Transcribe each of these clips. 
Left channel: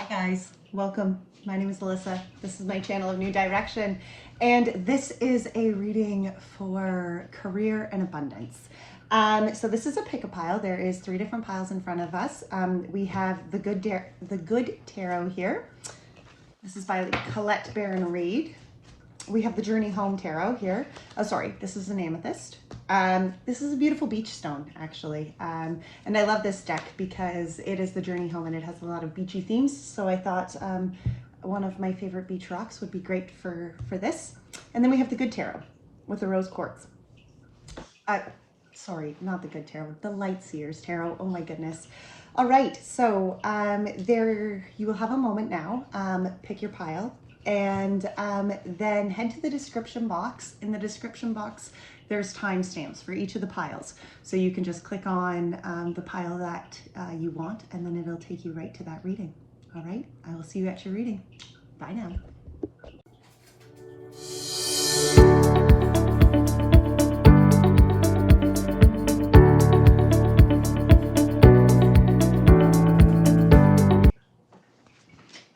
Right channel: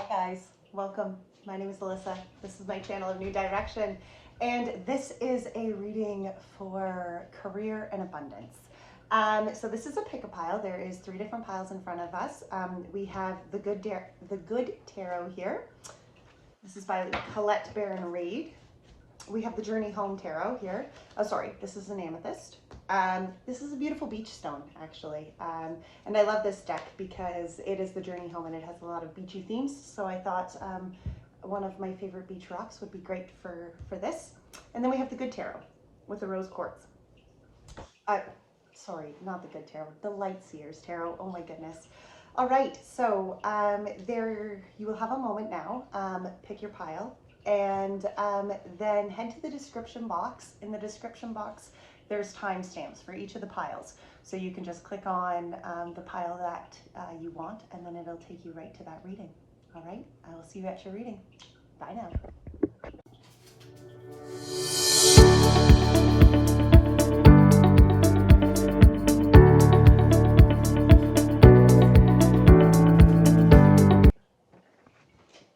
Hi guys, welcome. My name is Alyssa. This is my channel of New Direction, and this is a reading for career and abundance. So this is a pick-a-pile. There is 3 different piles in front of us. We have the Good Tarot here. This is by Colette Baron Reid. We have the Journey Home Tarot here. Oh, sorry, this is an amethyst. This is a beautiful beach stone, actually. And I love this deck because it is the Journey Home and it has a lot of beachy themes. So I thought one of my favorite beach rocks would be great for this. And then we have the Good Tarot with the rose quartz. Sorry, not the Good Tarot, the Light Seers Tarot. Oh my goodness. All right, so there you will have a moment now. Pick your pile. And then head to the description box. In the description box, there's timestamps for each of the piles. So you can just click on the pile that you want, and then it'll take you right to that reading. All right, I will see you at your reading. Bye now.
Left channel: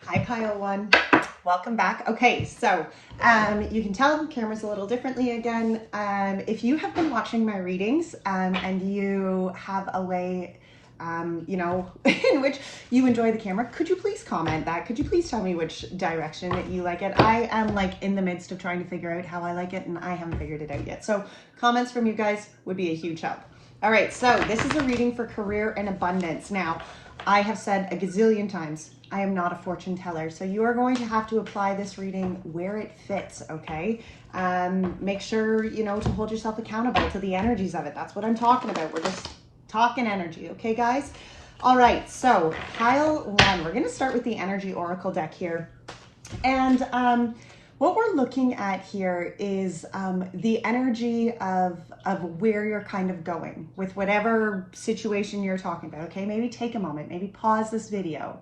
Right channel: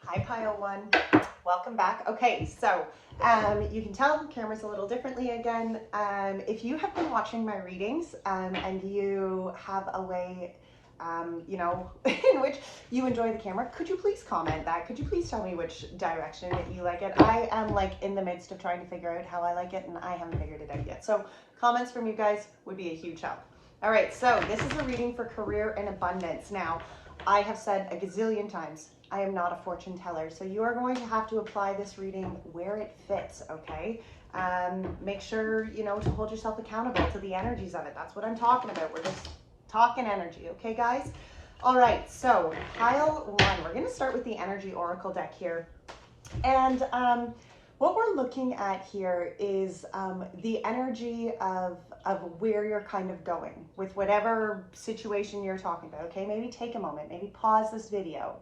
Hi, pile 1. Welcome back. Okay, so you can tell the camera's a little differently again. If you have been watching my readings and you have a way, in which you enjoy the camera, could you please comment that? Could you please tell me which direction that you like it? I am like in the midst of trying to figure out how I like it, and I haven't figured it out yet. So comments from you guys would be a huge help. All right, so this is a reading for career and abundance. Now, I have said a gazillion times, I am not a fortune teller. So you are going to have to apply this reading where it fits, okay? Make sure, to hold yourself accountable to the energies of it. That's what I'm talking about. We're just talking energy, okay, guys? All right, so pile 1. We're going to start with the Energy Oracle deck here. And what we're looking at here is the energy of where you're kind of going with whatever situation you're talking about, okay? Maybe take a moment, maybe pause this video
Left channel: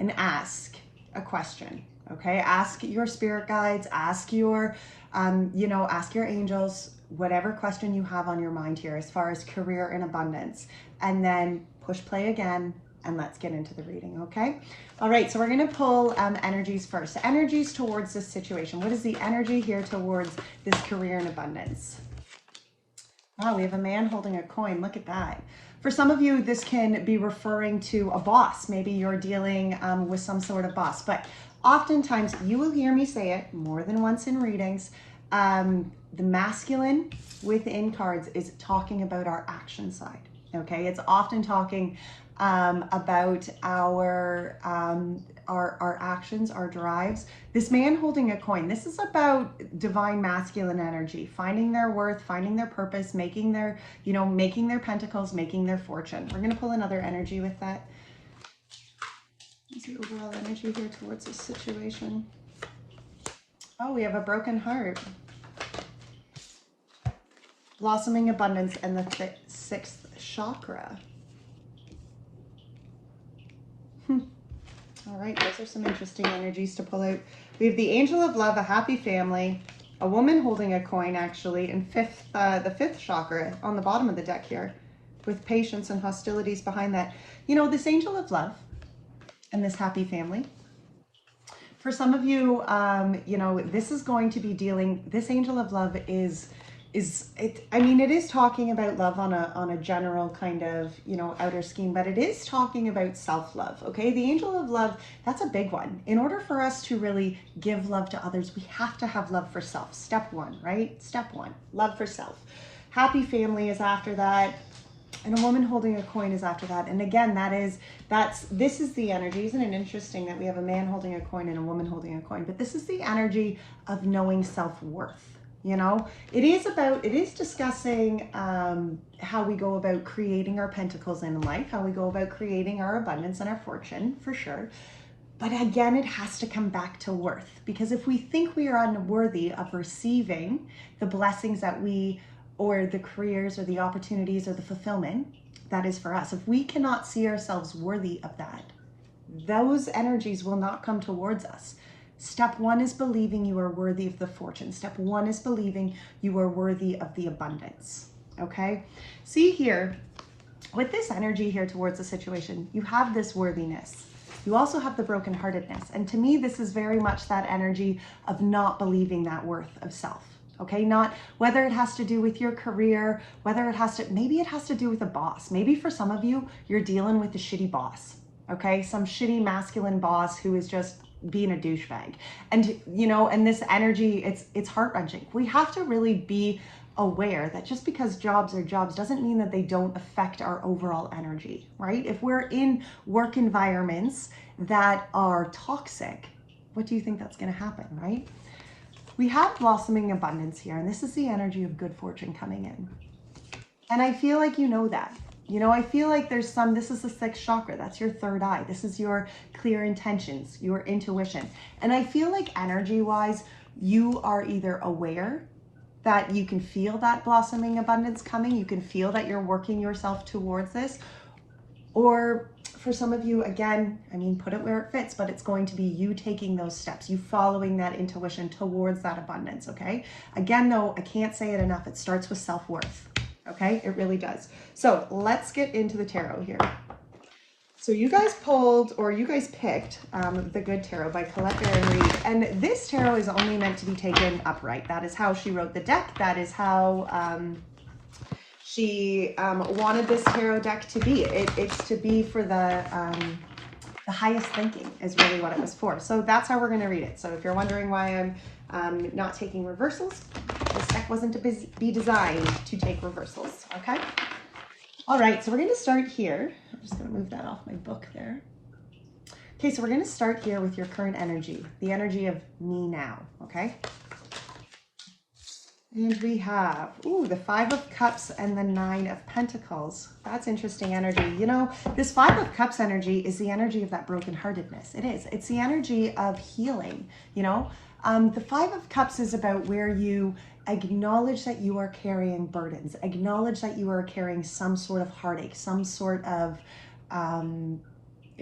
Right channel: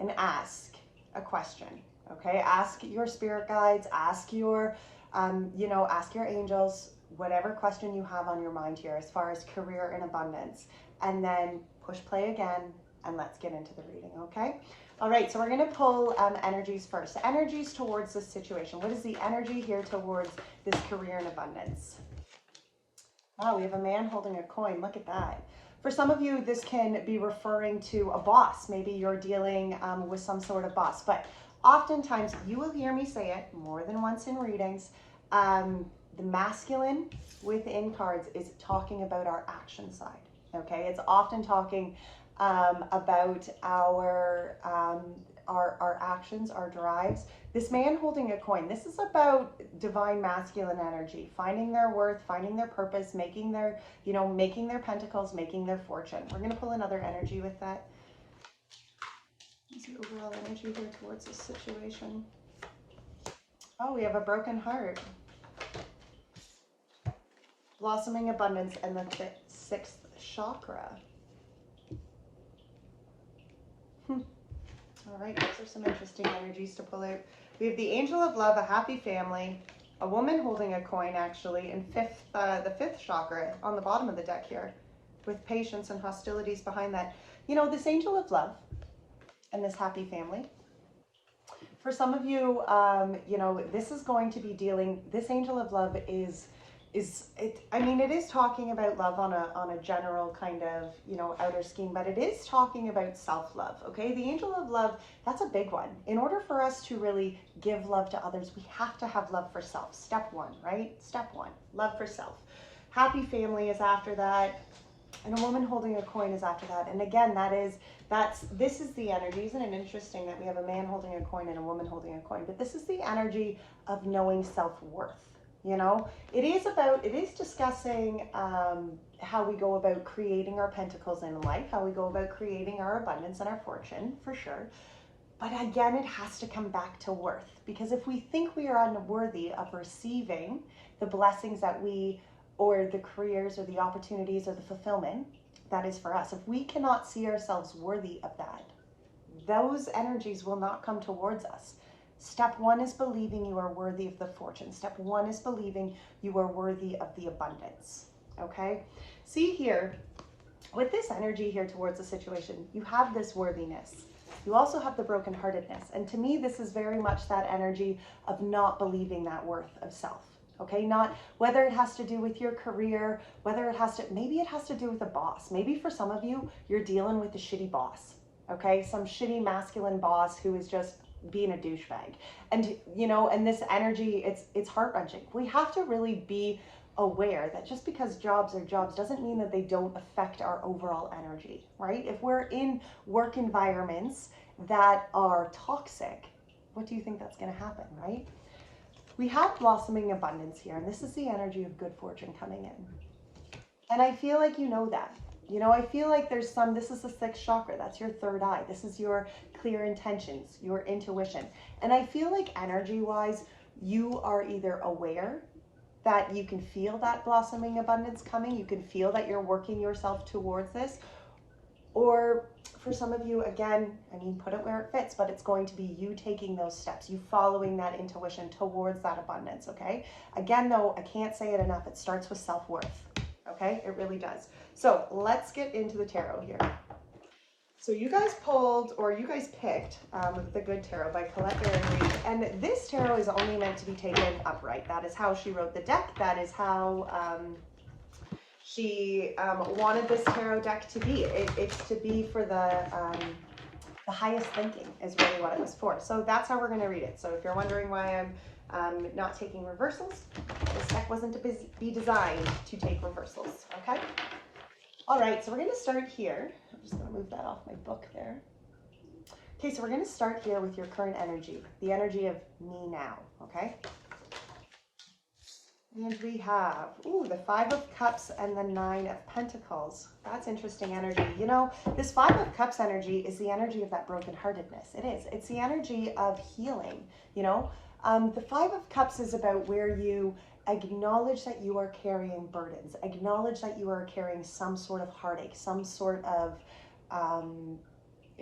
and ask a question, okay? Ask your spirit guides, ask your, ask your angels, whatever question you have on your mind here as far as career and abundance, and then push play again and let's get into the reading, okay? All right, so we're gonna pull energies first. Energies towards this situation. What is the energy here towards this career and abundance? Wow, we have a man holding a coin. Look at that. For some of you, this can be referring to a boss. Maybe you're dealing with some sort of boss, but oftentimes you will hear me say it more than once in readings. The masculine within cards is talking about our action side, okay? It's often talking about our actions, our drives. This man holding a coin, this is about divine masculine energy, finding their worth, finding their purpose, making their, making their pentacles, making their fortune. We're going to pull another energy with that. What's the overall energy here towards this situation? Oh, we have a broken heart. Blossoming abundance and the 6th chakra. All right, those are some interesting energies to pull out. We have the Angel of Love, a happy family, a woman holding a coin actually, and the 5th chakra on the bottom of the deck here with patience and hostilities behind that. This Angel of Love and this happy family. For some of you, this is going to be dealing, this Angel of Love it is talking about love on a general kind of, outer scheme, but it is talking about self-love, okay? The Angel of Love, that's a big one. In order for us to really give love to others, we have to have love for self. Step 1, right? Step 1, love for self. Happy family is after that, and a woman holding a coin is after that. And again, this is the energy. Isn't it interesting that we have a man holding a coin and a woman holding a coin? But this is the energy of knowing self-worth. It is discussing how we go about creating our pentacles in life, how we go about creating our abundance and our fortune, for sure. But again, it has to come back to worth, because if we think we are unworthy of receiving the blessings that or the careers or the opportunities or the fulfillment that is for us, if we cannot see ourselves worthy of that, those energies will not come towards us. Step 1 is believing you are worthy of the fortune. Step 1 is believing you are worthy of the abundance, okay? See here, with this energy here towards the situation, you have this worthiness. You also have the brokenheartedness. And to me, this is very much that energy of not believing that worth of self. Okay, not whether it has to do with your career, whether it has to, maybe it has to do with a boss. Maybe for some of you, you're dealing with a shitty boss. Okay, some shitty masculine boss who is just being a douchebag. And you know, and this energy, it's heart-wrenching. We have to really be aware that just because jobs are jobs doesn't mean that they don't affect our overall energy, right? If we're in work environments that are toxic, what do you think that's going to happen, right? We have blossoming abundance here, and this is the energy of good fortune coming in. And I feel like you know that. You know, I feel like there's some, this is the sixth chakra, that's your third eye. This is your clear intentions, your intuition. And I feel like energy-wise, you are either aware that you can feel that blossoming abundance coming, you can feel that you're working yourself towards this, or for some of you, again, I mean, put it where it fits, but it's going to be you taking those steps, you following that intuition towards that abundance, okay? Again, though, I can't say it enough, it starts with self-worth, okay? It really does. So let's get into the tarot here. So you guys pulled, or you guys picked The Good Tarot by Colette Baron Reid, and this tarot is only meant to be taken upright. That is how she wrote the deck. That is how she wanted this tarot deck to be. It's to be for the highest thinking is really what it was for. So that's how we're going to read it. So if you're wondering why I'm not taking reversals, this deck wasn't to be designed to take reversals, okay? All right, so we're going to start here. I'm just going to move that off my book there. Okay, so we're going to start here with your current energy, the energy of me now, okay? And we have, ooh, the Five of Cups and the Nine of Pentacles. That's interesting energy. You know, this Five of Cups energy is the energy of that brokenheartedness. It is. It's the energy of healing, you know. The Five of Cups is about where you acknowledge that you are carrying burdens, acknowledge that you are carrying some sort of heartache, some sort of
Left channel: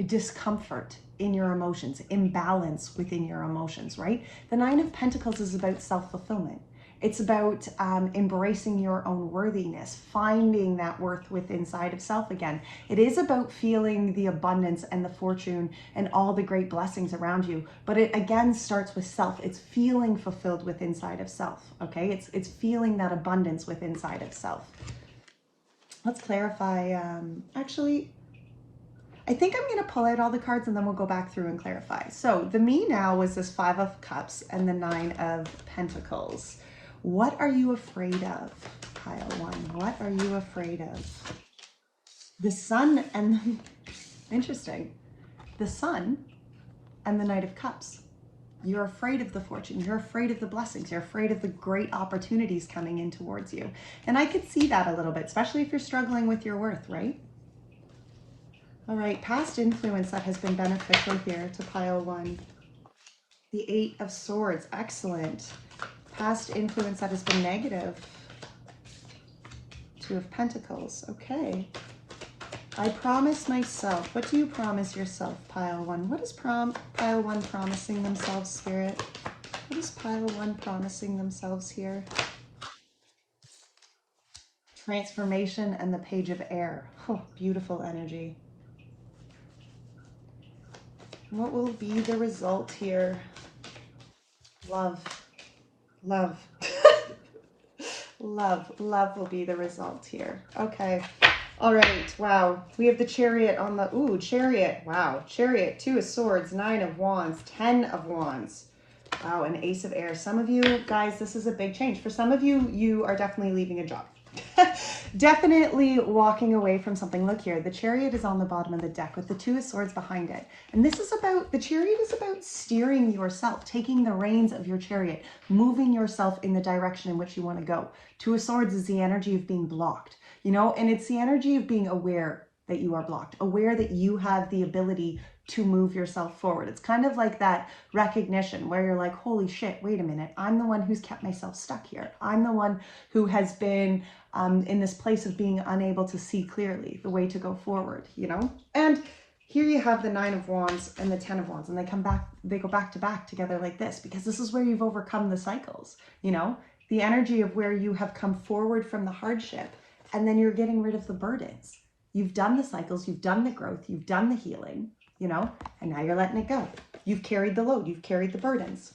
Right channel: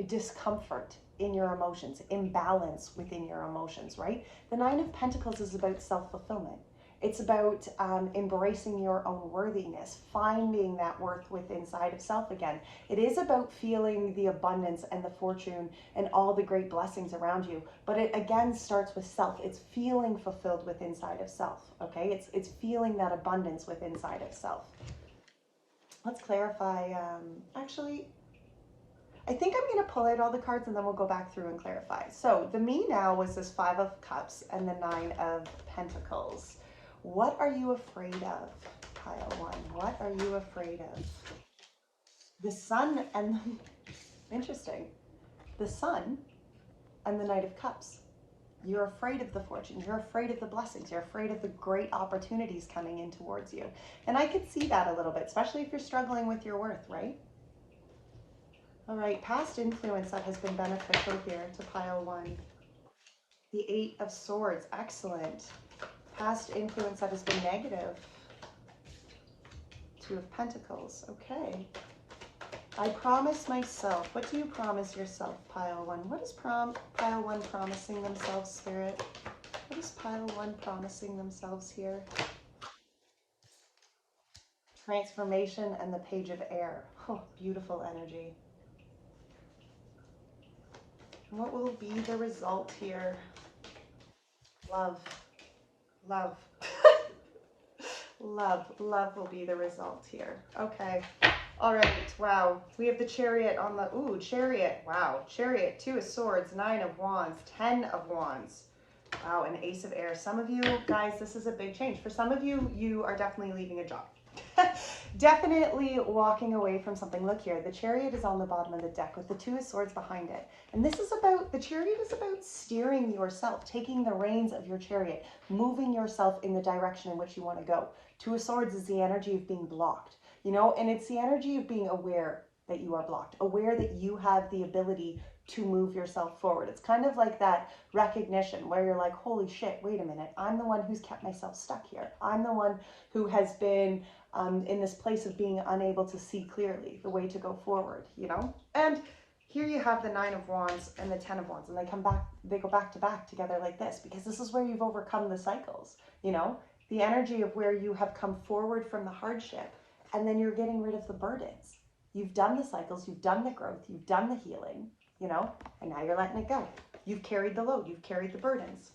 discomfort in your emotions, imbalance within your emotions, right? The Nine of Pentacles is about self-fulfillment. It's about embracing your own worthiness, finding that worth within inside of self again. It is about feeling the abundance and the fortune and all the great blessings around you. But it again starts with self. It's feeling fulfilled within inside of self, okay? It's feeling that abundance within inside of self. Let's clarify. Actually, I think I'm going to pull out all the cards and then we'll go back through and clarify. So the me now was this Five of Cups and the Nine of Pentacles. What are you afraid of, pile one? What are you afraid of? The Sun and, interesting, the Sun and the Knight of Cups. You're afraid of the fortune. You're afraid of the blessings. You're afraid of the great opportunities coming in towards you. And I could see that a little bit, especially if you're struggling with your worth, right? All right, past influence that has been beneficial here to pile one. The Eight of Swords, excellent. Past influence that has been negative. Two of Pentacles, okay. I promise myself. What do you promise yourself, pile one? What is pile one promising themselves, Spirit? What is pile one promising themselves here? Transformation and the Page of Air. Oh, beautiful energy. What will be the result here? Love. Love. Love will be the result here. Okay. All right. Wow. We have the Chariot on the, ooh, Chariot. Wow. Chariot, Two of Swords, Nine of Wands, 10 of Wands. Wow, an Ace of Air. Some of you guys, this is a big change. For some of you, you are definitely leaving a job. Definitely walking away from something. Look here, the Chariot is on the bottom of the deck with the Two of Swords behind it. And this is about, the Chariot is about steering yourself, taking the reins of your chariot, moving yourself in the direction in which you want to go. Two of Swords is the energy of being blocked, you know, and it's the energy of being aware that you are blocked, aware that you have the ability to move yourself forward. It's kind of like that recognition where you're like, holy shit, wait a minute. I'm the one who's kept myself stuck here. I'm the one who has been in this place of being unable to see clearly the way to go forward, you know? And here you have the Nine of Wands and the 10 of Wands, and they come back, they go back to back together like this, because this is where you've overcome the cycles, you know? The energy of where you have come forward from the hardship, and then you're getting rid of the burdens. You've done the cycles, you've done the growth, you've done the healing, you know, and now you're letting it go. You've carried the load, you've carried the burdens.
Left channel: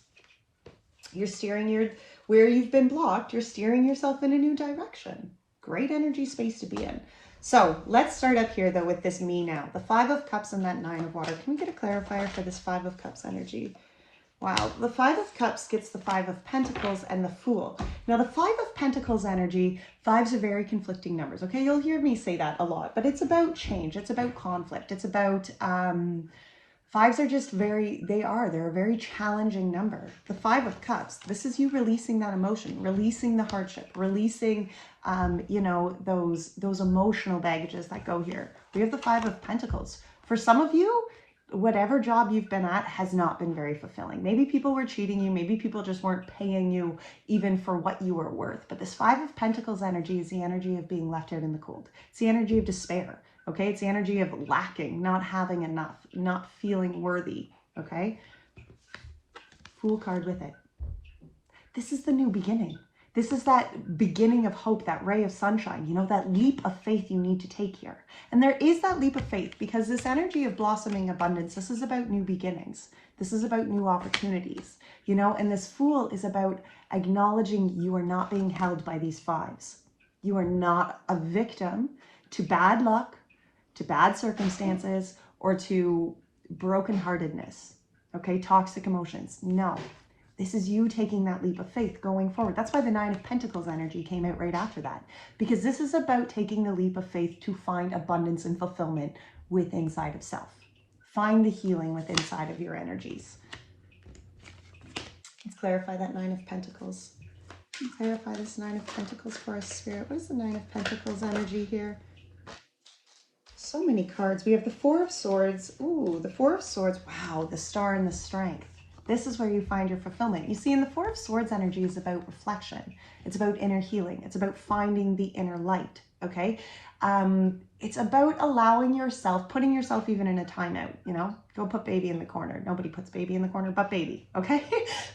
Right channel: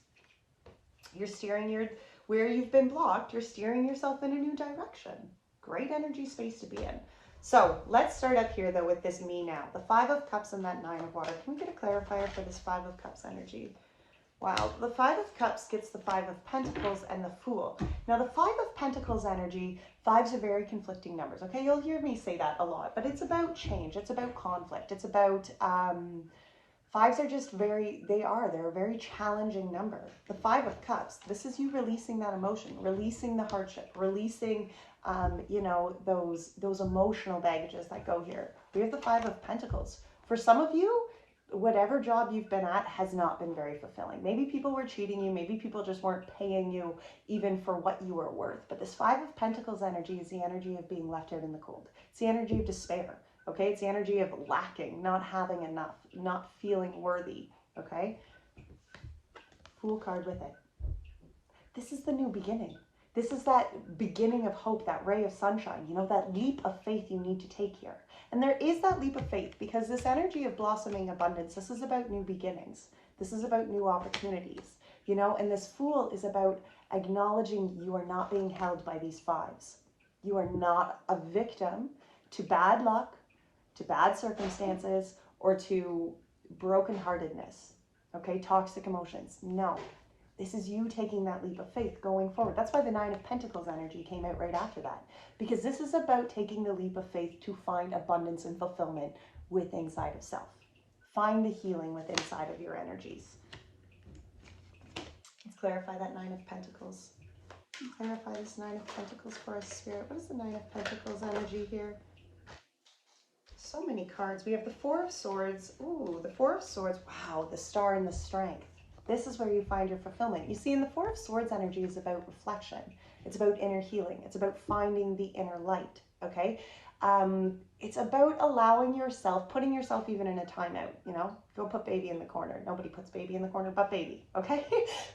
You're steering where you've been blocked, you're steering yourself in a new direction. Great energy space to be in. So let's start up here though with this me now. The 5 of Cups and that 9 of Water. Can we get a clarifier for this 5 of Cups energy? Wow, the 5 of Cups gets the 5 of Pentacles and the Fool. Now the 5 of Pentacles energy, 5s are very conflicting numbers, okay? You'll hear me say that a lot, but it's about change, it's about conflict, it's about, 5s are just they're a very challenging number. The 5 of Cups, this is you releasing that emotion, releasing the hardship, releasing, you know, those emotional baggages that go here. We have the 5 of Pentacles. For some of you, whatever job you've been at has not been very fulfilling. Maybe people were cheating you. Maybe people just weren't paying you even for what you were worth. But this 5 of Pentacles energy is the energy of being left out in the cold. It's the energy of despair. Okay, it's the energy of lacking, not having enough, not feeling worthy. Okay, Fool card with it. This is the new beginning. This is that beginning of hope, that ray of sunshine, you know, that leap of faith you need to take here. And there is that leap of faith because this energy of blossoming abundance, this is about new beginnings. This is about new opportunities, you know, and this Fool is about acknowledging you are not being held by these 5s. You are not a victim to bad luck, to bad circumstances, or to brokenheartedness, okay, toxic emotions. No. This is you taking that leap of faith going forward. That's why the 9 of Pentacles energy came out right after that. Because this is about taking the leap of faith to find abundance and fulfillment with inside of self. Find the healing with inside of your energies. Let's clarify that 9 of Pentacles. Clarify this 9 of Pentacles for us, Spirit. What is the 9 of Pentacles energy here? So many cards. We have the 4 of Swords. Ooh, the 4 of Swords. Wow, the Star and the Strength. This is where you find your fulfillment. You see, in the 4 of Swords energy is about reflection. It's about inner healing. It's about finding the inner light, okay? It's about allowing yourself, putting yourself even in a timeout, you know? Go put baby in the corner. Nobody puts baby in the corner but baby, okay?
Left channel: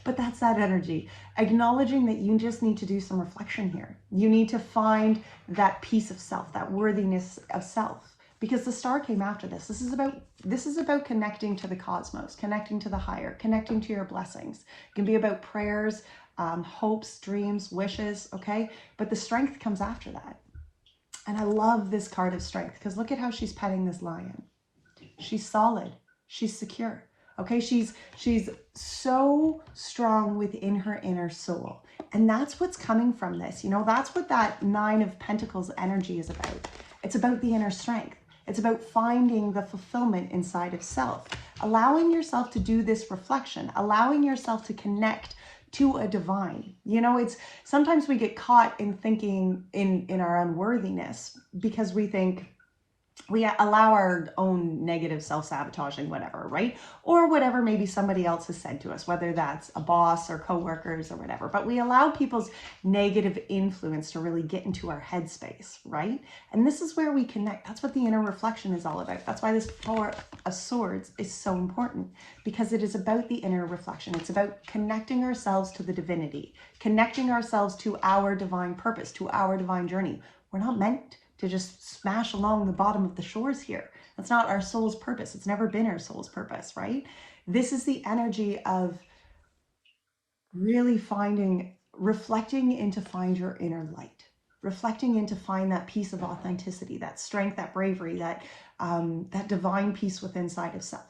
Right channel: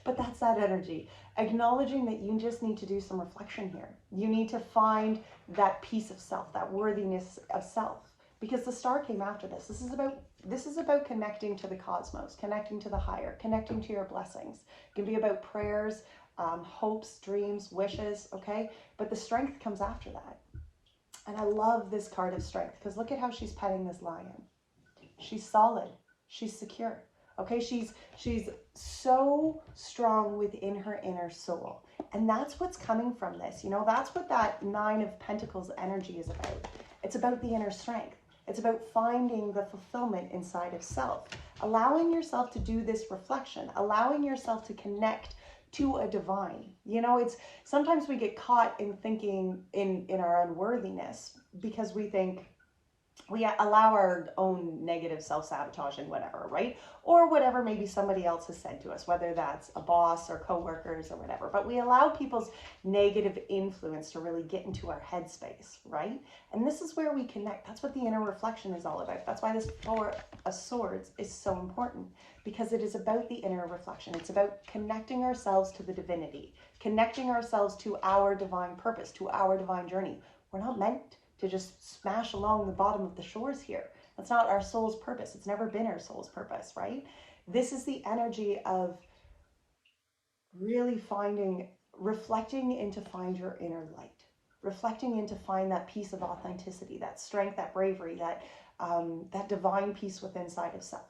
But that's that energy. Acknowledging that you just need to do some reflection here. You need to find that peace of self, that worthiness of self. Because the Star came after this. This is about connecting to the cosmos, connecting to the higher, connecting to your blessings. It can be about prayers, hopes, dreams, wishes, okay? But the Strength comes after that. And I love this card of Strength because look at how she's petting this lion. She's solid. She's secure. Okay, she's so strong within her inner soul. And that's what's coming from this. You know, that's what that 9 of Pentacles energy is about. It's about the inner strength. It's about finding the fulfillment inside of self, allowing yourself to do this reflection, allowing yourself to connect to a divine. You know, it's sometimes we get caught in thinking in our unworthiness because we think we allow our own negative self-sabotaging, whatever, right? Or whatever maybe somebody else has said to us, whether that's a boss or coworkers or whatever. But we allow people's negative influence to really get into our headspace, right? And this is where we connect. That's what the inner reflection is all about. That's why this 4 of Swords is so important, because it is about the inner reflection. It's about connecting ourselves to the divinity, connecting ourselves to our divine purpose, to our divine journey. We're not meant to just smash along the bottom of the shores here. That's not our soul's purpose. It's never been our soul's purpose, right? This is the energy of really reflecting in to find your inner light, reflecting in to find that piece of authenticity, that strength, that bravery, that divine peace within inside of self.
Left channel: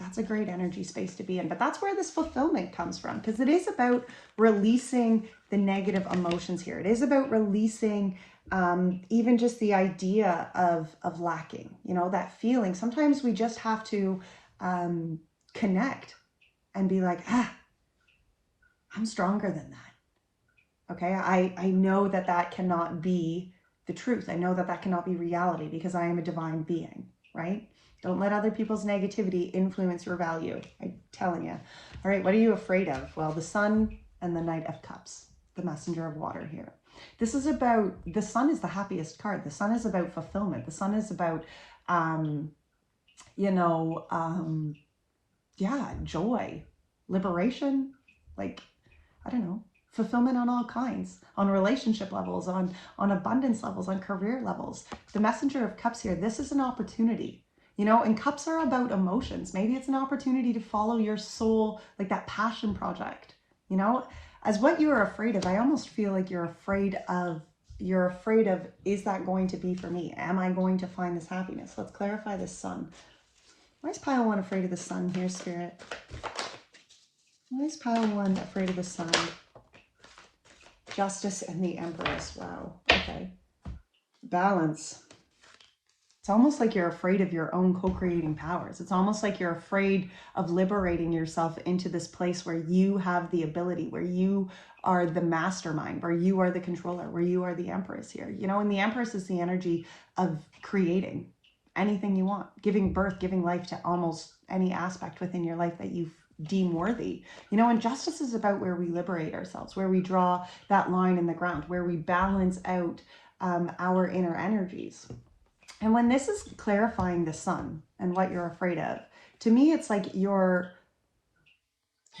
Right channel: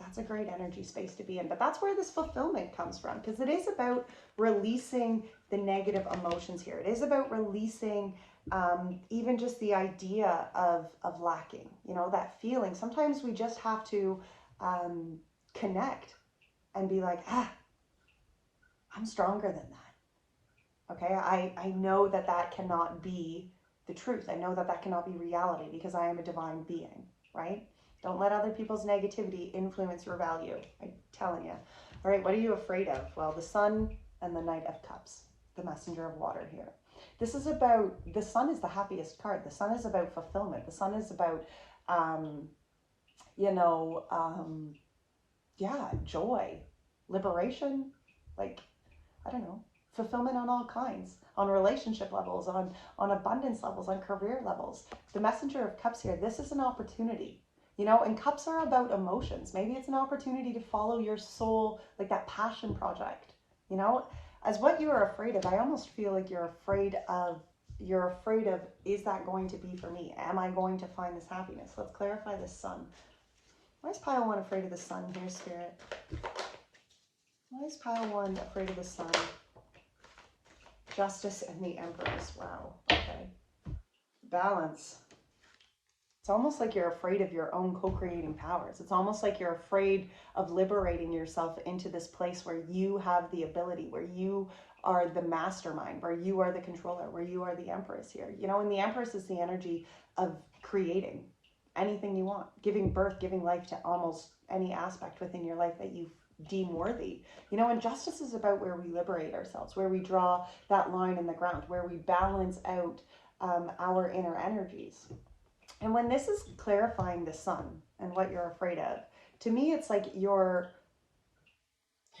That's a great energy space to be in. But that's where this fulfillment comes from, because it is about releasing the negative emotions here. It is about releasing even just the idea of lacking, you know, that feeling. Sometimes we just have to connect and be like, I'm stronger than that. Okay, I know that that cannot be the truth. I know that that cannot be reality because I am a divine being, right? Don't let other people's negativity influence your value. I'm telling you. All right, what are you afraid of? Well, the Sun and the Knight of Cups, the Messenger of Water here. This is about, the Sun is the happiest card. The Sun is about fulfillment. The Sun is about, joy, liberation, like, I don't know, fulfillment on all kinds, on relationship levels, on abundance levels, on career levels. The Messenger of Cups here, this is an opportunity. You know, and cups are about emotions. Maybe it's an opportunity to follow your soul, like that passion project. You know, as what you're afraid of, I almost feel like you're afraid of, is that going to be for me? Am I going to find this happiness? Let's clarify this sun. Why is pile one afraid of the sun here, Spirit? Why is pile one afraid of the sun? Justice and the Empress. Wow. Okay. Balance. It's almost like you're afraid of your own co-creating powers. It's almost like you're afraid of liberating yourself into this place where you have the ability, where you are the mastermind, where you are the controller, where you are the Empress here. You know, and the Empress is the energy of creating anything you want, giving birth, giving life to almost any aspect within your life that you deem worthy. You know, and justice is about where we liberate ourselves, where we draw that line in the ground, where we balance out our inner energies. And when this is clarifying the sun and what you're afraid of, to me, it's like I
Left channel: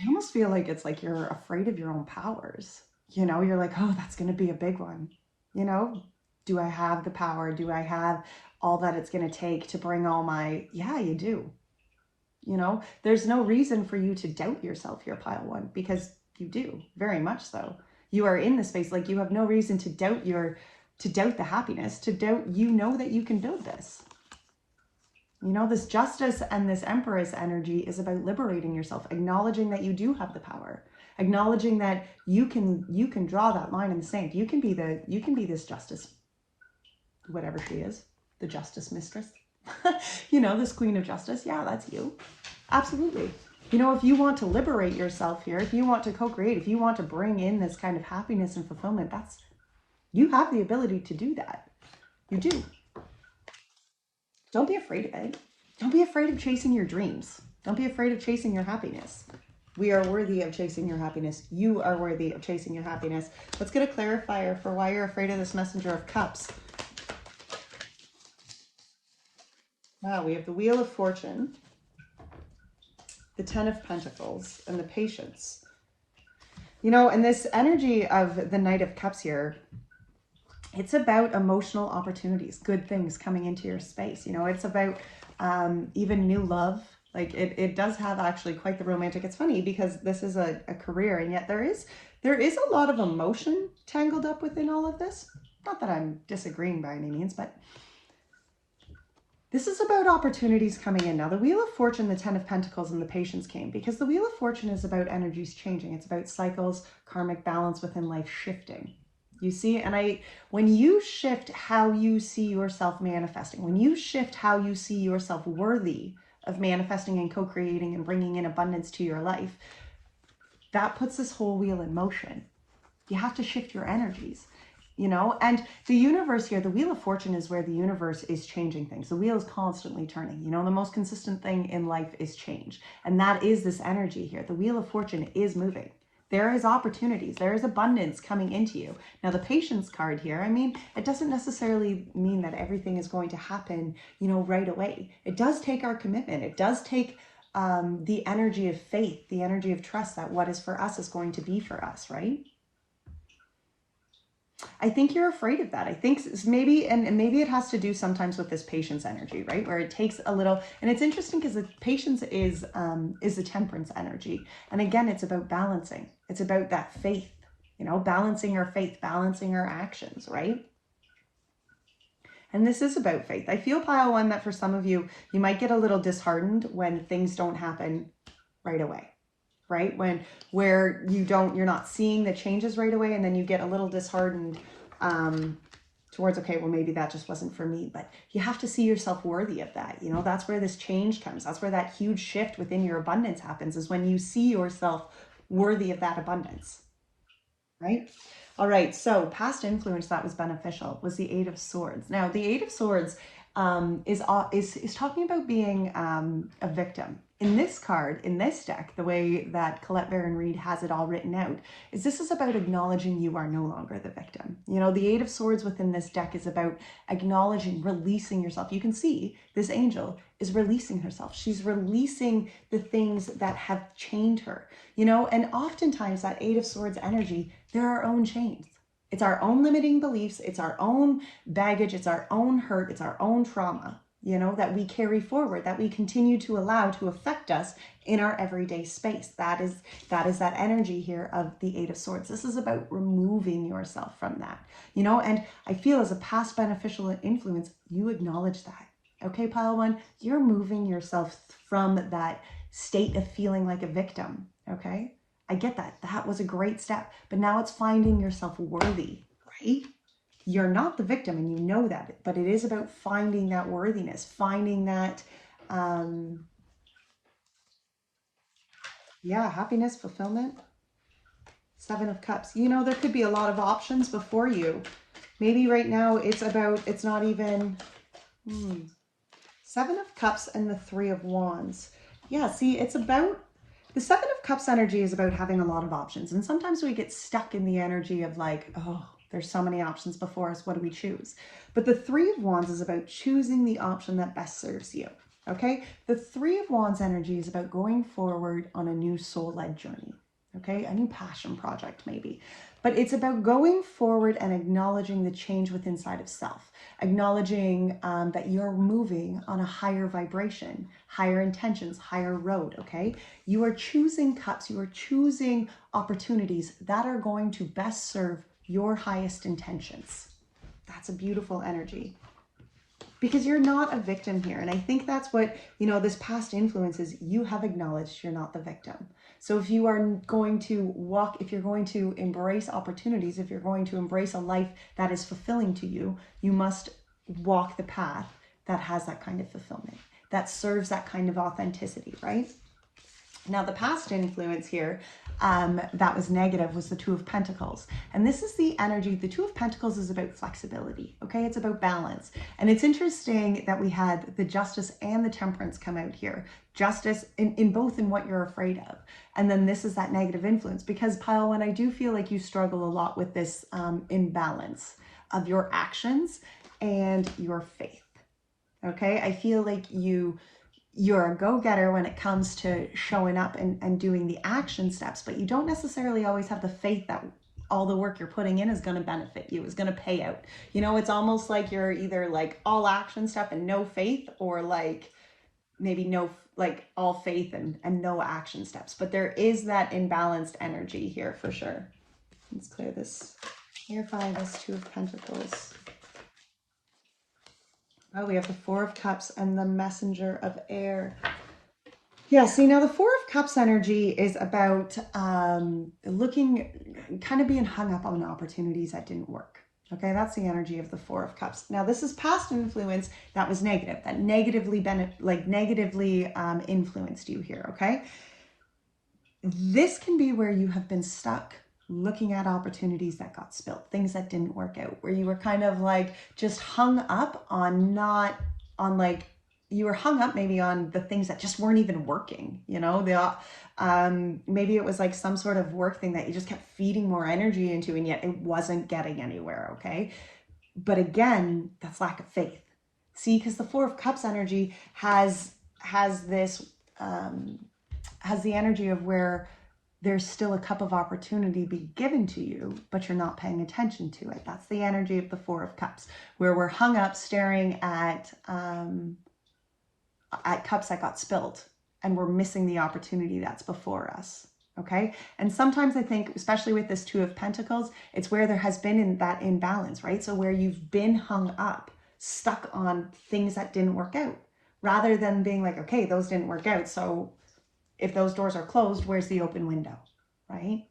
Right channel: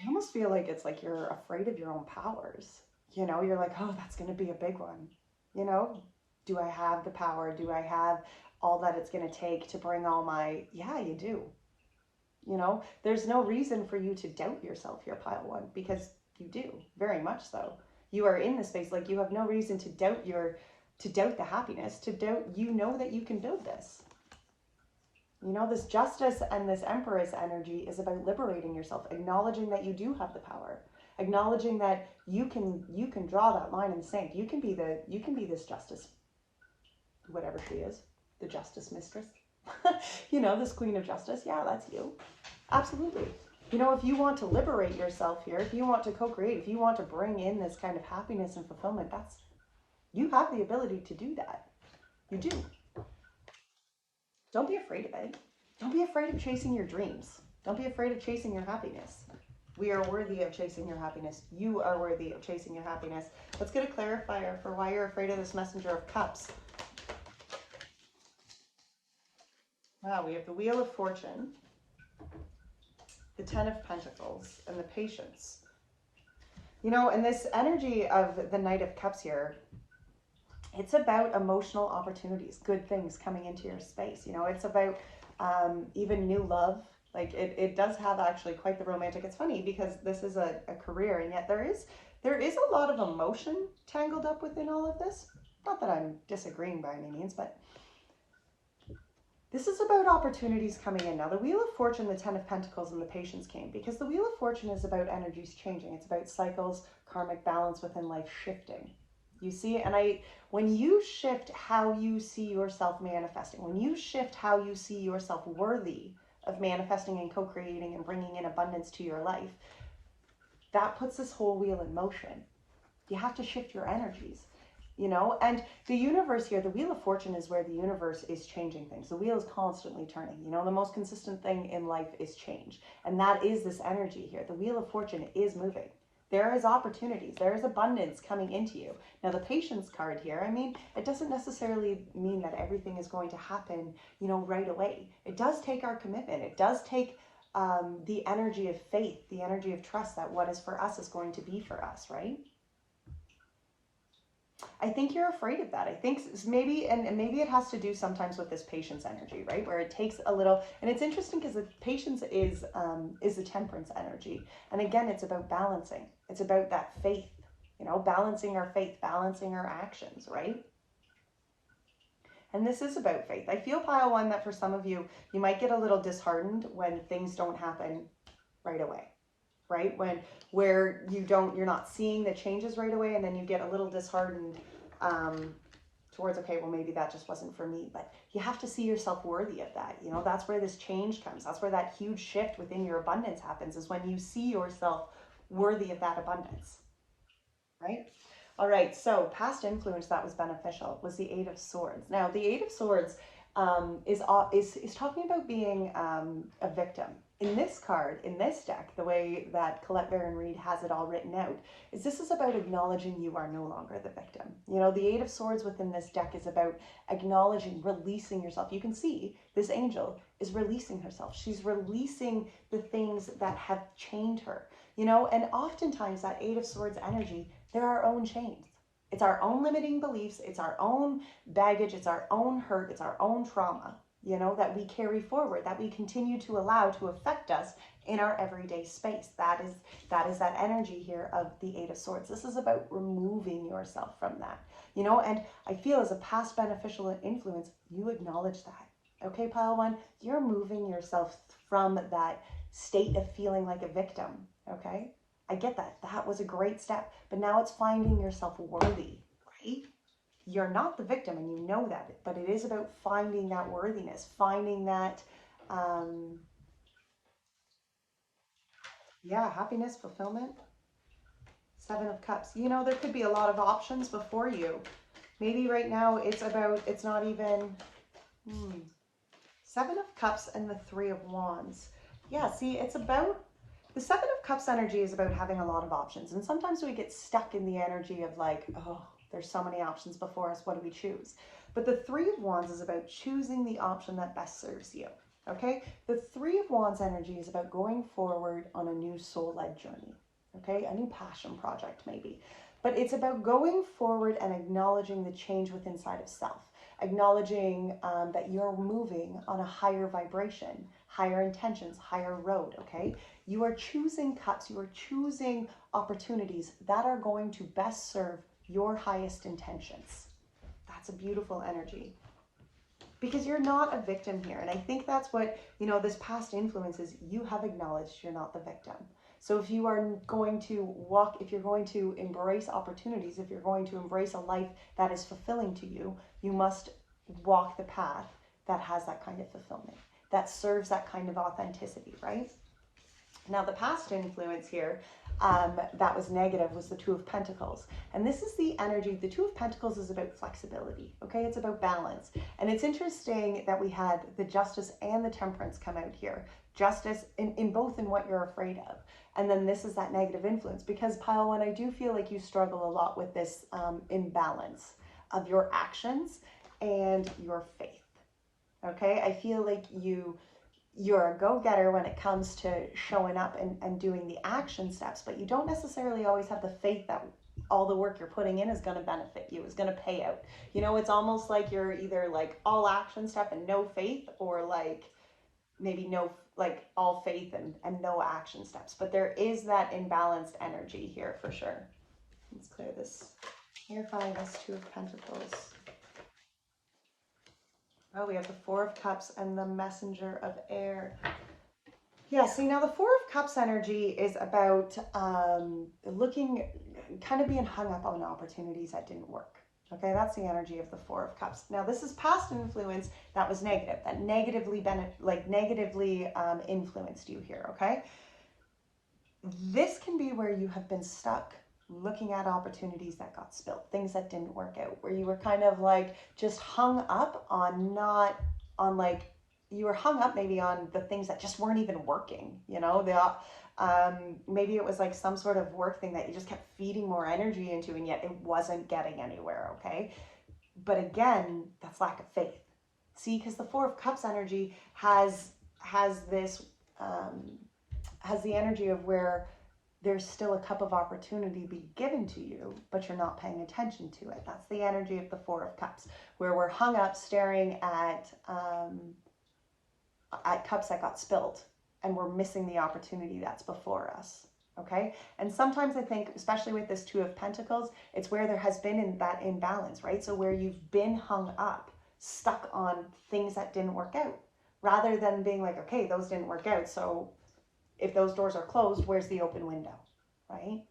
almost feel like it's like you're afraid of your own powers. You know, you're like, oh, that's going to be a big one. You know, do I have the power? Do I have all that it's going to take to bring all my, yeah, you do. You know, there's no reason for you to doubt yourself here, pile one, because you do, very much so. You are in the space, like you have no reason to doubt the happiness, to doubt, you know, that you can build this. You know, this justice and this Empress energy is about liberating yourself, acknowledging that you do have the power, acknowledging that you can draw that line in the sand. You can be this justice, whatever she is, the justice mistress. You know, this queen of justice. Yeah, that's you. Absolutely. You know, if you want to liberate yourself here, if you want to co-create, if you want to bring in this kind of happiness and fulfillment, you have the ability to do that. You do. Don't be afraid of it. Don't be afraid of chasing your dreams. Don't be afraid of chasing your happiness. We are worthy of chasing your happiness. You are worthy of chasing your happiness. Let's get a clarifier for why you're afraid of this Messenger of Cups. Wow, we have the Wheel of Fortune, the Ten of Pentacles, and the Patience. You know, and this energy of the Knight of Cups here, it's about emotional opportunities, good things coming into your space. You know, it's about even new love. Like it does have actually quite the romantic. It's funny because this is a career, and yet there is a lot of emotion tangled up within all of this. Not that I'm disagreeing by any means, but this is about opportunities coming in. Now, the Wheel of Fortune, the Ten of Pentacles, and the Patience came because the Wheel of Fortune is about energies changing. It's about cycles, karmic balance within life shifting. You see, and when you shift how you see yourself manifesting, when you shift how you see yourself worthy of manifesting and co-creating and bringing in abundance to your life, that puts this whole wheel in motion. You have to shift your energies. You know, and the universe here, the Wheel of Fortune is where the universe is changing things. The wheel is constantly turning. You know, the most consistent thing in life is change. And that is this energy here. The Wheel of Fortune is moving. There is opportunities. There is abundance coming into you. Now, the Patience card here, I mean, it doesn't necessarily mean that everything is going to happen, you know, right away. It does take our commitment. It does take the energy of faith, the energy of trust that what is for us is going to be for us, right? I think you're afraid of that. I think maybe, and maybe it has to do sometimes with this Patience energy, right? Where it takes a little, and it's interesting because the Patience is the Temperance energy. And again, it's about balancing. It's about that faith, you know, balancing our faith, balancing our actions, right? And this is about faith. I feel, pile one, that for some of you, you might get a little disheartened when things don't happen right away. Right? Where you're not seeing the changes right away, and then you get a little disheartened towards, okay, well, maybe that just wasn't for me. But you have to see yourself worthy of that. You know, that's where this change comes. That's where that huge shift within your abundance happens, is when you see yourself worthy of that abundance. Right? All right. So past influence that was beneficial was the Eight of Swords. Now, the Eight of Swords is talking about being a victim. In this card, in this deck, the way that Colette Baron Reid has it all written out, this is about acknowledging you are no longer the victim. You know, the Eight of Swords within this deck is about acknowledging, releasing yourself. You can see this angel is releasing herself. She's releasing the things that have chained her, you know, and oftentimes that Eight of Swords energy, they're our own chains. It's our own limiting beliefs. It's our own baggage. It's our own hurt. It's our own trauma. you know, that we carry forward, that we continue to allow to affect us in our everyday space. That is that energy here of the Eight of Swords. This is about removing yourself from that, you know, and I feel as a past beneficial influence, you acknowledge that. Okay, pile one, you're moving yourself from that state of feeling like a victim. Okay, I get that. That was a great step, but now it's finding yourself worthy, right? You're not the victim and you know that, but it is about finding that worthiness, finding that, yeah, happiness, fulfillment. Seven of Cups. You know, there could be a lot of options before you. Maybe right now it's about, it's not even, Seven of Cups and the Three of Wands. Yeah, see, it's about, the Seven of Cups energy is about having a lot of options. And sometimes we get stuck in the energy of like, oh, there's so many options before us. What do we choose? But the Three of Wands is about choosing the option that best serves you. Okay? The Three of Wands energy is about going forward on a new soul-led journey. Okay? A new passion project maybe. But it's about going forward and acknowledging the change within inside of self. Acknowledging that you're moving on a higher vibration, higher intentions, higher road, okay? You are choosing cups, you are choosing opportunities that are going to best serve your highest intentions. That's a beautiful energy. Because you're not a victim here. And I think that's what, you know, this past influence is, you have acknowledged you're not the victim. So if you are going to walk, if you're going to embrace opportunities, if you're going to embrace a life that is fulfilling to you, you must walk the path that has that kind of fulfillment, that serves that kind of authenticity, right? Now, the past influence here that was negative was the Two of Pentacles. And this is the energy, the Two of Pentacles is about flexibility, okay? It's about balance. And it's interesting that we had the Justice and the Temperance come out here. Justice in both in what you're afraid of. And then this is that negative influence, because pile one, I do feel like you struggle a lot with this imbalance of your actions and your faith, okay? I feel like you're a go-getter when it comes to showing up and doing the action steps, but you don't necessarily always have the faith that all the work you're putting in is going to benefit you, is going to pay out. You know, it's almost like you're either like all action stuff and no faith, or like maybe no, like all faith and no action steps. But there is that imbalanced energy here for sure. Let's clear this, clarify this Two of Pentacles. Oh, we have the Four of Cups and the Messenger of Air. Yeah, see, now the Four of Cups energy is about looking, kind of being hung up on opportunities that didn't work. Okay, that's the energy of the Four of Cups. Now, this is past influence that was negative, that negatively influenced you here, okay? This can be where you have been stuck looking at opportunities that got spilled, things that didn't work out, where you were kind of like just hung up on you were hung up maybe on the things that just weren't even working, you know, maybe it was like some sort of work thing that you just kept feeding more energy into and yet it wasn't getting anywhere, okay? But again, that's lack of faith. See, because the Four of Cups energy has this, has the energy of where there's still a cup of opportunity be given to you, but you're not paying attention to it. That's the energy of the Four of Cups, where we're hung up staring at cups that got spilled, and we're missing the opportunity that's before us, okay? And sometimes I think, especially with this Two of Pentacles, it's where there has been that imbalance, right? So where you've been hung up, stuck on things that didn't work out, rather than being like, okay, those didn't work out, so if those doors are closed, where's the open window, right?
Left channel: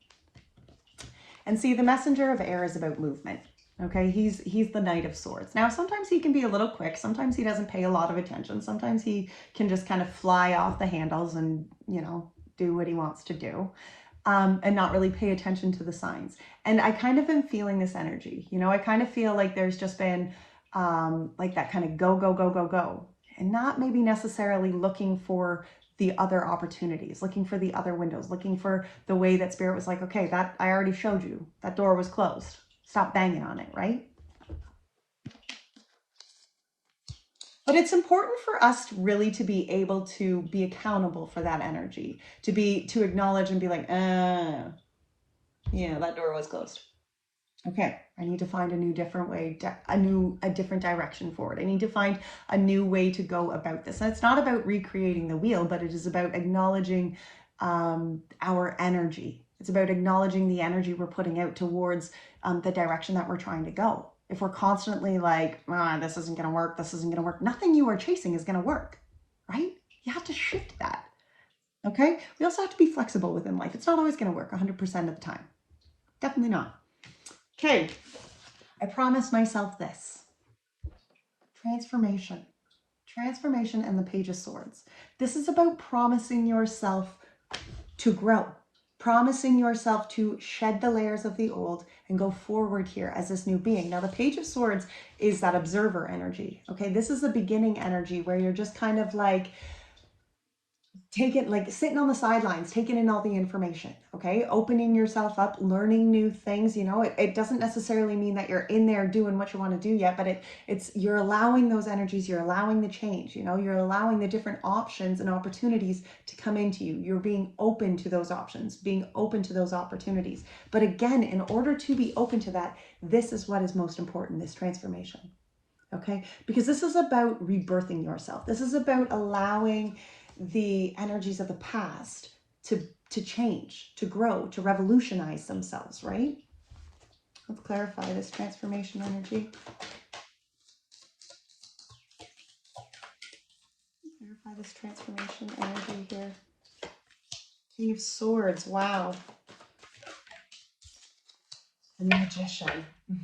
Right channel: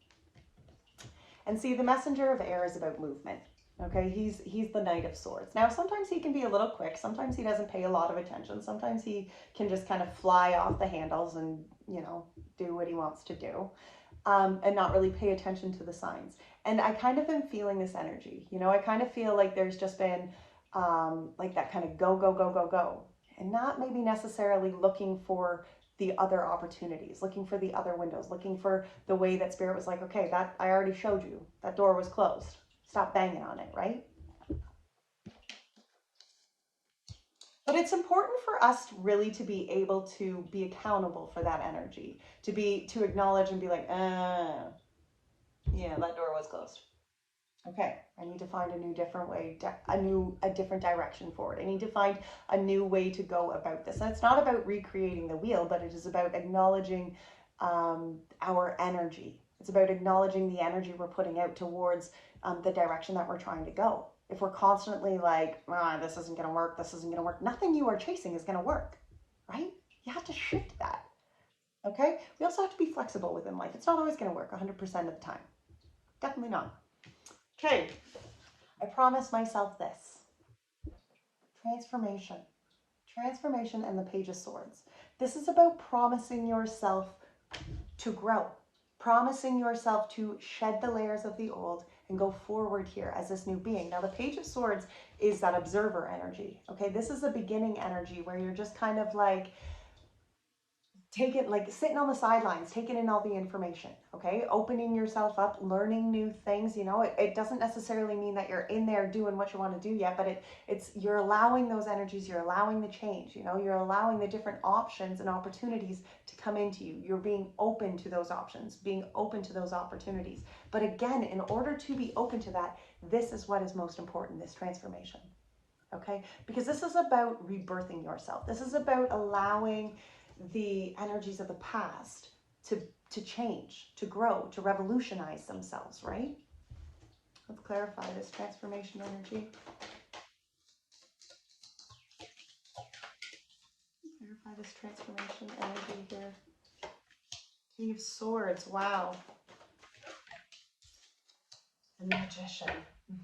And see, the Messenger of Air is about movement, okay? He's the Knight of Swords. Now, sometimes he can be a little quick. Sometimes he doesn't pay a lot of attention. Sometimes he can just kind of fly off the handles and, you know, do what he wants to do, and not really pay attention to the signs. And I kind of am feeling this energy. You know, I kind of feel like there's just been like that kind of go, go, go, go, go, and not maybe necessarily looking for the other opportunities, looking for the other windows, looking for the way that Spirit was like, okay, that I already showed you, that door was closed. Stop banging on it, right? But it's important for us really to be able to be accountable for that energy, to acknowledge and be like, yeah, that door was closed. Okay, I need to find a new different way, a different direction forward. I need to find a new way to go about this. And it's not about recreating the wheel, but it is about acknowledging our energy. It's about acknowledging the energy we're putting out towards the direction that we're trying to go. If we're constantly like, this isn't going to work, this isn't going to work, nothing you are chasing is going to work, right? You have to shift that. Okay? We also have to be flexible within life. It's not always going to work 100% of the time. Definitely not. Okay, I promised myself this. Transformation. Transformation and the Page of Swords. This is about promising yourself to grow, promising yourself to shed the layers of the old and go forward here as this new being. Now, the Page of Swords is that observer energy. Okay, this is the beginning energy where you're just kind of like, sitting on the sidelines, taking in all the information, okay? Opening yourself up, learning new things, you know, it doesn't necessarily mean that you're in there doing what you want to do yet, but you're allowing those energies, you're allowing the change, you know, you're allowing the different options and opportunities to come into you. You're being open to those options, being open to those opportunities. But again, in order to be open to that, this is what is most important, this transformation. Okay? Because this is about rebirthing yourself. This is about allowing the energies of the past to change, to grow, to revolutionize themselves, right? Let's clarify this transformation energy. Clarify this transformation energy here. King of Swords, wow. The Magician.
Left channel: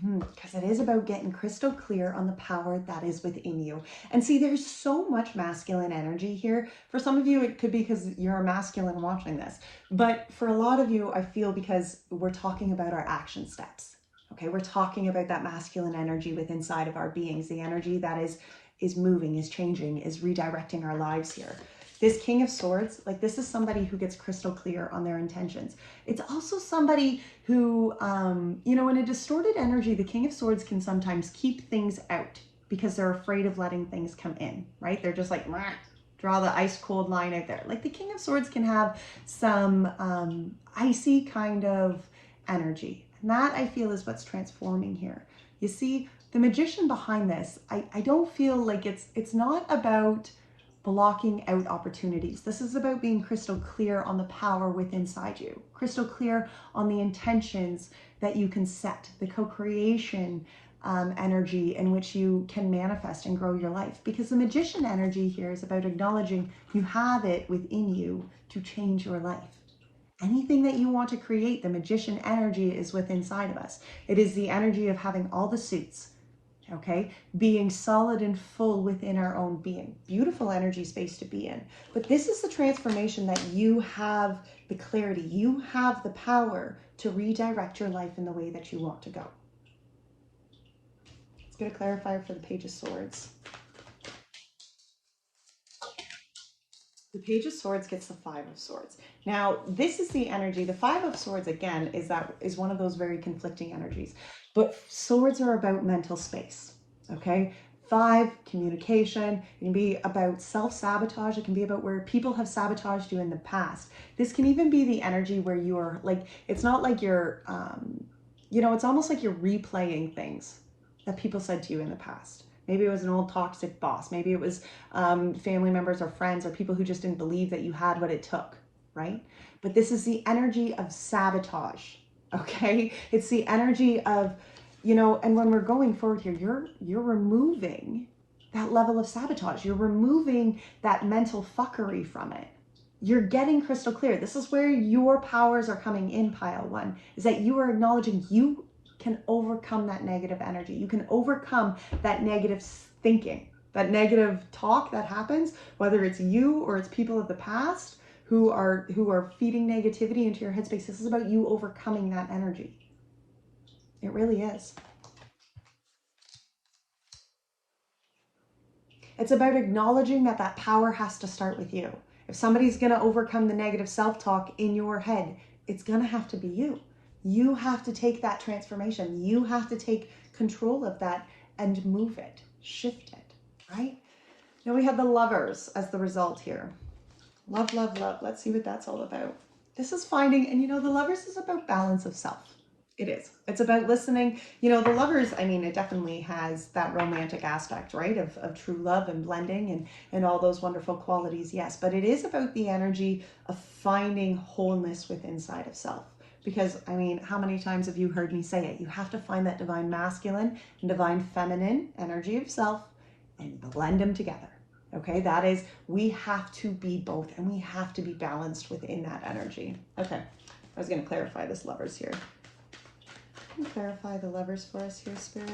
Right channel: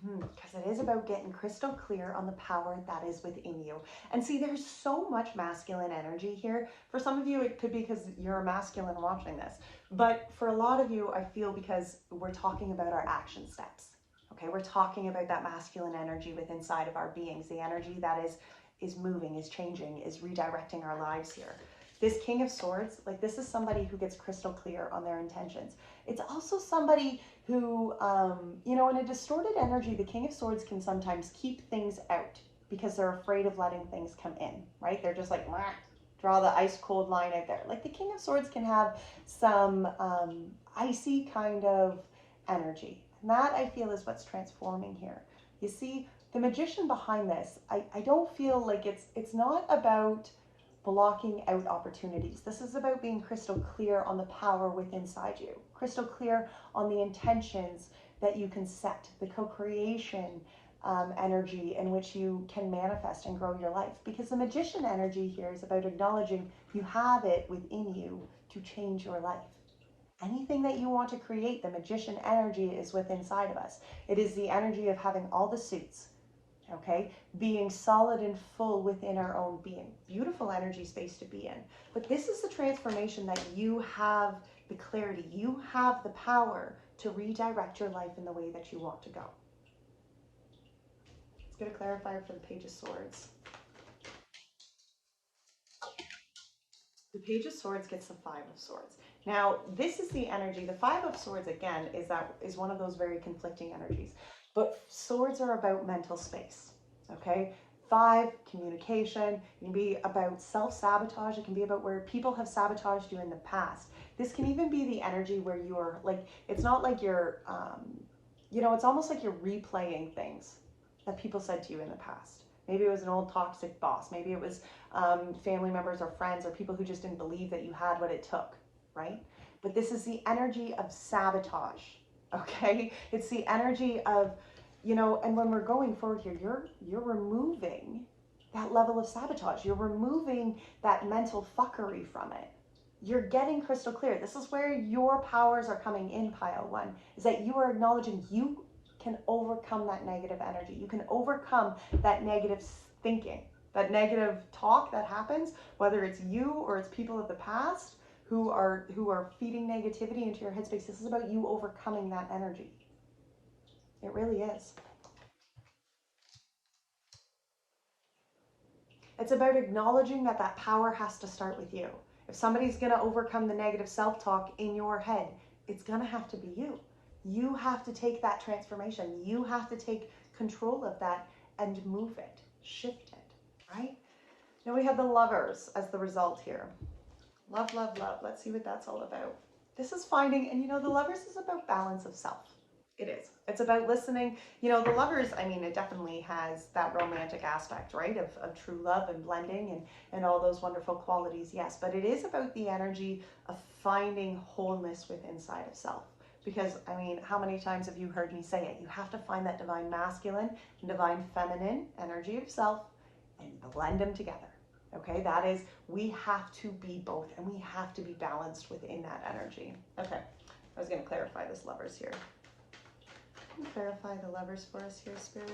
Because it is about getting crystal clear on the power that is within you. And see, there's so much masculine energy here. For some of you, it could be because you're a masculine watching this. But for a lot of you, I feel because we're talking about our action steps. Okay, we're talking about that masculine energy within inside of our beings, the energy that is moving, is changing, is redirecting our lives here. This King of Swords, like this is somebody who gets crystal clear on their intentions. It's also somebody who, you know, in a distorted energy, the King of Swords can sometimes keep things out because they're afraid of letting things come in, right? They're just like, draw the ice cold line out there. Like the King of Swords can have some icy kind of energy. And that I feel is what's transforming here. You see, the Magician behind this, I don't feel like it's not about blocking out opportunities. This is about being crystal clear on the power within inside you, crystal clear on the intentions that you can set, the co-creation energy in which you can manifest and grow your life. Because the Magician energy here is about acknowledging you have it within you to change your life. Anything that you want to create, the Magician energy is within inside of us. It is the energy of having all the suits, okay? Being solid and full within our own being. Beautiful energy space to be in. But this is the transformation that you have the clarity, you have the power to redirect your life in the way that you want to go. Let's get a clarifier for the Page of Swords. The Page of Swords gets the Five of Swords. Now, this is the energy. The Five of Swords, again, is one of those very conflicting energies. But swords are about mental space, okay? Five, communication. It can be about self-sabotage. It can be about where people have sabotaged you in the past. This can even be the energy where you're like, it's not like you're, you know, it's almost like you're replaying things that people said to you in the past. Maybe it was an old toxic boss. Maybe it was family members or friends or people who just didn't believe that you had what it took, right? But this is the energy of sabotage, okay? It's the energy of, you know, and when we're going forward here, you're removing that level of sabotage. You're removing that mental fuckery from it. You're getting crystal clear. This is where your powers are coming in, pile one, is that you are acknowledging you can overcome that negative energy. You can overcome that negative thinking, that negative talk that happens, whether it's you or it's people of the past who are feeding negativity into your headspace. This is about you overcoming that energy. It really is. It's about acknowledging that that power has to start with you. If somebody's going to overcome the negative self-talk in your head, it's going to have to be you. You have to take that transformation. You have to take control of that and move it, shift it, right? Now we have the Lovers as the result here. Love, love, love. Let's see what that's all about. This is finding, and you know, the Lovers is about balance of self. It is. It's about listening. You know, the lovers, I mean, it definitely has that romantic aspect, right? Of true love and blending and all those wonderful qualities, yes. But it is about the energy of finding wholeness within inside of self. Because, I mean, how many times have you heard me say it? You have to find that divine masculine and divine feminine energy of self and blend them together. Okay, that is, we have to be both and we have to be balanced within that energy. Okay, I was going to clarify this lovers here. Clarify the lovers for us here, Spirit.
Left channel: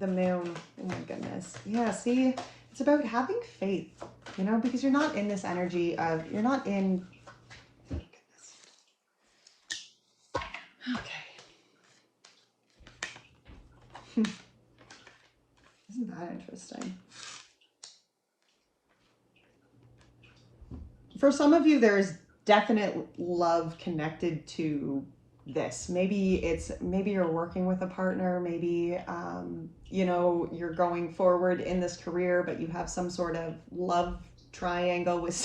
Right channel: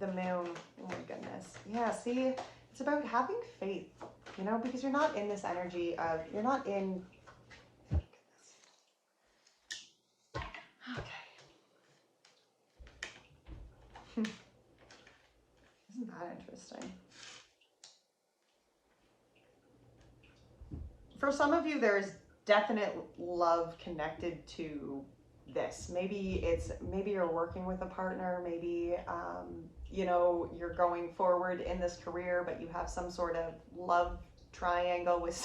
The moon. Oh my goodness. Yeah, see, it's about having faith, you know, because you're not in this energy of, you're not in, oh goodness. Okay. Isn't that interesting? For some of you, there's definite love connected to this. Maybe you're working with a partner, maybe you know, you're going forward in this career, but you have some sort of love triangle with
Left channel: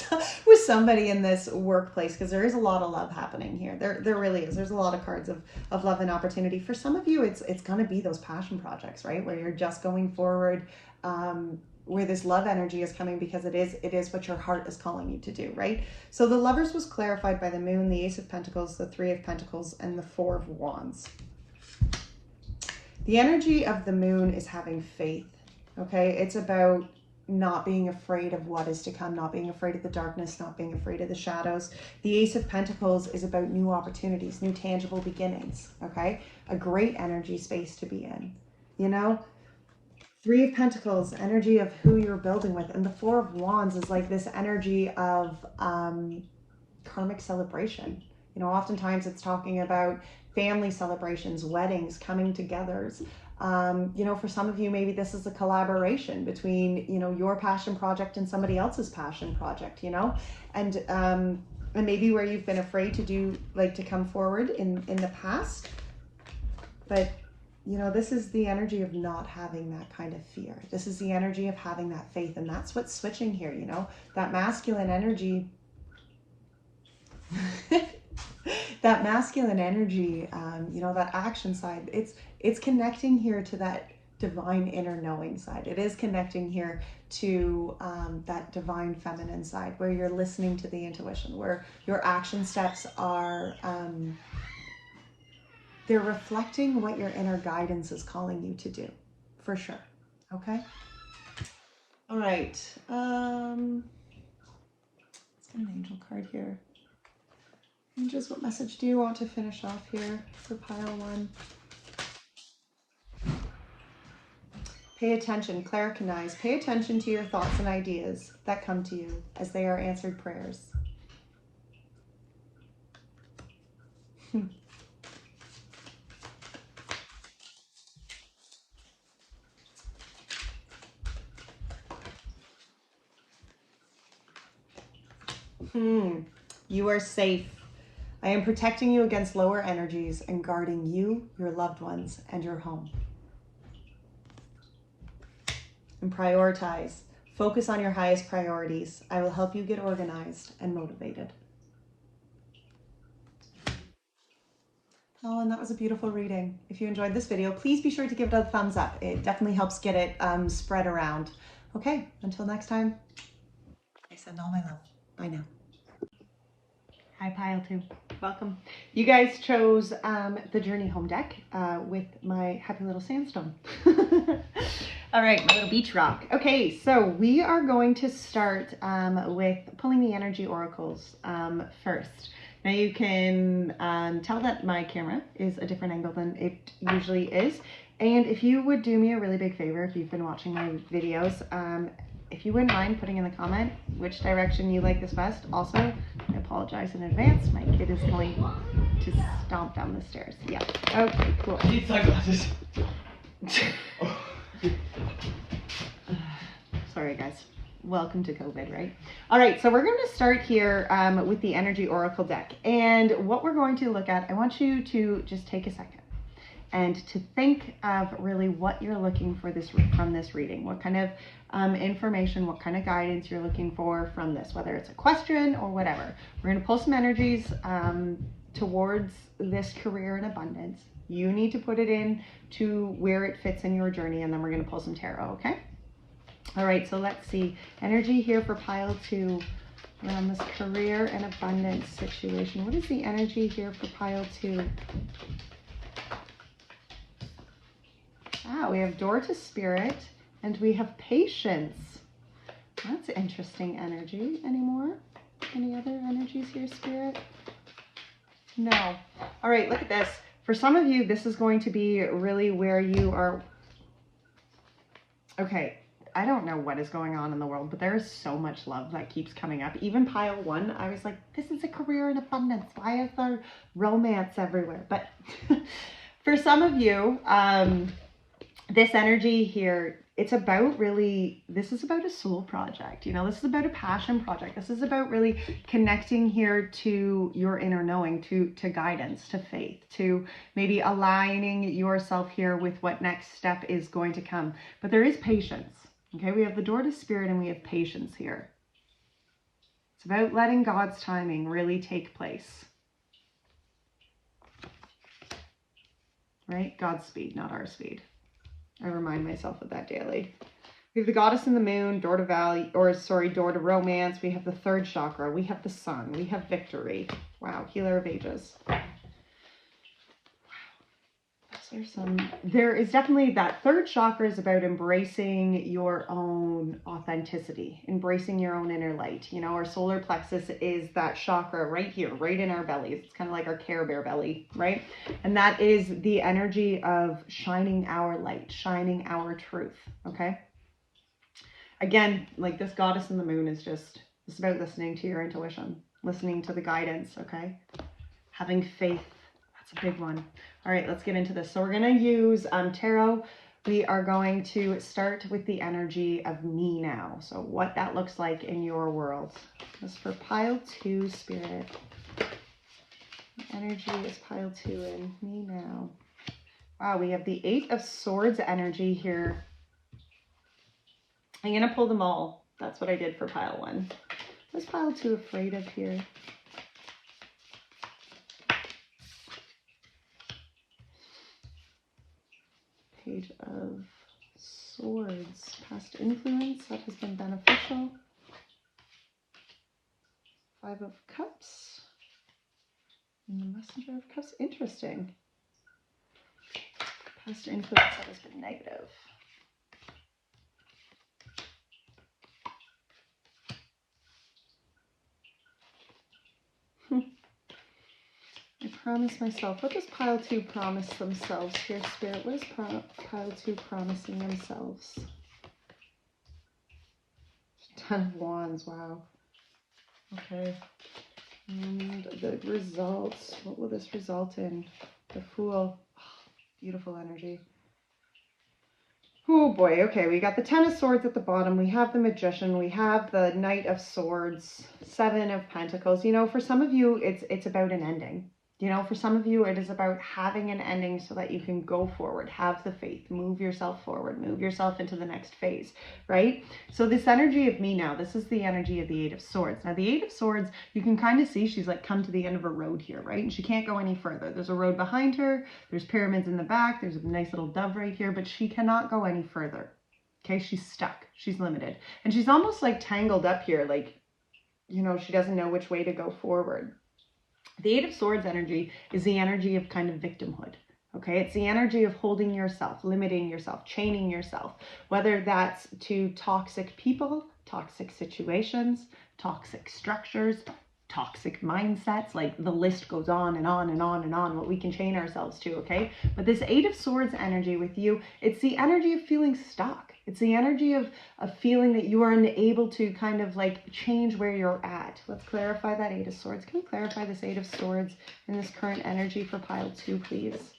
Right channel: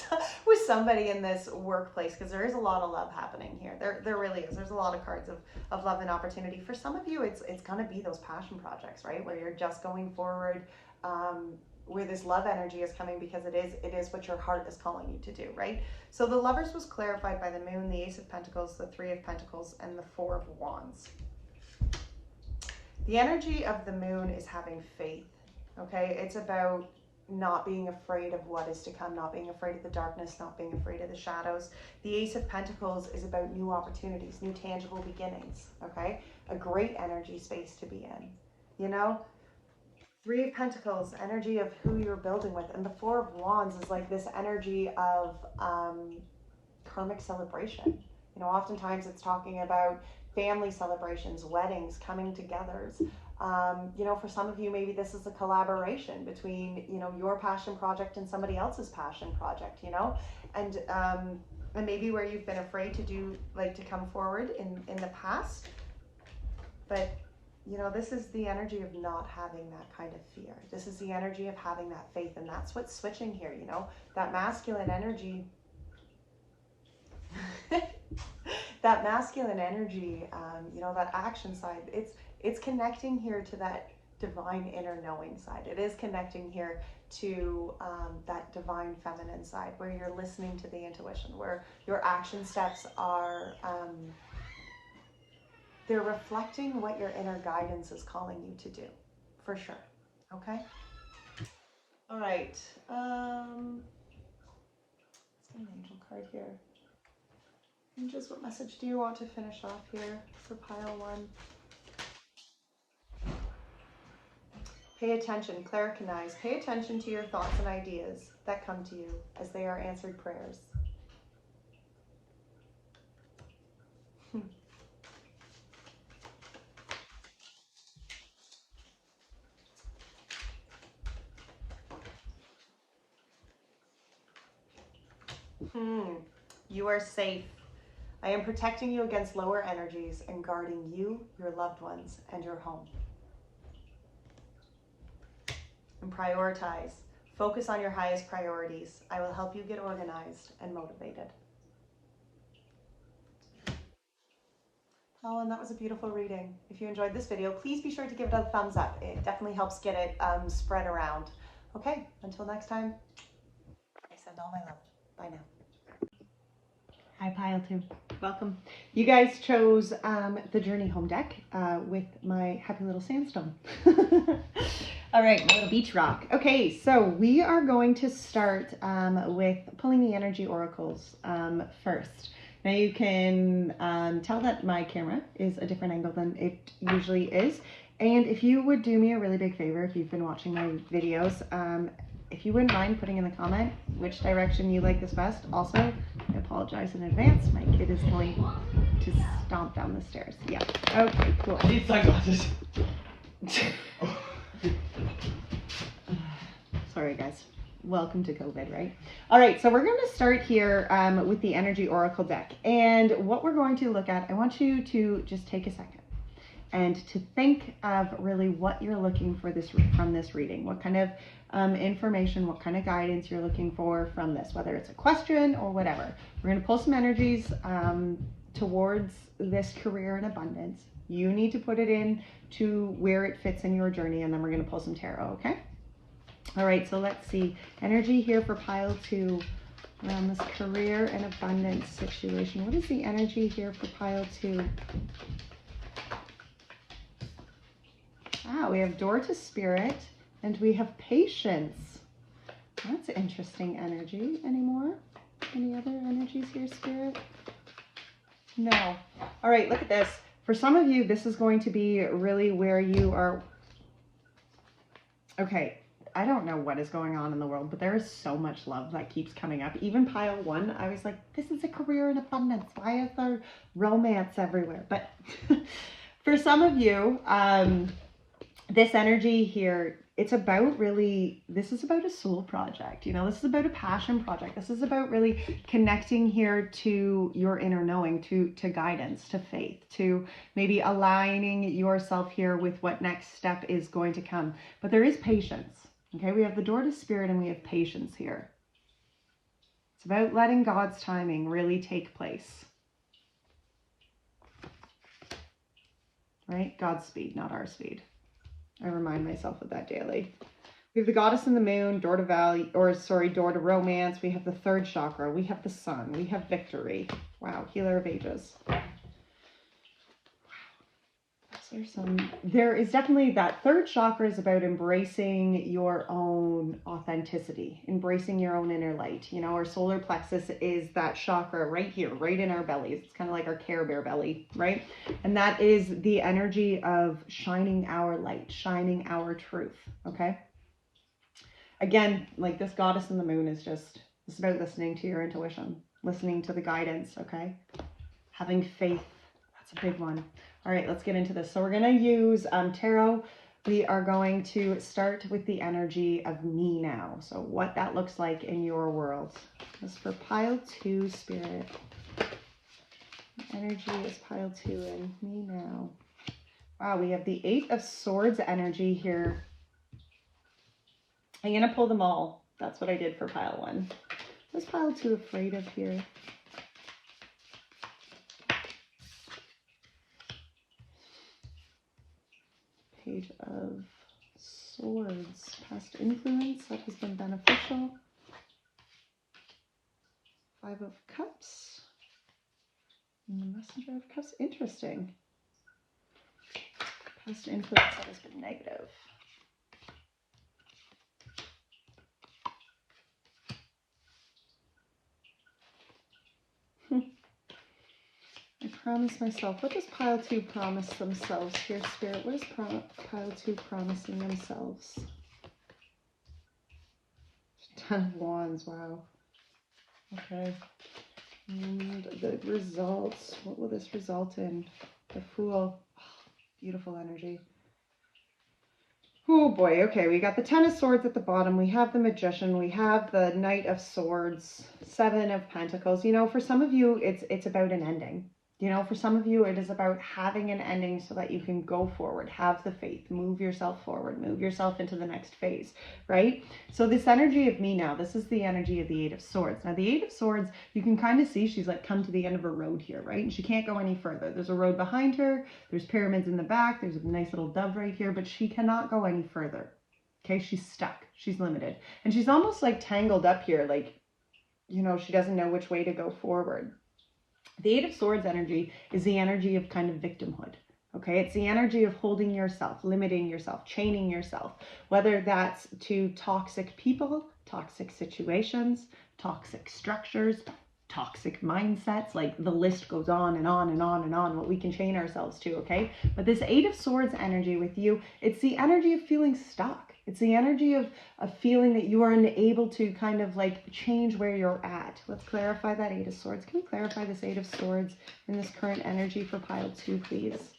somebody in this workplace, because there is a lot of love happening here. There really is. There's a lot of cards of love and opportunity. For some of you, it's going to be those passion projects, right, where you're just going forward, where this love energy is coming because it is what your heart is calling you to do, right? So the lovers was clarified by the moon, the Ace of Pentacles, the Three of Pentacles, and the Four of Wands. The energy of the moon is having faith, okay? It's about not being afraid of what is to come, not being afraid of the darkness, not being afraid of the shadows. The Ace of Pentacles is about new opportunities, new tangible beginnings, okay? A great energy space to be in, you know? Three of Pentacles, energy of who you're building with. And the Four of Wands is like this energy of karmic celebration. You know, oftentimes it's talking about family celebrations, weddings, coming togethers. You know, for some of you, maybe this is a collaboration between, you know, your passion project and somebody else's passion project, you know, and maybe where you've been afraid to do, like, to come forward in the past. But you know, this is the energy of not having that kind of fear. This is the energy of having that faith. And that's what's switching here, you know, that masculine energy, that masculine energy, you know, that action side, it's connecting here to that divine inner knowing side. It is connecting here to that divine feminine side, where you're listening to the intuition, where your action steps are, they're reflecting what your inner guidance is calling you to do, for sure. Okay. All right. Let's get an angel card here. Angels, what message do you want to finish off here for pile one? Pay attention, claricanize. Pay attention to your thoughts and ideas that come to you as they are answered prayers. You are safe. I am protecting you against lower energies and guarding you, your loved ones, and your home. And prioritize. Focus on your highest priorities. I will help you get organized and motivated. Oh, and that was a beautiful reading. If you enjoyed this video, please be sure to give it a thumbs up. It definitely helps get it spread around. Okay, until next time, I send all my love. Bye now. Hi, pile two. Welcome. You guys chose the Journey Home deck with my happy little sandstone. All right, my little beach rock. Okay, so we are going to start with pulling the energy oracles first. Now you can tell that my camera is a different angle than it usually is. And if you would do me a really big favor, if you've been watching my videos, if you wouldn't mind putting in the comment which direction you like this best. Also, I apologize in advance. My kid is going to stomp down the stairs. Yeah. Okay, cool. I need sunglasses. Sorry, guys. Welcome to COVID, right? All right, so we're going to start here with the Energy Oracle deck. And what we're going to look at, I want you to just take a second and to think of really what you're looking for from this reading. What kind of information, what kind of guidance you're looking for from this, whether it's a question or whatever. We're going to pull some energies towards this career in abundance. You need to put it in to where it fits in your journey, and then we're going to pull some tarot, okay? All right, so let's see. Energy here for pile 2 around this career and abundance situation. What is the energy here for pile 2? We have door to spirit, and we have patience. That's interesting energy. Any more? Any other energies here, Spirit? No. All right, look at this. For some of you, this is going to be really where you are. Okay, I don't know what is going on in the world, but there is so much love that keeps coming up. Even pile 1, I was like, this is a career in abundance. Why is there romance everywhere? But for some of you, this energy here, it's about really, this is about a soul project. You know, this is about a passion project. This is about really connecting here to your inner knowing, to guidance, to faith, to maybe aligning yourself here with what next step is going to come. But there is patience. Okay, we have the door to spirit and we have patience here. It's about letting God's timing really take place. Right? God's speed, not our speed. I remind myself of that daily. We have the goddess and the moon, door to value, or sorry, door to romance. We have the 3rd chakra. We have the sun. We have victory. Wow, healer of ages. Wow. There is definitely that 3rd chakra is about embracing your own authenticity, embracing your own inner light. You know, our solar plexus is that chakra right here, right in our bellies. It's kind of like our Care Bear belly, right? And that is the energy of shining our light, shining our truth, okay? Again, like this goddess and the moon is just, it's about listening to your intuition, listening to the guidance, okay? Having faith, that's a big one. All right, let's get into this. So we're going to use tarot. We are going to start with the energy of me now. So what that looks like in your world. This is for pile 2, Spirit. The energy is pile 2 in me now. Wow, we have the 8 of Swords energy here. I'm going to pull them all. That's what I did for pile 1. What's pile 2 afraid of here? Page of Swords, past influence that has been beneficial. 5 of Cups. And the Messenger of Cups, interesting. Past influence that has been negative. I promise myself. What does pile 2 promise themselves here, Spirit? What is pile 2 promising themselves? 10 of Wands, wow. Okay. And the results. What will this result in? The Fool. Oh, beautiful energy. Oh boy, okay, we got the 10 of Swords at the bottom. We have the Magician. We have the Knight of Swords. 7 of Pentacles. You know, for some of you, it's about an ending. You know, for some of you, it is about having an ending so that you can go forward, have the faith, move yourself forward, move yourself into the next phase, right? So this energy of me now, this is the energy of the 8 of Swords. Now, the 8 of Swords, you can kind of see she's like come to the end of a road here, right? And she can't go any further. There's a road behind her. There's pyramids in the back. There's a nice little dove right here, but she cannot go any further. Okay, she's stuck. She's limited. And she's almost like tangled up here, like, you know, she doesn't know which way to go forward. The 8 of Swords energy is the energy of kind of victimhood, okay? It's the energy of holding yourself, limiting yourself, chaining yourself, whether that's to toxic people, toxic situations, toxic structures, toxic mindsets, like the list goes on and on and on and on, what we can chain ourselves to, okay? But this 8 of Swords energy with you, it's the energy of feeling stuck. It's the energy of feeling that you are unable to kind of like change where you're at. Let's clarify that 8 of Swords. Can we clarify this 8 of Swords in this current energy for pile 2, please?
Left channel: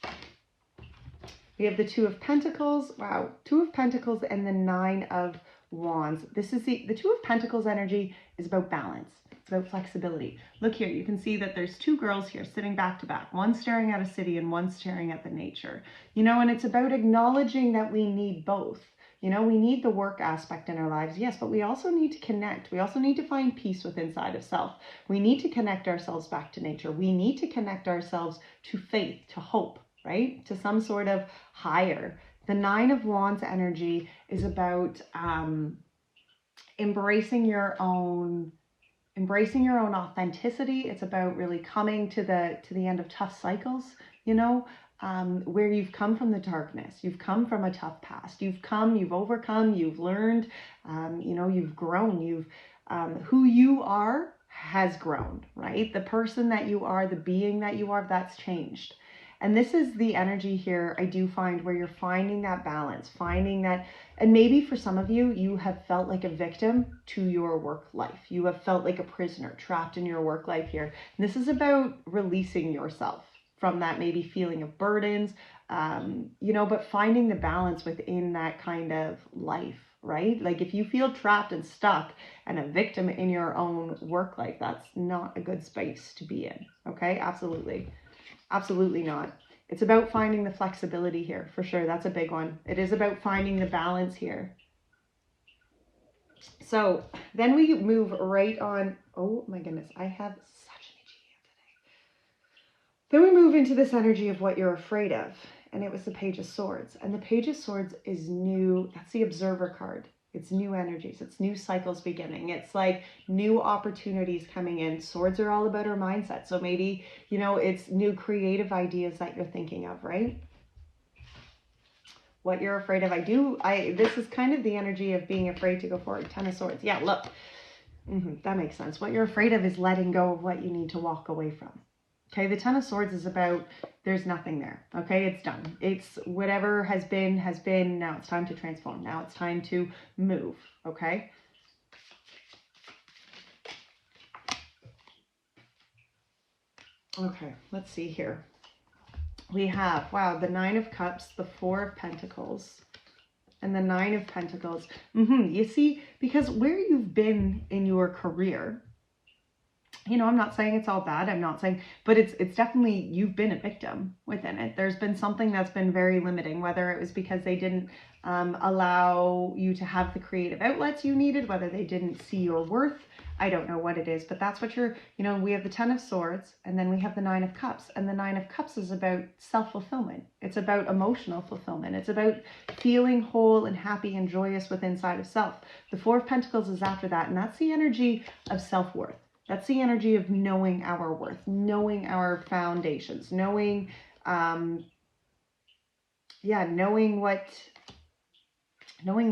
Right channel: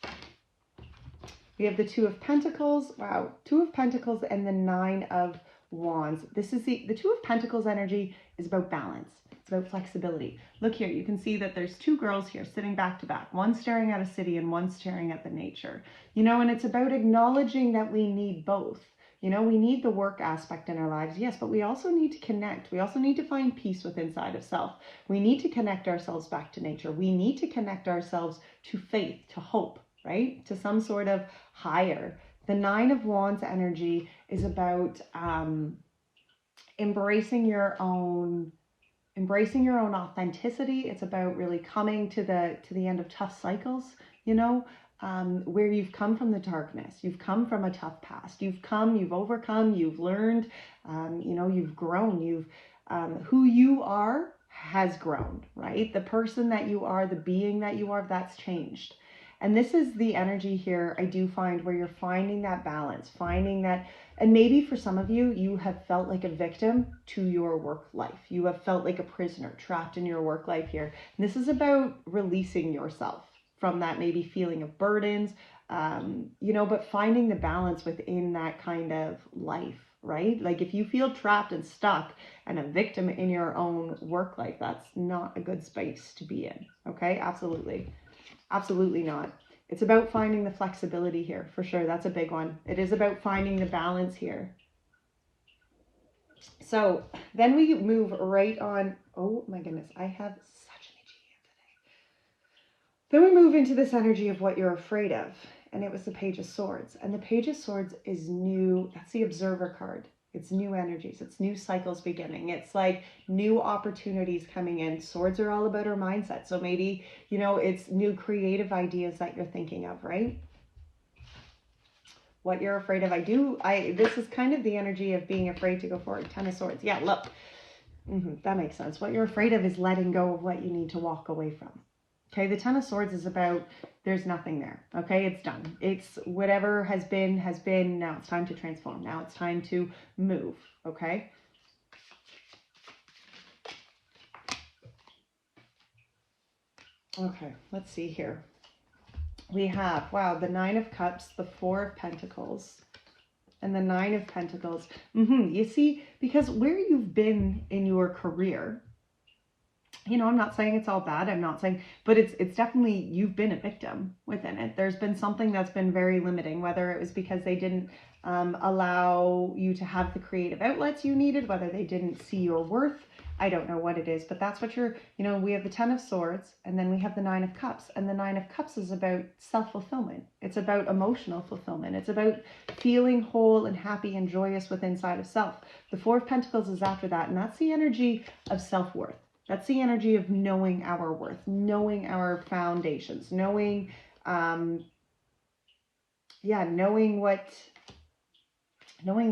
We have the 2 of Pentacles. Wow, 2 of Pentacles and the 9 of Wands. This is the 2 of Pentacles energy is about balance. It's about flexibility. Look here, you can see that there's 2 girls here sitting back to back, one staring at a city and one staring at the nature. You know, and it's about acknowledging that we need both. You know, we need the work aspect in our lives, yes, but we also need to connect. We also need to find peace within inside of self. We need to connect ourselves back to nature. We need to connect ourselves to faith, to hope, right? To some sort of higher. The Nine of Wands energy is about embracing your own authenticity. It's about really coming to the end of tough cycles, you know, where you've come from the darkness, you've come from a tough past, you've overcome, you've learned, you know, you've grown, who you are has grown, right? The person that you are, the being that you are, that's changed. And this is the energy here, I do find, where you're finding that balance, finding that, and maybe for some of you, you have felt like a victim to your work life. You have felt like a prisoner trapped in your work life here. And this is about releasing yourself from that maybe feeling of burdens, you know, but finding the balance within that kind of life, right? Like if you feel trapped and stuck and a victim in your own work life, that's not a good space to be in, okay? Absolutely. Absolutely not. It's about finding the flexibility here, for sure. That's a big one. It is about finding the balance here. So then we move right on. Oh my goodness, I have such an itchy hand today. Then we move into this energy of what you're afraid of. And it was the Page of Swords. And the Page of Swords is new. That's the Observer card. It's new energies. It's new cycles beginning. It's like new opportunities coming in. Swords are all about our mindset. So maybe, you know, it's new creative ideas that you're thinking of, right? What you're afraid of. This is kind of the energy of being afraid to go forward. Ten of Swords. Yeah, look. That makes sense. What you're afraid of is letting go of what you need to walk away from. Okay, the Ten of Swords is about there's nothing there. Okay, it's done. It's whatever has been. Now it's time to transform. Now it's time to move. Okay. Okay, let's see here. We have, wow, the Nine of Cups, the Four of Pentacles, and the Nine of Pentacles. You see, because where you've been in your career, you know, I'm not saying it's all bad. I'm not saying, but it's definitely, you've been a victim within it. There's been something that's been very limiting, whether it was because they didn't allow you to have the creative outlets you needed, whether they didn't see your worth. I don't know what it is, but that's what you know, we have the Ten of Swords and then we have the Nine of Cups, and the Nine of Cups is about self-fulfillment. It's about emotional fulfillment. It's about feeling whole and happy and joyous within inside of self. The Four of Pentacles is after that, and that's the energy of self-worth. That's the energy of knowing our worth, knowing our foundations, knowing, knowing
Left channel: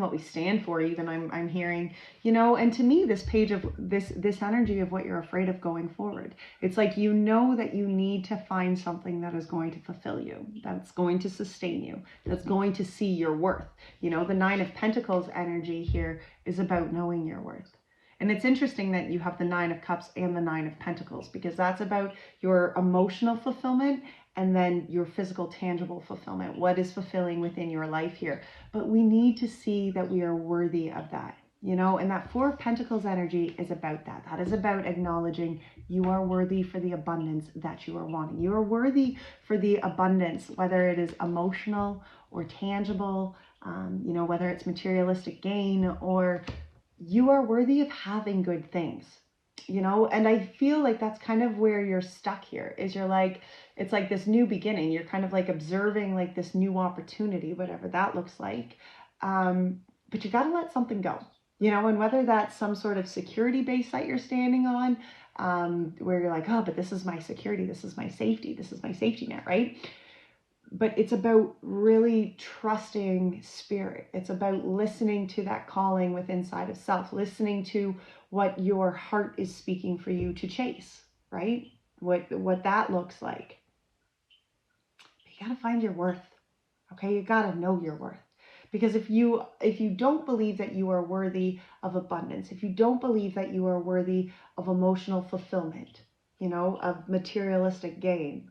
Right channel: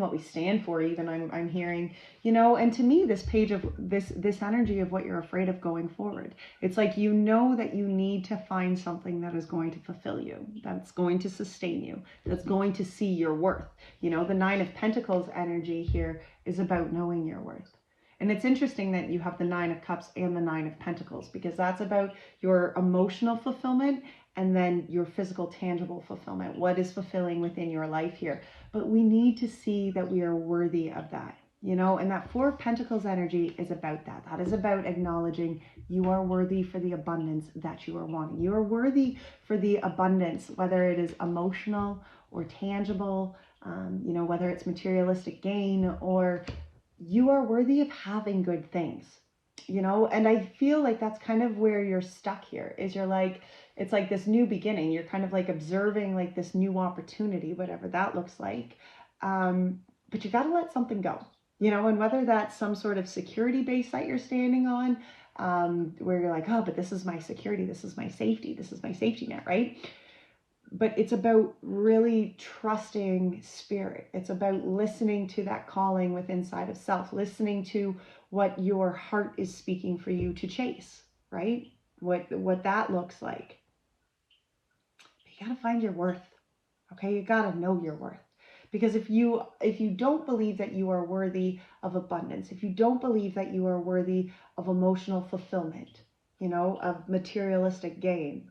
what we stand for. Even I'm hearing, you know, and to me, this page of this energy of what you're afraid of going forward. It's like, you know, that you need to find something that is going to fulfill you, that's going to sustain you, that's going to see your worth. You know, the Nine of Pentacles energy here is about knowing your worth. And it's interesting that you have the Nine of Cups and the Nine of Pentacles, because that's about your emotional fulfillment and then your physical, tangible fulfillment. What is fulfilling within your life here? But we need to see that we are worthy of that, you know, and that Four of Pentacles energy is about that. That is about acknowledging you are worthy for the abundance that you are wanting. You are worthy for the abundance, whether it is emotional or tangible, you know, whether it's materialistic gain, or you are worthy of having good things, you know. And I feel like that's kind of where you're stuck here, is you're like, it's like this new beginning. You're kind of like observing like this new opportunity, whatever that looks like. But you got to let something go, you know, and whether that's some sort of security base that you're standing on, where you're like, oh, but this is my security. This is my safety. This is my safety net, right? But it's about really trusting spirit. It's about listening to that calling within inside of self, listening to what your heart is speaking for you to chase, right? What that looks like. But you got to find your worth. Okay, you got to know your worth. Because if you don't believe that you are worthy of abundance, if you don't believe that you are worthy of emotional fulfillment, you know, of materialistic gain,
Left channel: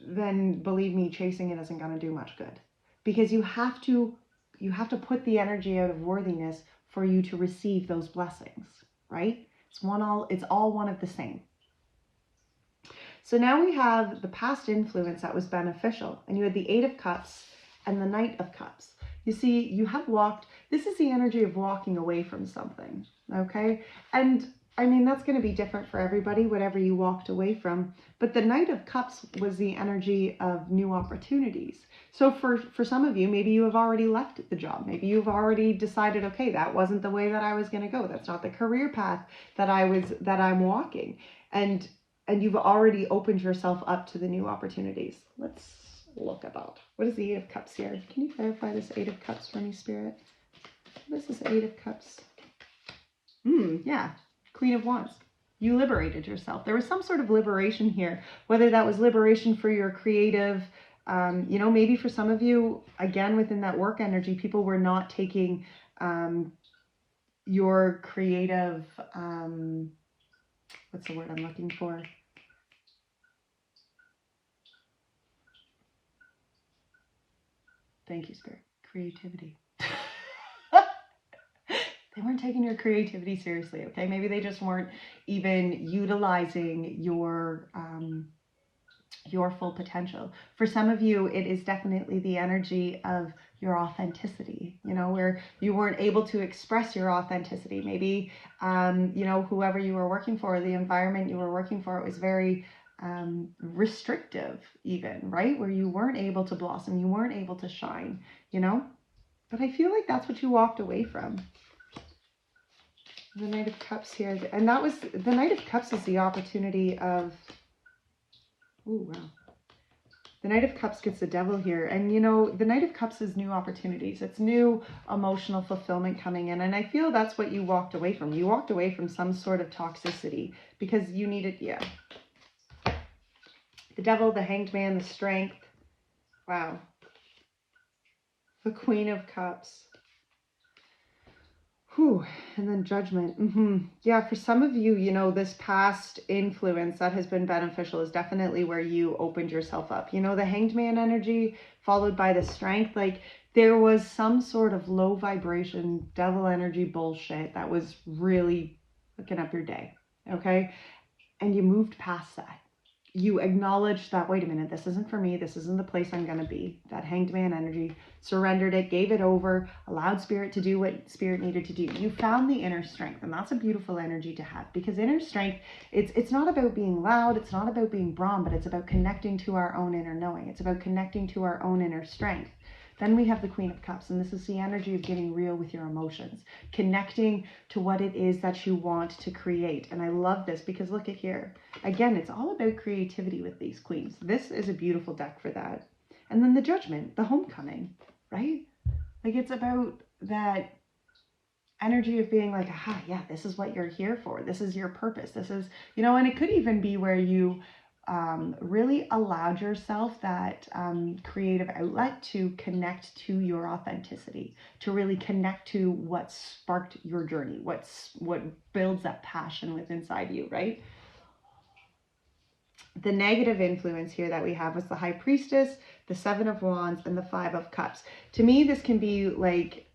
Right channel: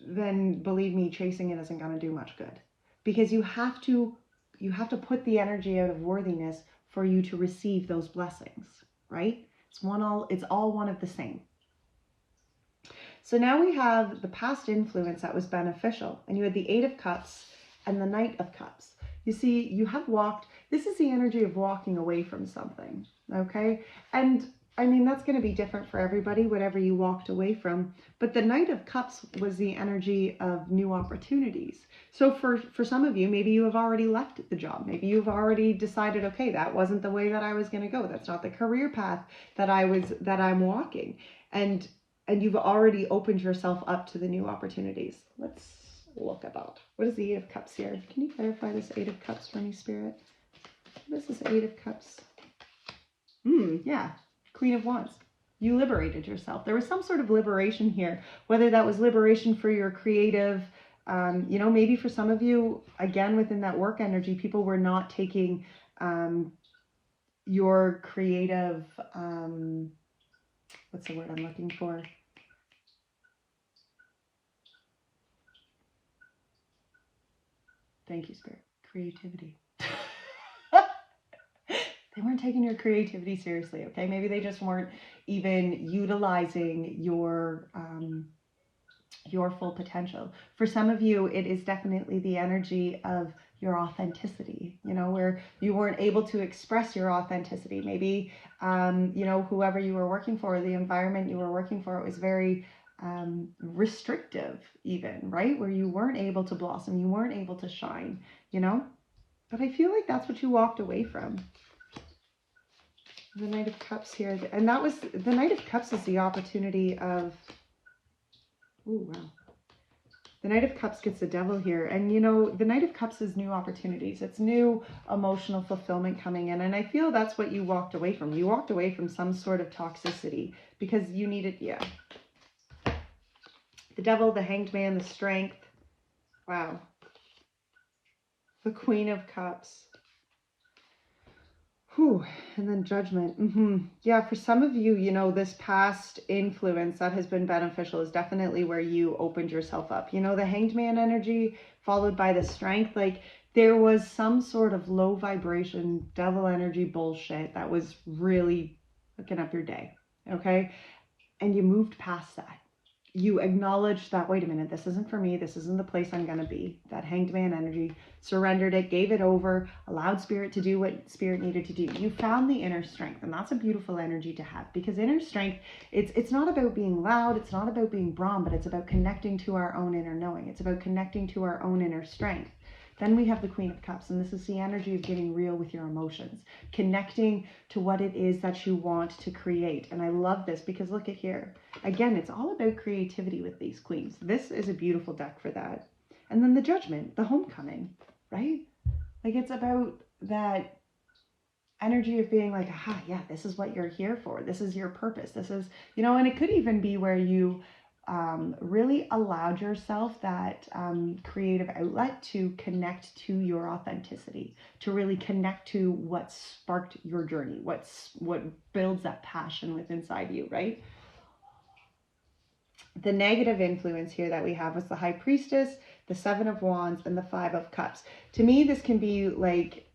then believe me, chasing it isn't going to do much good. Because you have to put the energy out of worthiness for you to receive those blessings, right? It's all one of the same. So now we have the past influence that was beneficial, and you had the Eight of Cups and the Knight of Cups. You see, you have walked, this is the energy of walking away from something, okay? And I mean, that's going to be different for everybody, whatever you walked away from. But the Knight of Cups was the energy of new opportunities. So for some of you, maybe you have already left the job. Maybe you've already decided, okay, that wasn't the way that I was going to go. That's not the career path that I'm walking. And you've already opened yourself up to the new opportunities. Let's look at that. What is the Eight of Cups here? Can you clarify this Eight of Cups for me, Spirit? What is this Eight of Cups? Yeah. Queen of Wands. You liberated yourself. There was some sort of liberation here, whether that was liberation for your creative, you know, maybe for some of you, again, within that work energy, people were not taking your creative, what's the word I'm looking for? Thank you, Spirit. Creativity. They weren't taking your creativity seriously, okay? Maybe they just weren't even utilizing your full potential. For some of you, it is definitely the energy of your authenticity, you know, where you weren't able to express your authenticity. Maybe, you know, whoever you were working for, the environment you were working for, it was very restrictive even, right? Where you weren't able to blossom, you weren't able to shine, you know? But I feel like that's what you walked away from. The Knight of Cups here. And that was, the Knight of Cups is the opportunity of, oh, wow. The Knight of Cups gets the Devil here. And, you know, the Knight of Cups is new opportunities. It's new emotional fulfillment coming in. And I feel that's what you walked away from. You walked away from some sort of toxicity because you needed, yeah. The Devil, the Hanged Man, the Strength. Wow. The Queen of Cups. Whew. And then Judgment. Yeah, for some of you, you know, this past influence that has been beneficial is definitely where you opened yourself up. You know, the Hanged Man energy followed by the Strength. Like, there was some sort of low vibration, devil energy bullshit that was really hooking up your day, okay? And you moved past that. You acknowledged that, wait a minute, this isn't for me. This isn't the place I'm going to be. That Hanged Man energy, surrendered it, gave it over, allowed Spirit to do what Spirit needed to do. You found the inner strength, and that's a beautiful energy to have, because inner strength, it's not about being loud. It's not about being brawn, but it's about connecting to our own inner knowing. It's about connecting to our own inner strength. Then we have the Queen of Cups, and this is the energy of getting real with your emotions, connecting to what it is that you want to create. And I love this because look at here. Again, it's all about creativity with these queens. This is a beautiful deck for that. And then the Judgment, the homecoming, right? Like, it's about that energy of being like, aha, yeah, this is what you're here for. This is your purpose. This is, you know, and it could even be where you really allowed yourself that creative outlet to connect to your authenticity, to really connect to what sparked your journey, what builds that passion within inside you, right? The negative influence here that we have was the High Priestess, the Seven of Wands, and the Five of Cups. To me, this can be like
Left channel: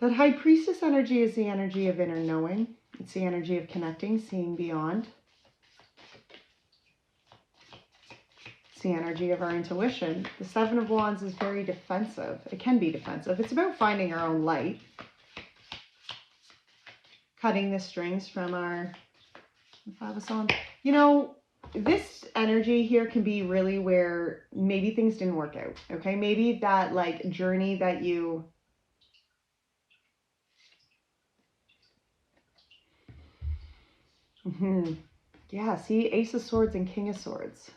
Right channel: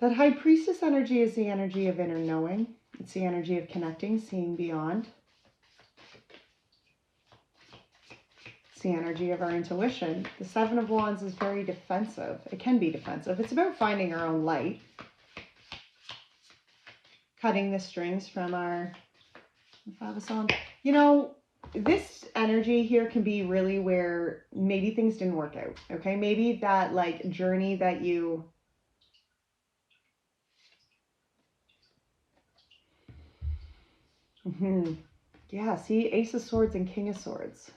that High Priestess energy is the energy of inner knowing. It's the energy of connecting, seeing beyond. It's the energy of our intuition. The Seven of Wands is very defensive. It can be defensive. It's about finding our own light. Cutting the strings from our Five of Wands. You know, this energy here can be really where maybe things didn't work out. Okay, maybe that like journey that you... Yeah, see, Ace of Swords and King of Swords.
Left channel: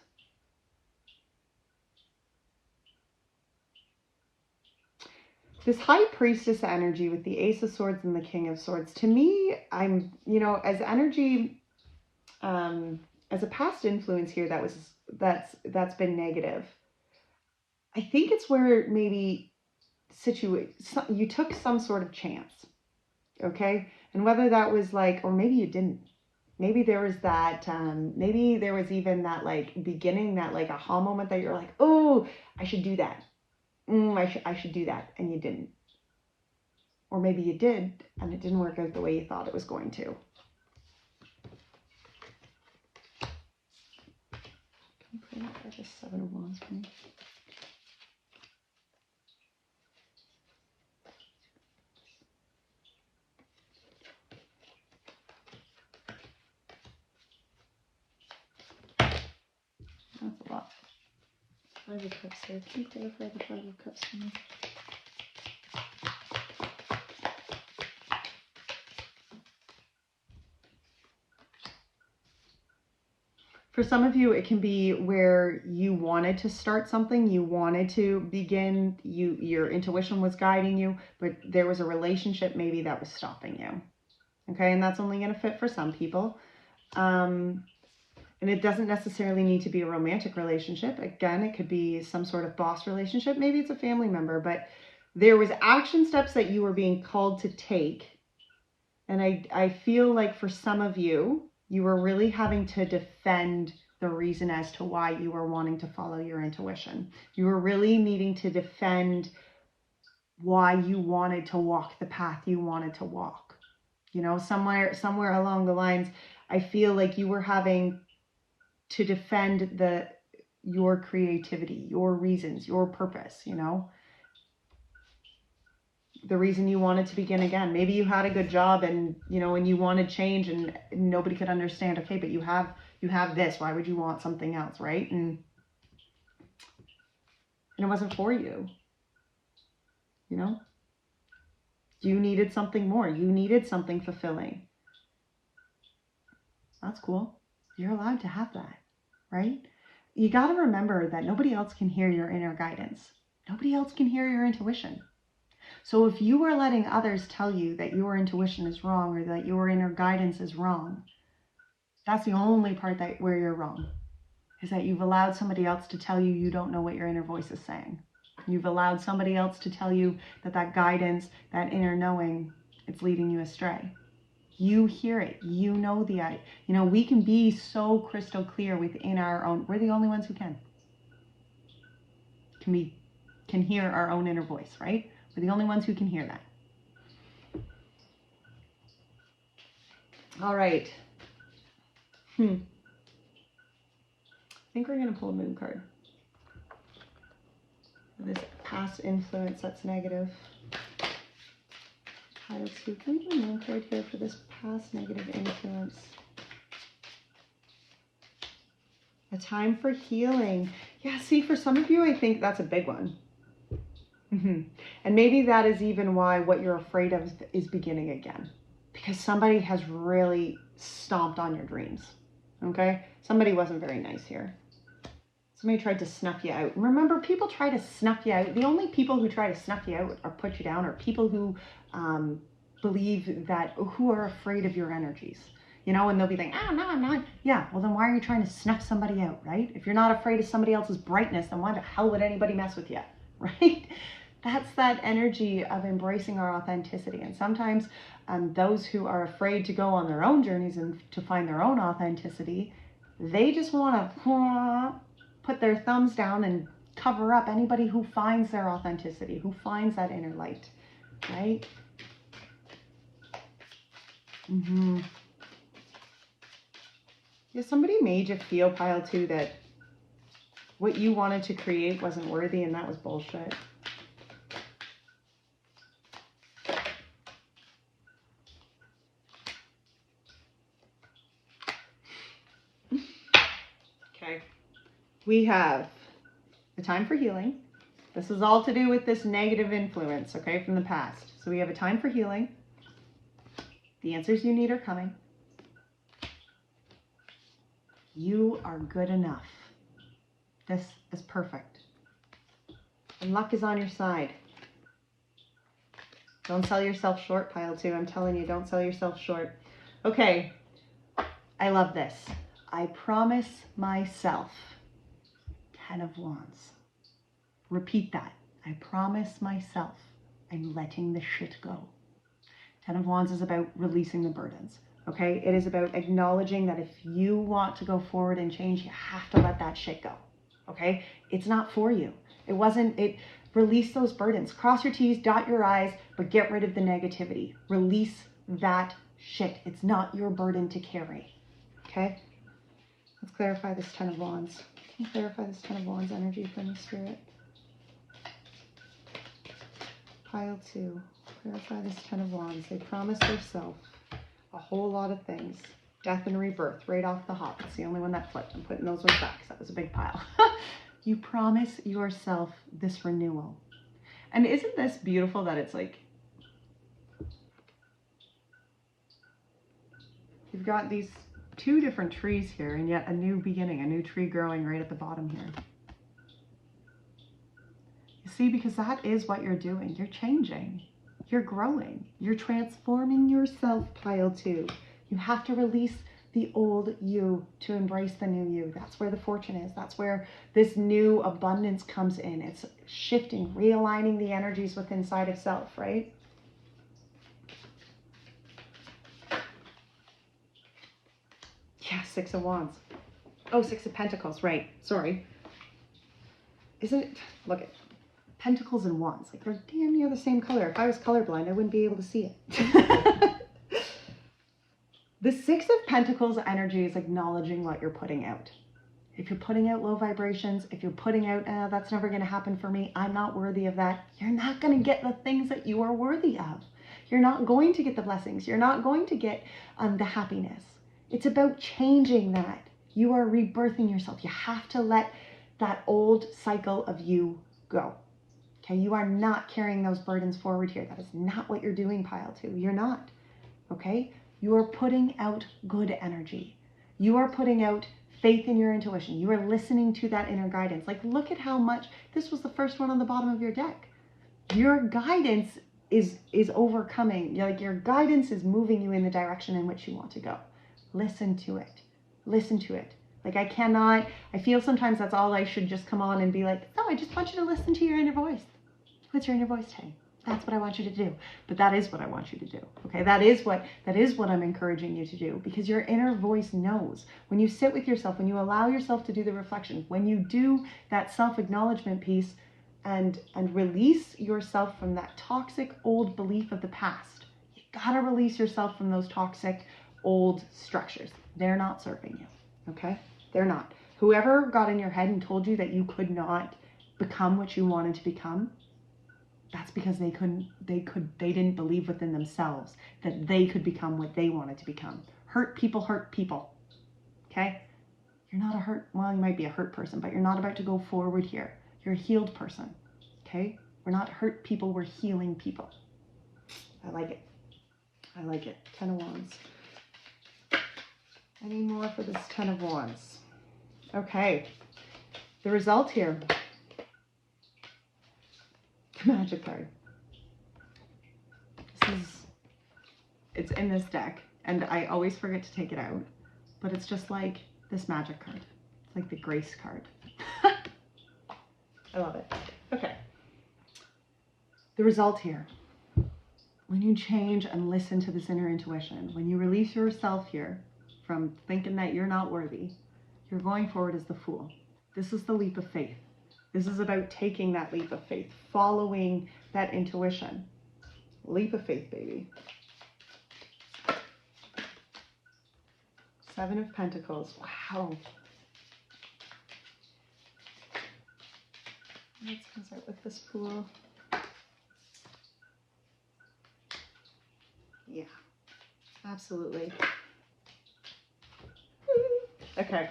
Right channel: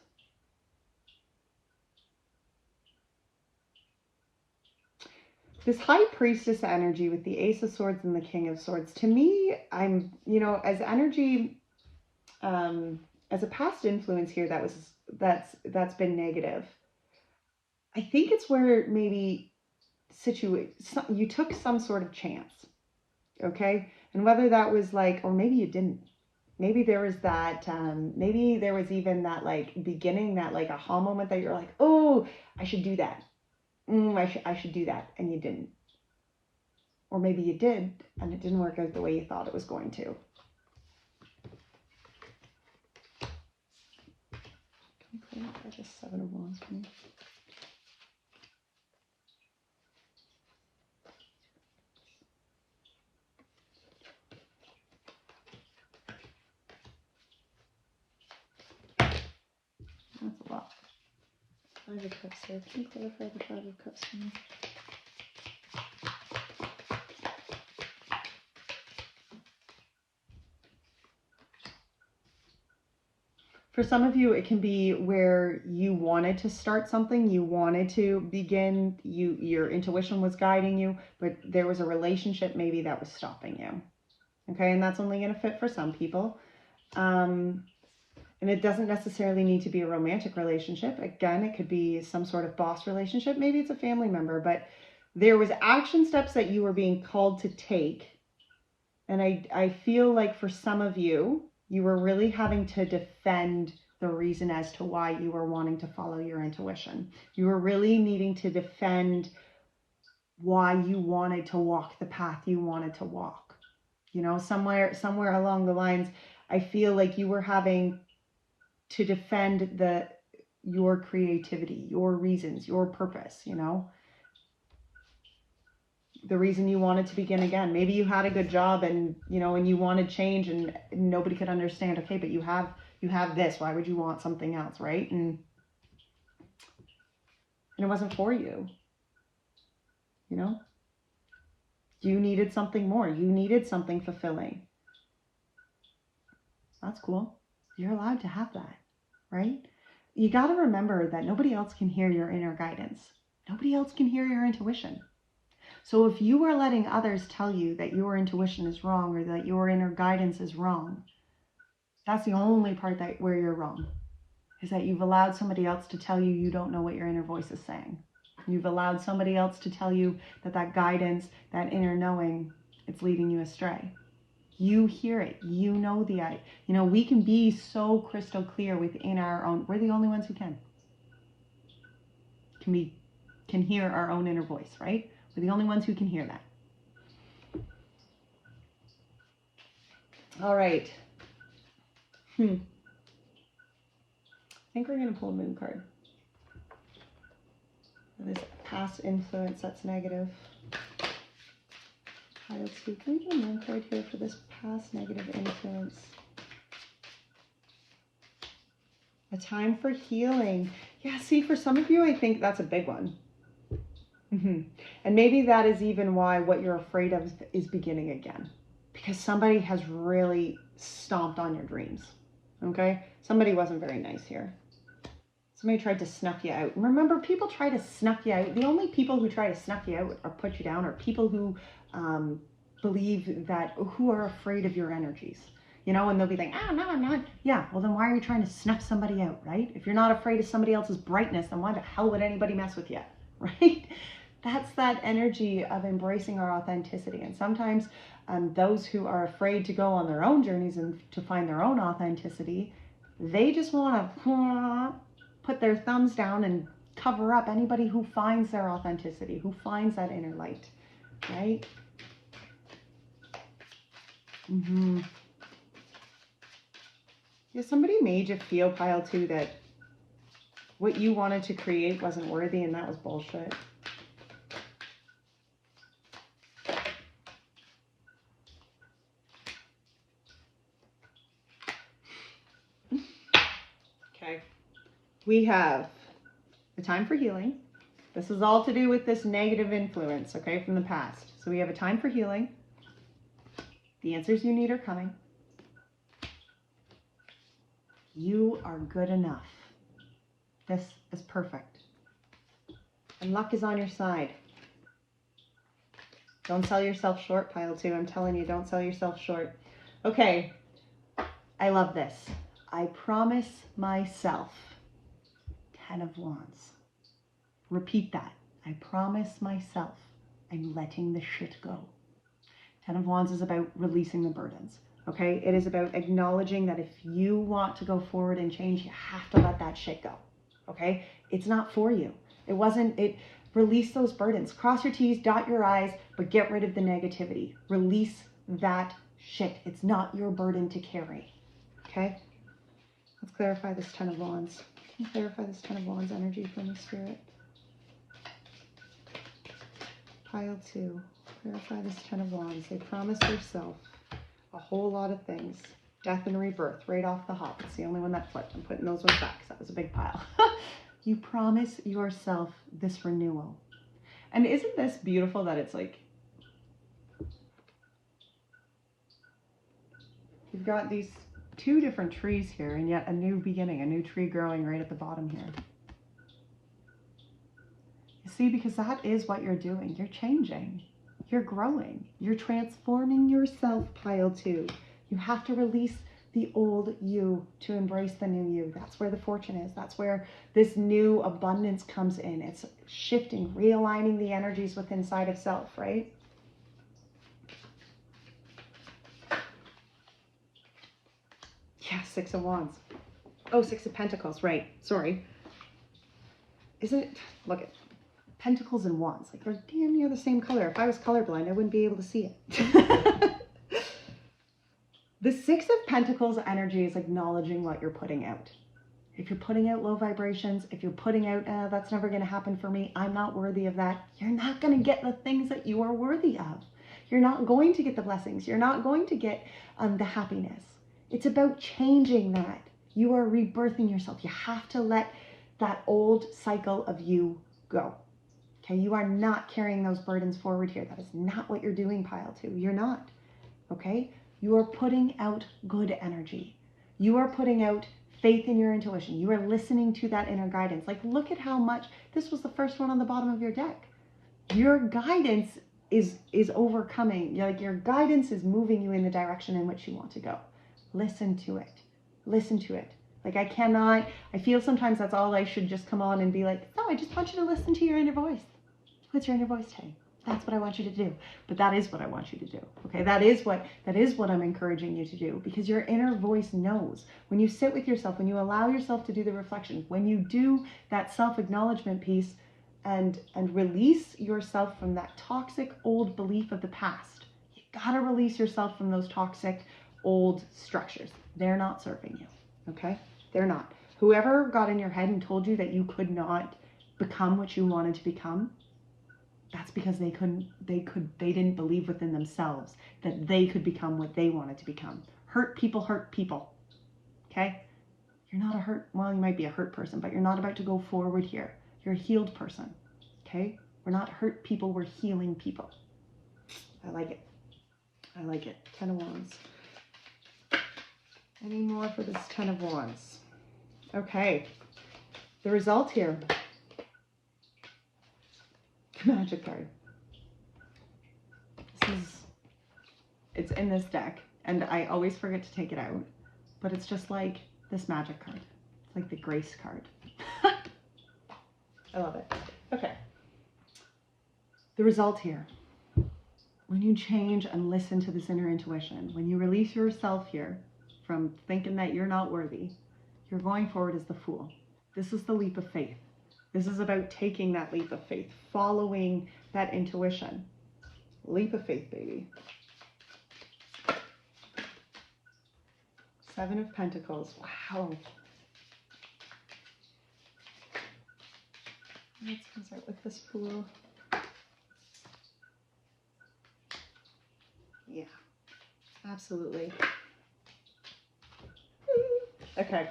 This High Priestess energy with the Ace of Swords and the King of Swords, to me, I'm, you know, as energy, as a past influence here that's been negative. I think it's where maybe you took some sort of chance, okay? And whether that was like, or maybe you didn't. Maybe there was that, maybe there was even that like beginning, that like aha moment that you're like, oh, I should do that. I should do that. And you didn't. Or maybe you did, and it didn't work out the way you thought it was going to. Clarify the Seven of Wands for me. That's a lot. Five of Cups here. Can you clarify the Five of Cups for me? For some of you, it can be where you wanted to start something, you wanted to begin, your intuition was guiding you, but there was a relationship maybe that was stopping you. Okay, and that's only going to fit for some people. And it doesn't necessarily need to be a romantic relationship. Again, it could be some sort of boss relationship. Maybe it's a family member, but there was action steps that you were being called to take. And I feel like for some of you, you were really having to defend the reason as to why you were wanting to follow your intuition. You were really needing to defend why you wanted to walk the path you wanted to walk. You know, somewhere along the lines, I feel like you were having to defend your creativity, your reasons, your purpose, you know, the reason you wanted to begin again. Maybe you had a good job and, you know, and you wanted change and nobody could understand. Okay, but you have this. Why would you want something else, right? And it wasn't for you, you know. You needed something more. You needed something fulfilling. That's cool. You're allowed to have that, right? You got to remember that nobody else can hear your inner guidance. Nobody else can hear your intuition. So if you are letting others tell you that your intuition is wrong or that your inner guidance is wrong, that's the only part where you're wrong, is that you've allowed somebody else to tell you you don't know what your inner voice is saying. You've allowed somebody else to tell you that guidance, that inner knowing, it's leading you astray. You hear it. You know we can be so crystal clear within our own. We're the only ones who can hear our own inner voice, right? We're the only ones who can hear that. All right. I think we're going to pull a moon card. This past influence that's negative. Pile 2. Can we get a moon card here for this past negative influence? A time for healing. Yeah, see, for some of you, I think that's a big one. And maybe that is even why what you're afraid of is beginning again. Because somebody has really stomped on your dreams. Okay? Somebody wasn't very nice here. Somebody tried to snuff you out. Remember, people try to snuff you out. The only people who try to snuff you out or put you down are people who who are afraid of your energies. You know, and they'll be like, no, I'm not. Yeah, well then why are you trying to snuff somebody out, right? If you're not afraid of somebody else's brightness, then why the hell would anybody mess with you, right? That's that energy of embracing our authenticity. And sometimes those who are afraid to go on their own journeys and to find their own authenticity, they just want to put their thumbs down and cover up anybody who finds their authenticity, who finds that inner light, right? Yeah, somebody made you feel, Pile 2, that what you wanted to create wasn't worthy, and that was bullshit. Okay. We have a time for healing. This is all to do with this negative influence, okay, from the past. So we have a time for healing. The answers you need are coming. You are good enough. This is perfect. And luck is on your side. Don't sell yourself short, Pile 2. I'm telling you, don't sell yourself short. Okay. I love this. I promise myself. 10 of Wands. Repeat that. I promise myself I'm letting the shit go. 10 of Wands is about releasing the burdens. Okay? It is about acknowledging that if you want to go forward and change, you have to let that shit go. Okay? It's not for you. Release those burdens. Cross your T's, dot your I's, but get rid of the negativity. Release that shit. It's not your burden to carry. Okay? Let's clarify this 10 of Wands. Can you clarify this Ten of Wands energy for me, Spirit? Pile 2. Clarify this Ten of Wands. They promise themselves a whole lot of things. Death and rebirth, right off the hop. It's the only one that flipped. I'm putting those ones back because that was a big pile. You promise yourself this renewal. And isn't this beautiful that it's like, you've got these two different trees here and yet a new beginning, a new tree growing right at the bottom here. You see, because that is what you're doing. You're changing. You're growing. You're transforming yourself, pile 2. You have to release the old you to embrace the new you. That's where the fortune is. That's where this new abundance comes in. It's shifting, realigning the energies within inside of self, right? Yeah, 6 of Wands. Oh, 6 of Pentacles, right. Sorry. Isn't it? Look at Pentacles and Wands. Like, they're damn near the same color. If I was colorblind, I wouldn't be able to see it. The 6 of Pentacles energy is acknowledging what you're putting out. If you're putting out low vibrations, if you're putting out, that's never going to happen for me, I'm not worthy of that, you're not going to get the things that you are worthy of. You're not going to get the blessings. You're not going to get the happiness. It's about changing that. You are rebirthing yourself. You have to let that old cycle of you go. Okay, you are not carrying those burdens forward here. That is not what you're doing, pile 2. You're not. Okay? You are putting out good energy. You are putting out faith in your intuition. You are listening to that inner guidance. Like, look at how much, this was the first one on the bottom of your deck. Your guidance is overcoming. Like, your guidance is moving you in the direction in which you want to go. Listen to it. Listen to it. Like, I feel sometimes that's all I should just come on and be like, no, I just want you to listen to your inner voice. What's your inner voice saying? That's what I want you to do. But that is what I want you to do. Okay, that is what I'm encouraging you to do, because your inner voice knows. When you sit with yourself, when you allow yourself to do the reflection, when you do that self-acknowledgement piece and release yourself from that toxic old belief of the past, you gotta release yourself from those toxic old structures. They're not serving you. Okay? They're not. Whoever got in your head and told you that you could not become what you wanted to become, that's because they didn't believe within themselves that they could become what they wanted to become. Hurt people. Okay? You're not well, you might be a hurt person, but you're not about to go forward here. You're a healed person. Okay? We're not hurt people, we're healing people. I like it. I like it. 10 of Wands. Any more for this 10 of Wands? Okay. The result here. Magic card. It's in this deck, and I always forget to take it out, but it's just like this magic card. It's like the grace card. I love it. Okay. The result here. When you change and listen to this inner intuition, when you release yourself here from thinking that you're not worthy, you're going forward as the Fool. This is the leap of faith. This is about taking that leap of faith, following that intuition. Leap of faith, baby. 7 of Pentacles. Wow. Let's start with this Fool. Yeah, absolutely. Okay.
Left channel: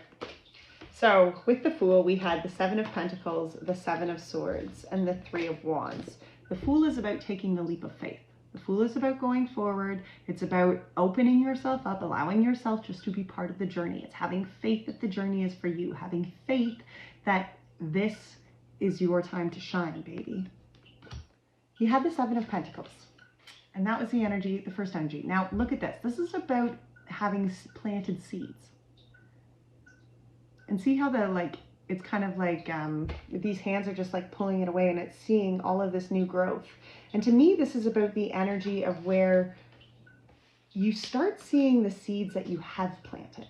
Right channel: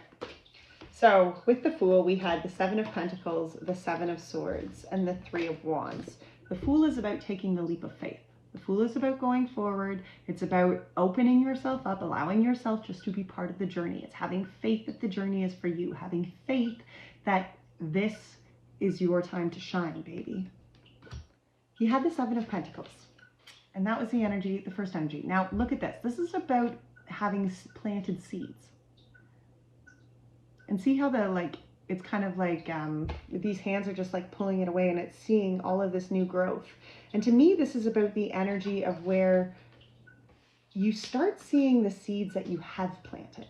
So with the Fool, we had the 7 of Pentacles, the 7 of Swords, and the 3 of Wands. The Fool is about taking the leap of faith. The Fool is about going forward. It's about opening yourself up, allowing yourself just to be part of the journey. It's having faith that the journey is for you, having faith that this is your time to shine, baby. You had the 7 of Pentacles, and that was the energy, the first energy. Now look at this. This is about having planted seeds. And see how it's kind of like these hands are just like pulling it away, and it's seeing all of this new growth. And to me, this is about the energy of where you start seeing the seeds that you have planted,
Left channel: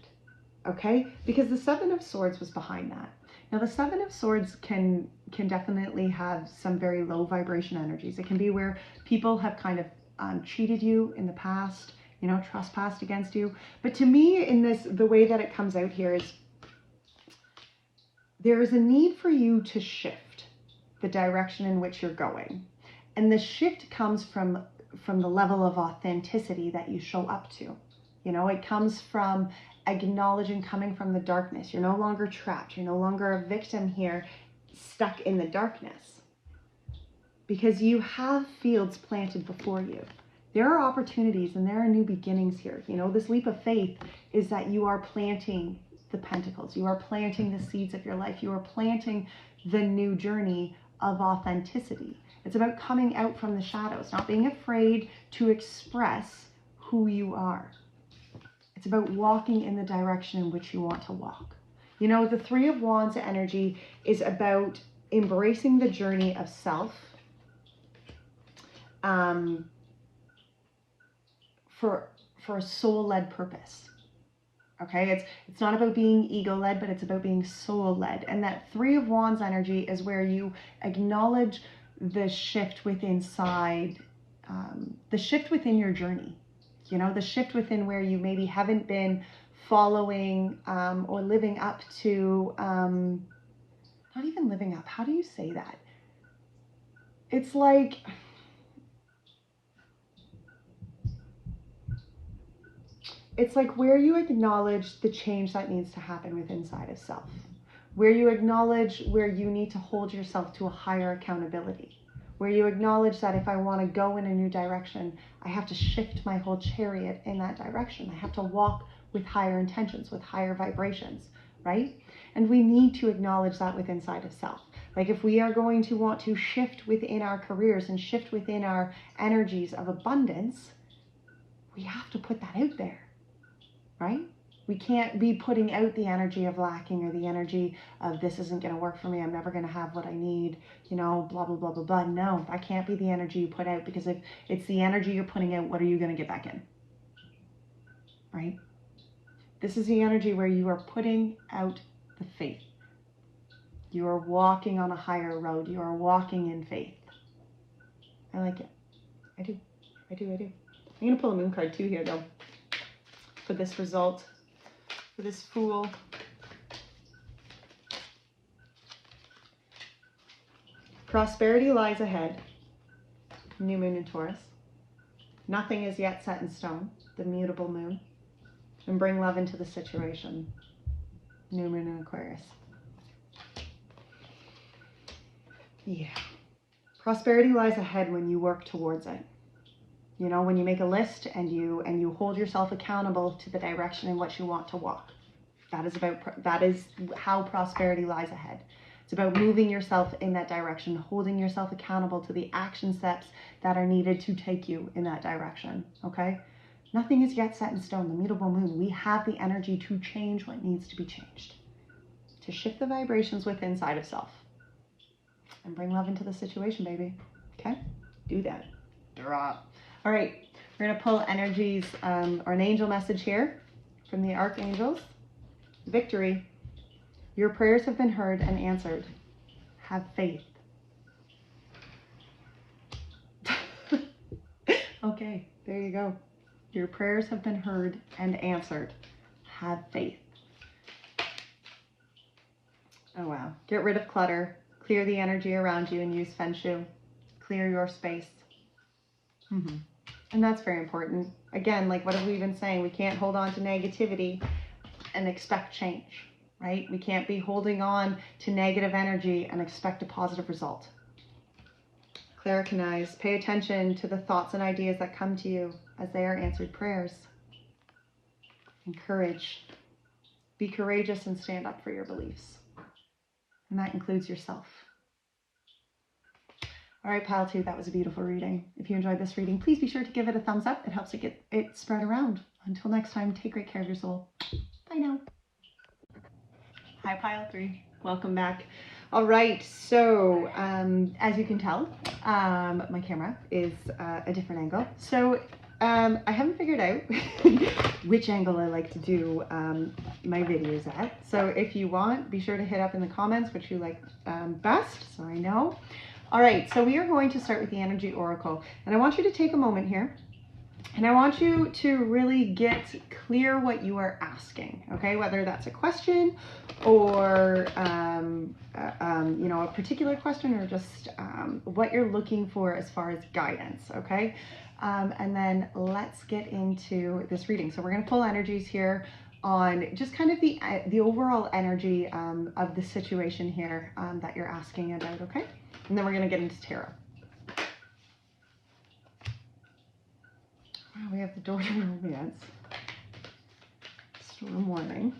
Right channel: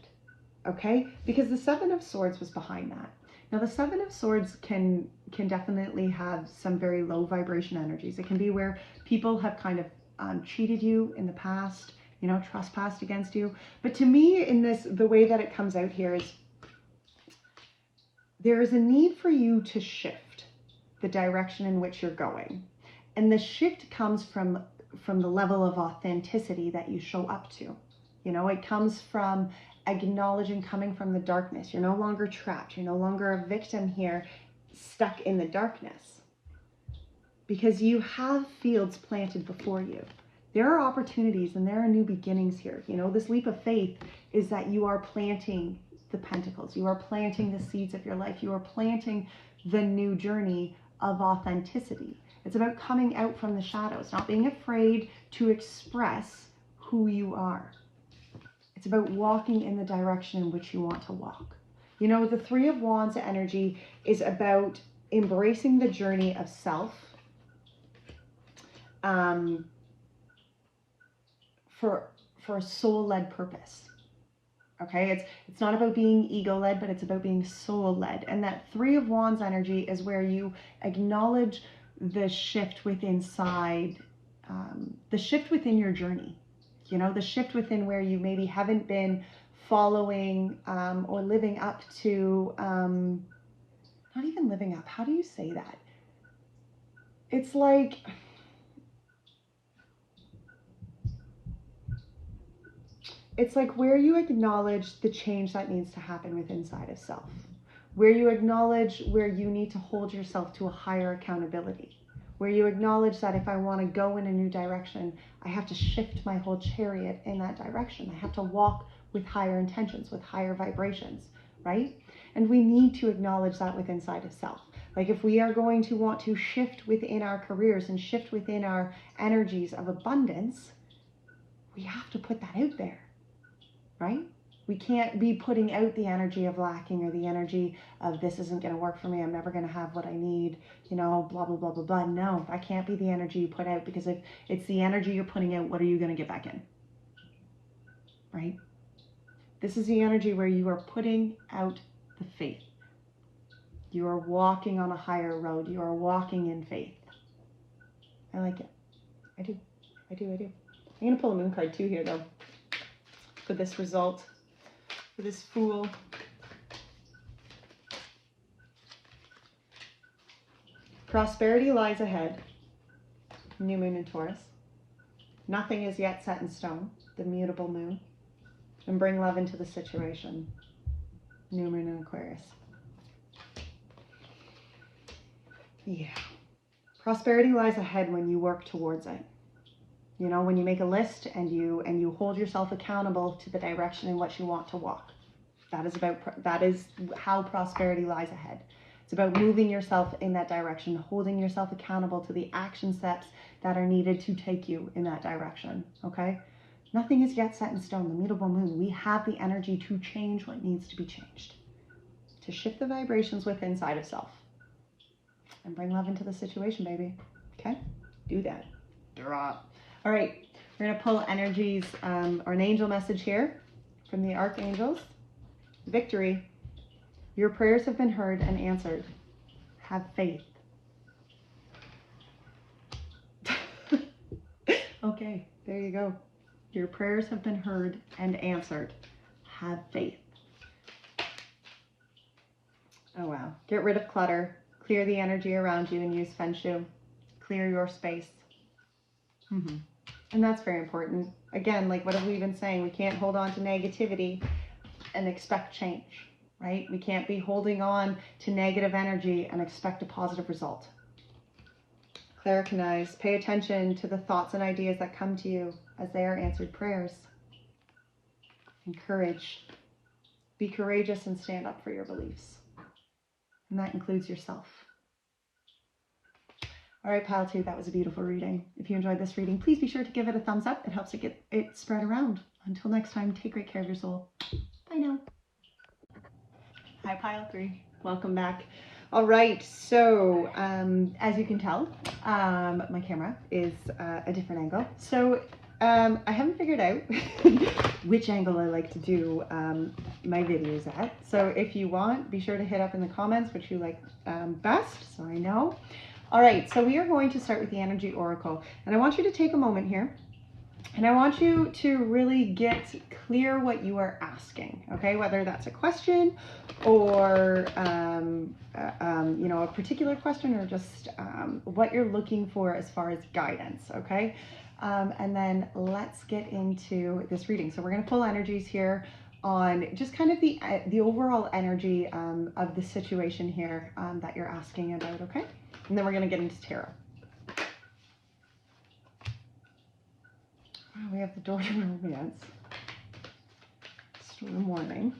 okay? Because the 7 of Swords was behind that. Now the 7 of Swords can definitely have some very low vibration energies. It can be where people have kind of cheated you in the past, you know, trespassed against you. But to me, in this, the way that it comes out here is there is a need for you to shift the direction in which you're going. And the shift comes from the level of authenticity that you show up to. You know, it comes from acknowledging, coming from the darkness. You're no longer trapped. You're no longer a victim here, stuck in the darkness. Because you have fields planted before you. There are opportunities and there are new beginnings here. You know, this leap of faith is that you are planting the pentacles. You are planting the seeds of your life. You are planting the new journey of authenticity. It's about coming out from the shadows, not being afraid to express who you are. It's about walking in the direction in which you want to walk. You know, the Three of Wands energy is about embracing the journey of self, for a soul-led purpose. Okay, it's not about being ego-led, but it's about being soul-led. And that Three of Wands energy is where you acknowledge the shift within the shift within your journey. You know, the shift within where you maybe haven't been following or living up to, not even living up. How do you say that? It's like, where you acknowledge the change that needs to happen within inside of self, where you acknowledge where you need to hold yourself to a higher accountability, where you acknowledge that if I want to go in a new direction, I have to shift my whole chariot in that direction. I have to walk with higher intentions, with higher vibrations, right? And we need to acknowledge that within inside of self. Like if we are going to want to shift within our careers and shift within our energies of abundance, we have to put that out there. Right? We can't be putting out the energy of lacking or the energy of this isn't going to work for me. I'm never going to have what I need, you know, blah, blah, blah, blah, blah. No, that can't be the energy you put out, because if it's the energy you're putting out, what are you going to get back in? Right? This is the energy where you are putting out the faith. You are walking on a higher road. You are walking in faith. I like it. I do. I'm going to pull a moon card too here though. For this result, for this Fool. Prosperity lies ahead. New moon in Taurus. Nothing is yet set in stone. The mutable moon. And bring love into the situation. New moon in Aquarius. Yeah. Prosperity lies ahead when you work towards it. You know, when you make a list and you hold yourself accountable to the direction in which you want to walk. That is how prosperity lies ahead. It's about moving yourself in that direction, holding yourself accountable to the action steps that are needed to take you in that direction, okay? Nothing is yet set in stone. The mutable moon, we have the energy to change what needs to be changed, to shift the vibrations within inside of self and bring love into the situation, baby, okay? Do that. Drop. All right, we're going to pull energies or an angel message here from the archangels. Victory. Your prayers have been heard and answered. Have faith. Okay, there you go. Your prayers have been heard and answered. Have faith. Oh, wow. Get rid of clutter. Clear the energy around you and use Feng Shui. Clear your space. And that's very important. Again, like what have we been saying? We can't hold on to negativity and expect change, right? We can't be holding on to negative energy and expect a positive result. Claricanize. Pay attention to the thoughts and ideas that come to you as they are answered prayers. Encourage. Be courageous and stand up for your beliefs. And that includes yourself. All right, pile two, that was a beautiful reading. If you enjoyed this reading, please be sure to give it a thumbs up. It helps to get it spread around. Until next time, take great care of your soul. Bye now. Hi, pile three. Welcome back. All right, so as you can tell, my camera is a different angle. So I haven't figured out which angle I like to do my videos at. So if you want, be sure to hit up in the comments which you like best, so I know. All right, so we are going to start with the Energy Oracle. And I want you to take a moment here And I want you to really get clear what you are asking, okay? Whether that's a question or, you know, a particular question, or just what you're looking for as far as guidance, okay? And then let's get into this reading. So we're going to pull energies here on just kind of the overall energy of the situation here that you're asking about, okay? And then we're going to get into tarot. Wow, we have the door to romance. Storm warning.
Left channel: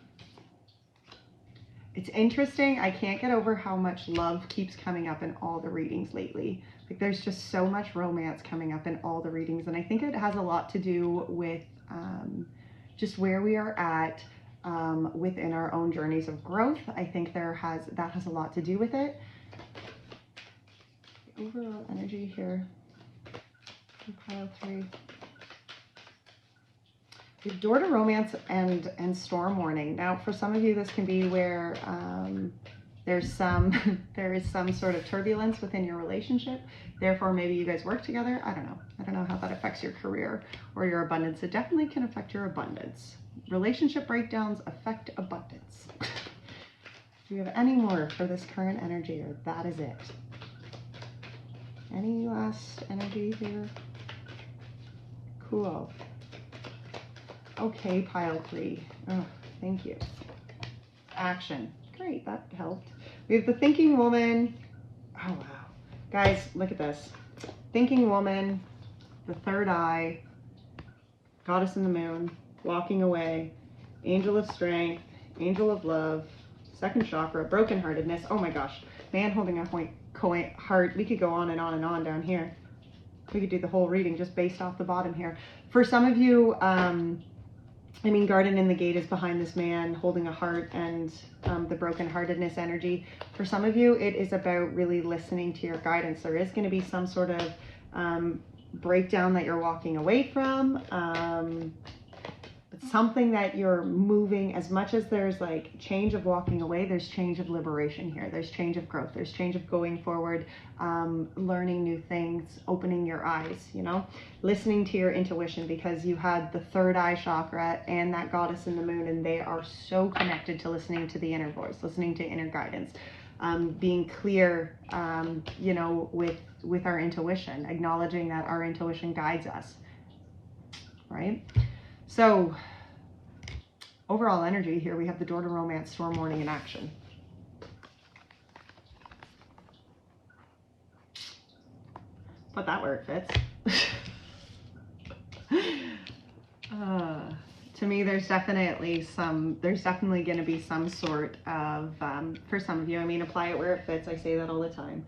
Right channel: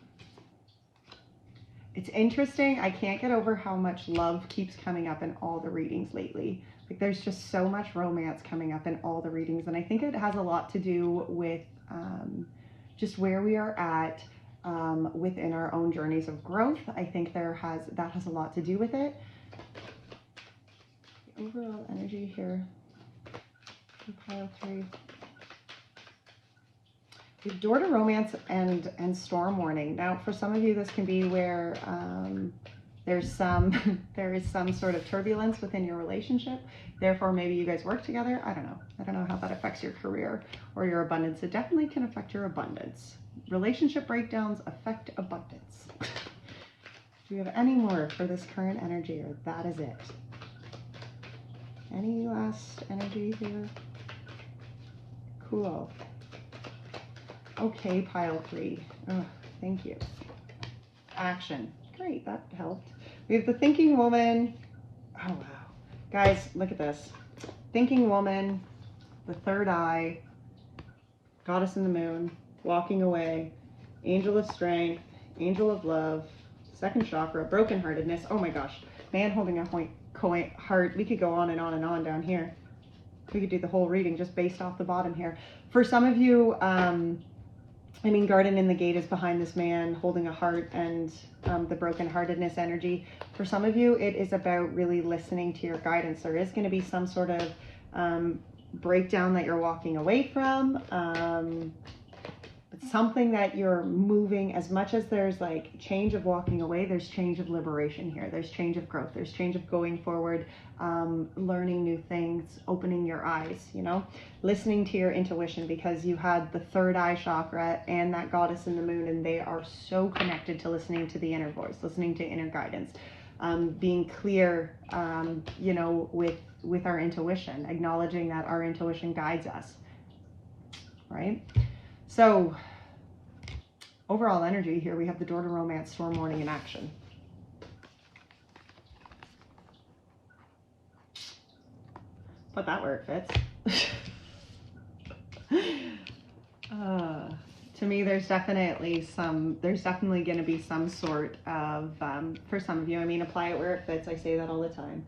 It's interesting. I can't get over how much love keeps coming up in all the readings lately. Like, there's just so much romance coming up in all the readings. And I think it has a lot to do with just where we are at within our own journeys of growth. I think that has a lot to do with it. The overall energy here for pile 3. We have door to romance and storm warning. Now, for some of you, this can be where there is some sort of turbulence within your relationship. Therefore, maybe you guys work together. I don't know. I don't know how that affects your career or your abundance. It definitely can affect your abundance. Relationship breakdowns affect abundance. Do you have any more for this current energy, or that is it? Any last energy here? Cool. Okay, pile 3. Oh, thank you. Action. Great, that helped. We have the thinking woman. Oh, wow. Guys, look at this. Thinking woman, the third eye, goddess in the moon, walking away, angel of strength, angel of love, second chakra, brokenheartedness. Oh my gosh. Man holding a heart. We could go on and on and on down here. We could do the whole reading just based off the bottom here. For some of you, I mean, garden in the gate is behind this man holding a heart and the brokenheartedness energy. For some of you, it is about really listening to your guidance. There is going to be some sort of breakdown that you're walking away from. But something that you're moving, as much as there's like change of walking away, there's change of liberation here. There's change of growth. There's change of going forward, learning new things, opening your eyes, you know, listening to your intuition, because you had the third eye chakra and that goddess in the moon, and they are so connected to listening to the inner voice, listening to inner guidance, being clear, you know, with our intuition, acknowledging that our intuition guides us, right? So overall energy here, we have the door to romance, storm warning, and action. Put that where it fits. To me, there's definitely going to be some sort of, for some of you, I mean, apply it where it fits. I say that all the time.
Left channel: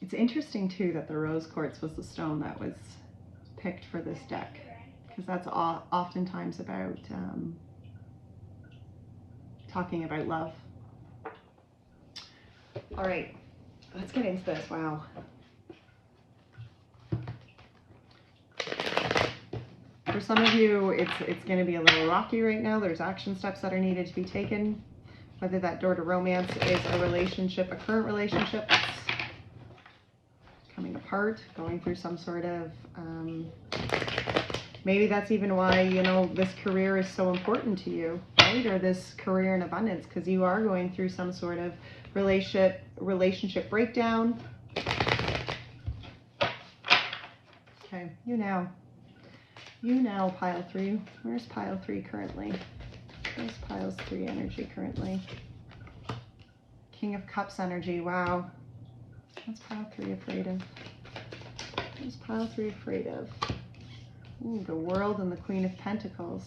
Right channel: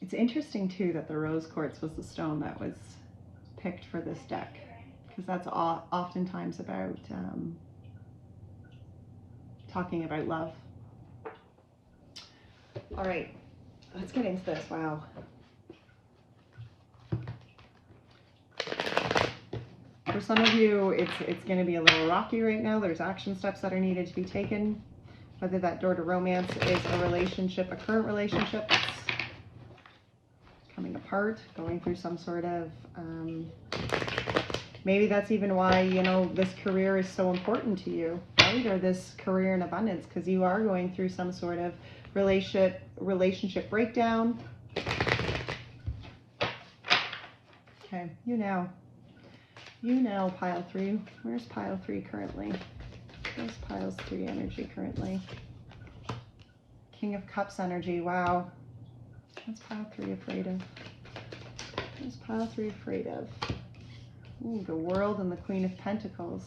It's interesting too that the rose quartz was the stone that was picked for this deck, because that's oftentimes about talking about love. All right, let's get into this. Wow. For some of you, it's going to be a little rocky right now. There's action steps that are needed to be taken, whether that door to romance is a relationship, a current relationship that's coming apart, going through some sort of maybe that's even why, you know, this career is so important to you, right? Or this career in abundance, because you are going through some sort of relationship breakdown. Okay, you now, pile 3. Where's pile 3 currently? Where's pile 3 energy currently? King of Cups energy. Wow. What's pile 3 afraid of? What's pile 3 afraid of? Ooh, the World and the Queen of Pentacles.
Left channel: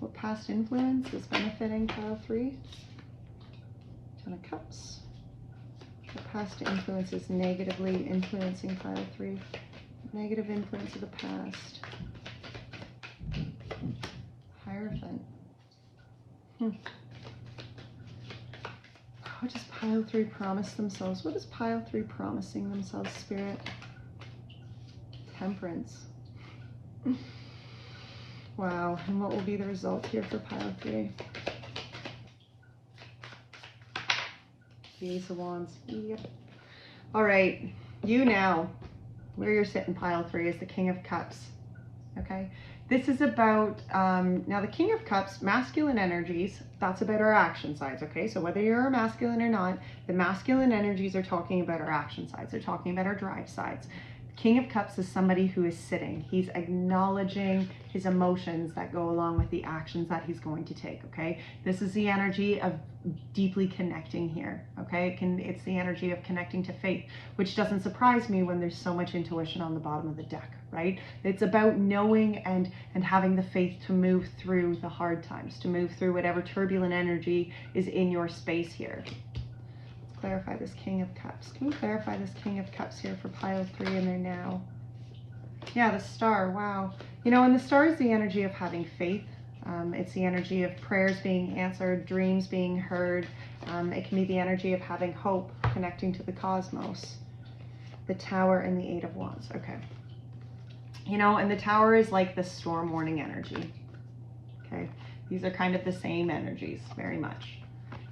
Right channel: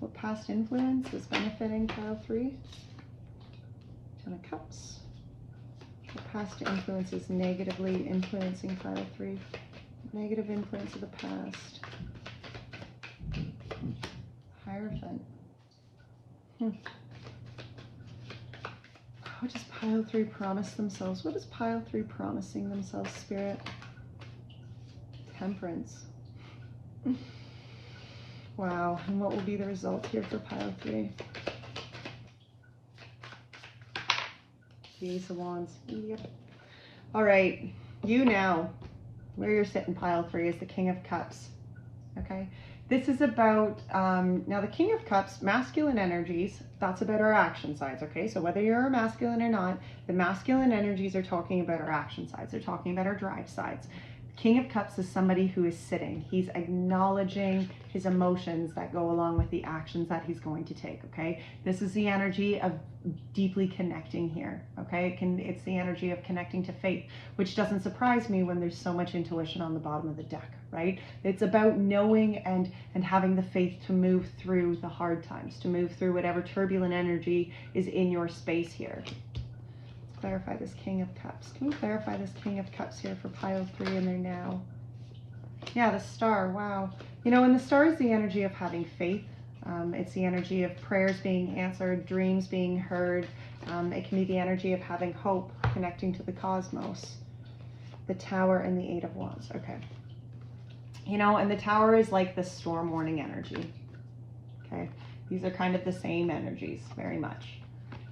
What past influence is benefiting pile 3? Ten of Cups. What past influence is negatively influencing pile 3? Negative influence of the past. Hierophant. What does pile 3 promise themselves? What is pile 3 promising themselves, Spirit? Temperance. Wow, and what will be the result here for pile 3? The Ace of Wands. Yep. All right, you now. where you're sitting, pile 3, is the King of Cups. Okay, this is about, now the King of Cups, masculine energies, that's about our action sides, okay? So whether you're a masculine or not, the masculine energies are talking about our action sides. They're talking about our drive sides. King of Cups is somebody who is sitting. He's acknowledging his emotions that go along with the actions that he's going to take, okay? This is the energy of deeply connecting here, okay? It's the energy of connecting to faith, which doesn't surprise me when there's so much intuition on the bottom of the deck, right? It's about knowing and having the faith to move through the hard times, to move through whatever turbulent energy is in your space here. Clarify this King of Cups. Can we clarify this King of Cups here for pile 3 in there now? Yeah, the Star, wow. You know, and the Star is the energy of having faith. It's the energy of prayers being answered, dreams being heard. It can be the energy of having hope, connecting to the cosmos. The Tower and the 8 of Wands, okay. You know, and the Tower is like the storm warning energy, okay? These are kind of the same energies, very much.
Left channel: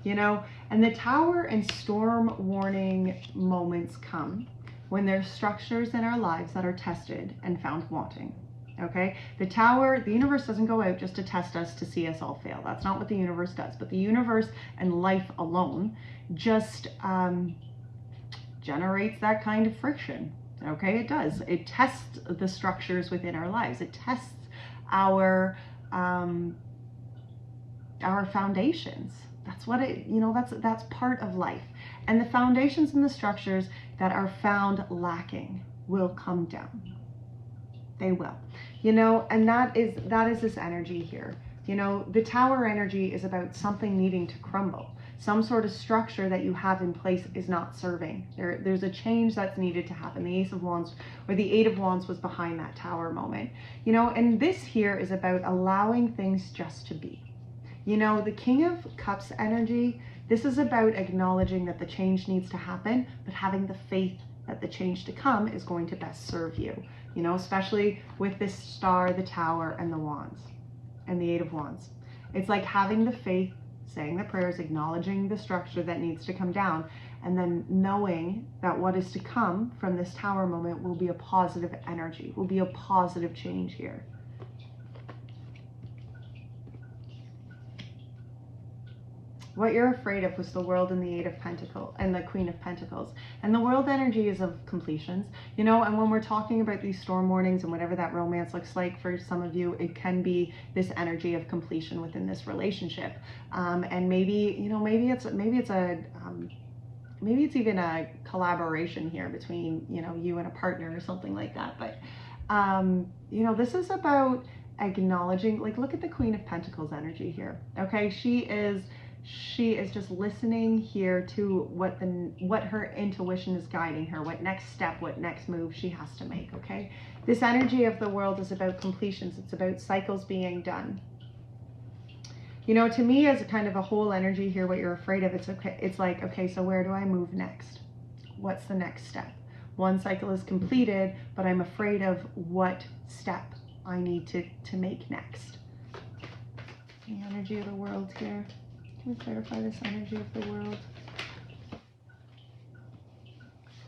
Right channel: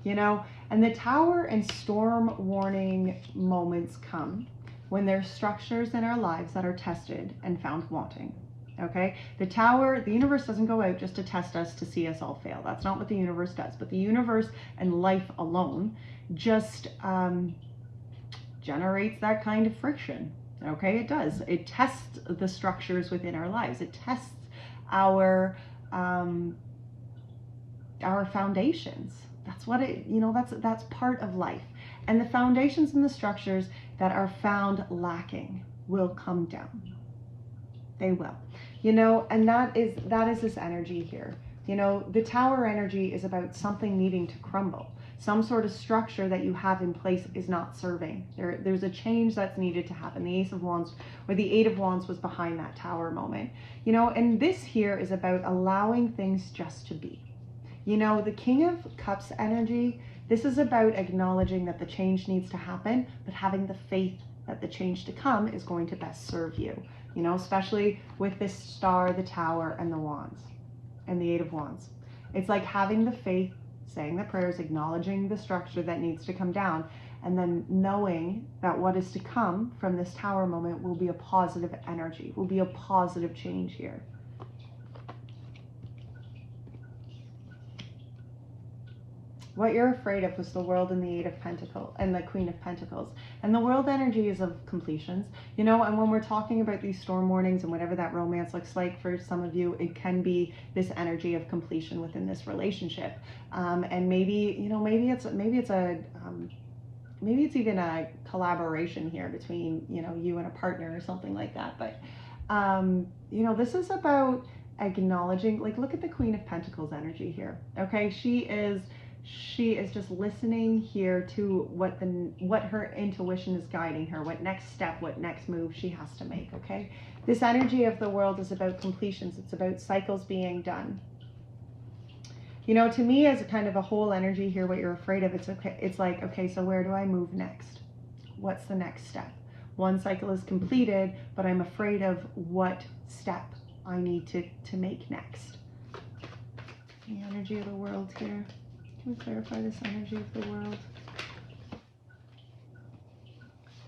You know, and the Tower and storm warning moments come when there's structures in our lives that are tested and found wanting, okay? The Tower, the universe doesn't go out just to test us to see us all fail. That's not what the universe does. But the universe and life alone just generates that kind of friction, okay? It does. It tests the structures within our lives. It tests our foundations. That's what it, you know, that's part of life. And the foundations and the structures that are found lacking will come down. They will. You know, and that is this energy here. You know, the Tower energy is about something needing to crumble. Some sort of structure that you have in place is not serving. There's a change that's needed to happen. The Ace of Wands, or the 8 of Wands, was behind that Tower moment. You know, and this here is about allowing things just to be. You know, the King of Cups energy, this is about acknowledging that the change needs to happen, but having the faith that the change to come is going to best serve you. You know, especially with this Star, the Tower, and the Wands, and the 8 of Wands. It's like having the faith, saying the prayers, acknowledging the structure that needs to come down, and then knowing that what is to come from this Tower moment will be a positive energy, will be a positive change here. What you're afraid of was the World and the 8 of Pentacles and the Queen of Pentacles. And the World energy is of completions, you know, and when we're talking about these storm warnings and whatever that romance looks like for some of you, it can be this energy of completion within this relationship. And maybe, you know, maybe it's even a collaboration here between, you know, you and a partner or something like that. But, you know, this is about acknowledging, like, look at the Queen of Pentacles energy here. Okay. She is just listening here to what her intuition is guiding her, what next step, what next move she has to make, okay? This energy of the World is about completions. It's about cycles being done. You know, to me, as a kind of a whole energy here, what you're afraid of, it's okay. It's like, okay, so where do I move next? What's the next step? One cycle is completed, but I'm afraid of what step I need to make next. The energy of the World here. Can we clarify this energy of the World?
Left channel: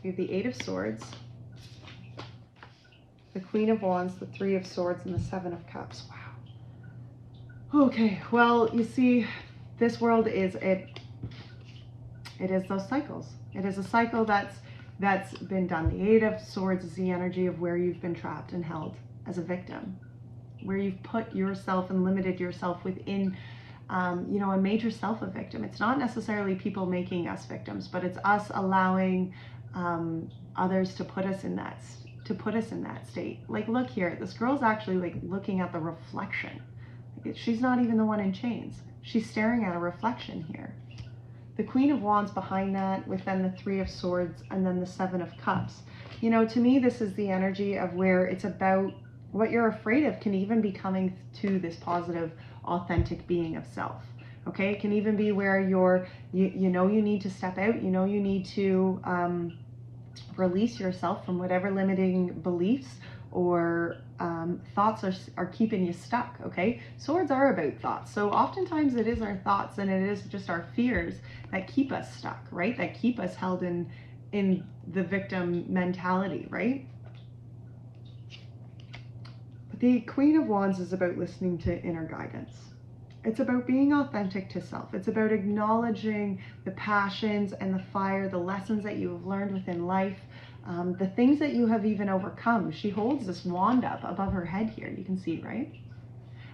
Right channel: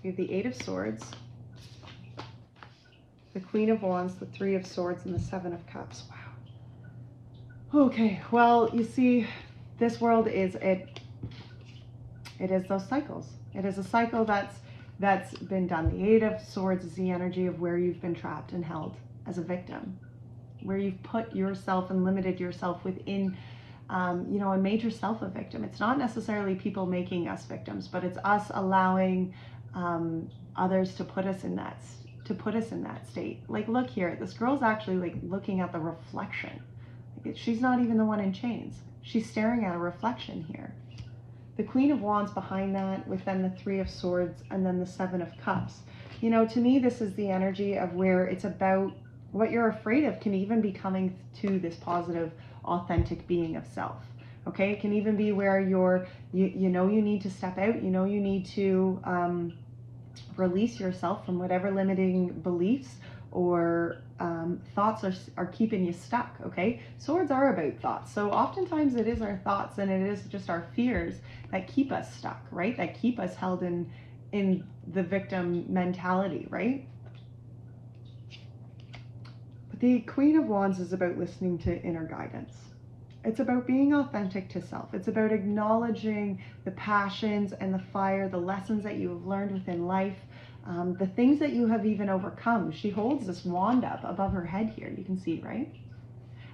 We have the 8 of Swords, the Queen of Wands, the 3 of Swords, and the 7 of Cups. Wow. Okay, well, you see, this world is it is those cycles. It is a cycle that's been done. The 8 of Swords is the energy of where you've been trapped and held as a victim, where you've put yourself and limited yourself within you know, and made yourself a victim. It's not necessarily people making us victims, but it's us allowing others to put us in that state. Like, look here, this girl's actually like looking at the reflection. Like, she's not even the one in chains. She's staring at a reflection here. The Queen of Wands behind that, with then the 3 of Swords and then the 7 of Cups. You know, to me, this is the energy of where it's about what you're afraid of can even be coming to this positive, authentic being of self. Okay, it can even be where you know you need to step out, you know you need to release yourself from whatever limiting beliefs or thoughts are keeping you stuck. Okay, swords are about thoughts, so oftentimes it is our thoughts and it is just our fears that keep us stuck, right? That keep us held in the victim mentality, right? The Queen of Wands is about listening to inner guidance. It's about being authentic to self. It's about acknowledging the passions and the fire, the lessons that you have learned within life, the things that you have even overcome. She holds this wand up above her head here. You can see, right?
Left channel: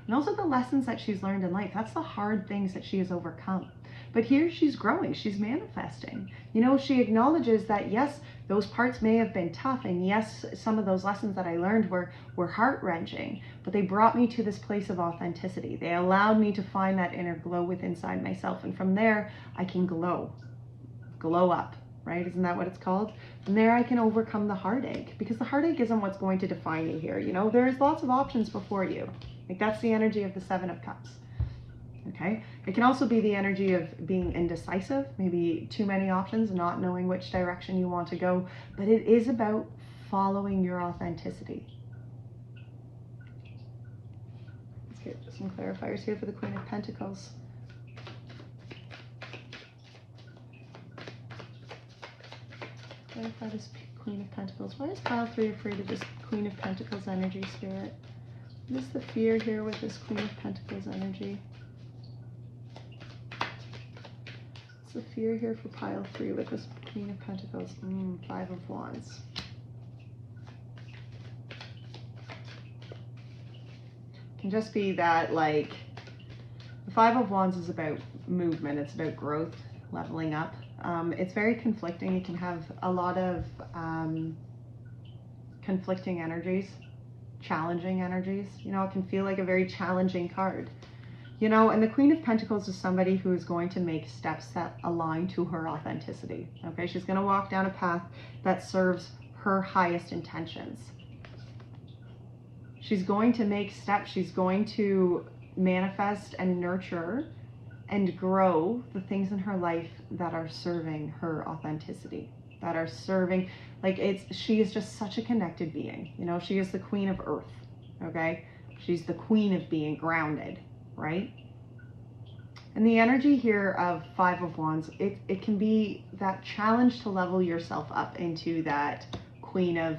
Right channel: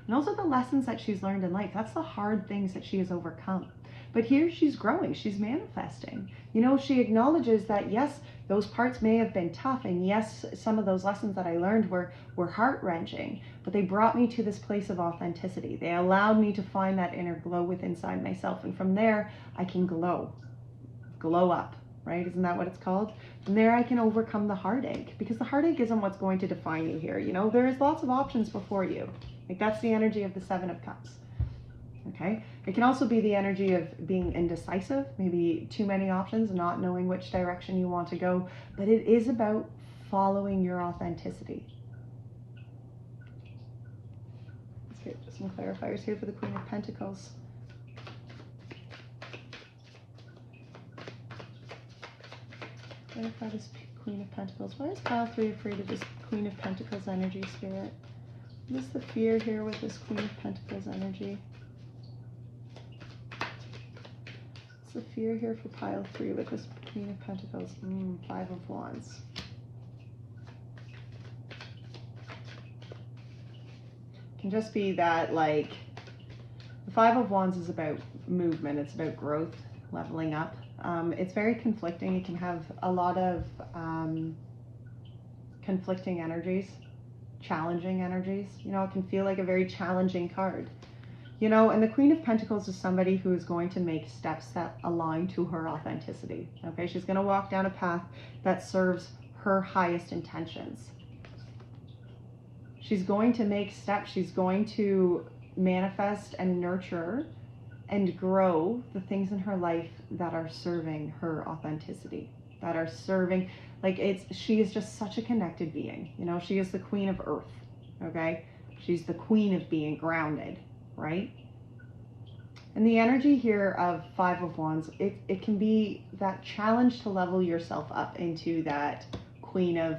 And those are the lessons that she's learned in life. That's the hard things that she has overcome. But here she's growing, she's manifesting. You know, she acknowledges that, yes, those parts may have been tough, and yes, some of those lessons that I learned were heart-wrenching, but they brought me to this place of authenticity. They allowed me to find that inner glow within inside myself, and from there, I can glow up, right? Isn't that what it's called? From there, I can overcome the heartache, because the heartache isn't what's going to define you here. You know, there's lots of options before you. Like, that's the energy of the Seven of Cups. Okay, it can also be the energy of being indecisive, maybe too many options, not knowing which direction you want to go, but it is about following your authenticity. Let's get some clarifiers here for the Queen of Pentacles. Clarify this Queen of Pentacles. Why is pile 3 afraid of this Queen of Pentacles energy, Spirit? What is the fear here with this Queen of Pentacles energy? The fear here for pile 3 with this Queen of Pentacles. 5 of Wands. It can just be that, like, the 5 of Wands is about movement. It's about growth, leveling up. It's very conflicting. It can have a lot of conflicting energies, challenging energies. You know, it can feel like a very challenging card. You know, and the Queen of Pentacles is somebody who is going to make steps that align to her authenticity. Okay, she's going to walk down a path that serves her highest intentions. She's going to make steps. She's going to manifest and nurture and grow the things in her life that are serving her authenticity, that are serving, like, she is just such a connected being. You know, she is the Queen of Earth. Okay, she's the queen of being grounded. Right? And the energy here of 5 of Wands, it can be that challenge to level yourself up into that Queen of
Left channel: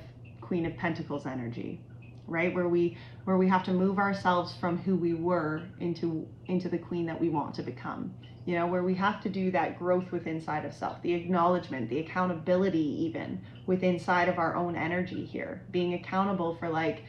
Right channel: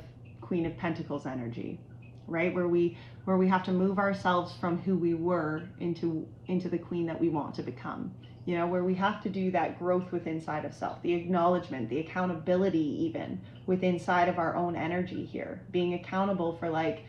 Pentacles energy, right? Where we have to move ourselves from who we were into the queen that we want to become. You know, where we have to do that growth within inside of self, the acknowledgement, the accountability even within inside of our own energy here, being accountable for, like,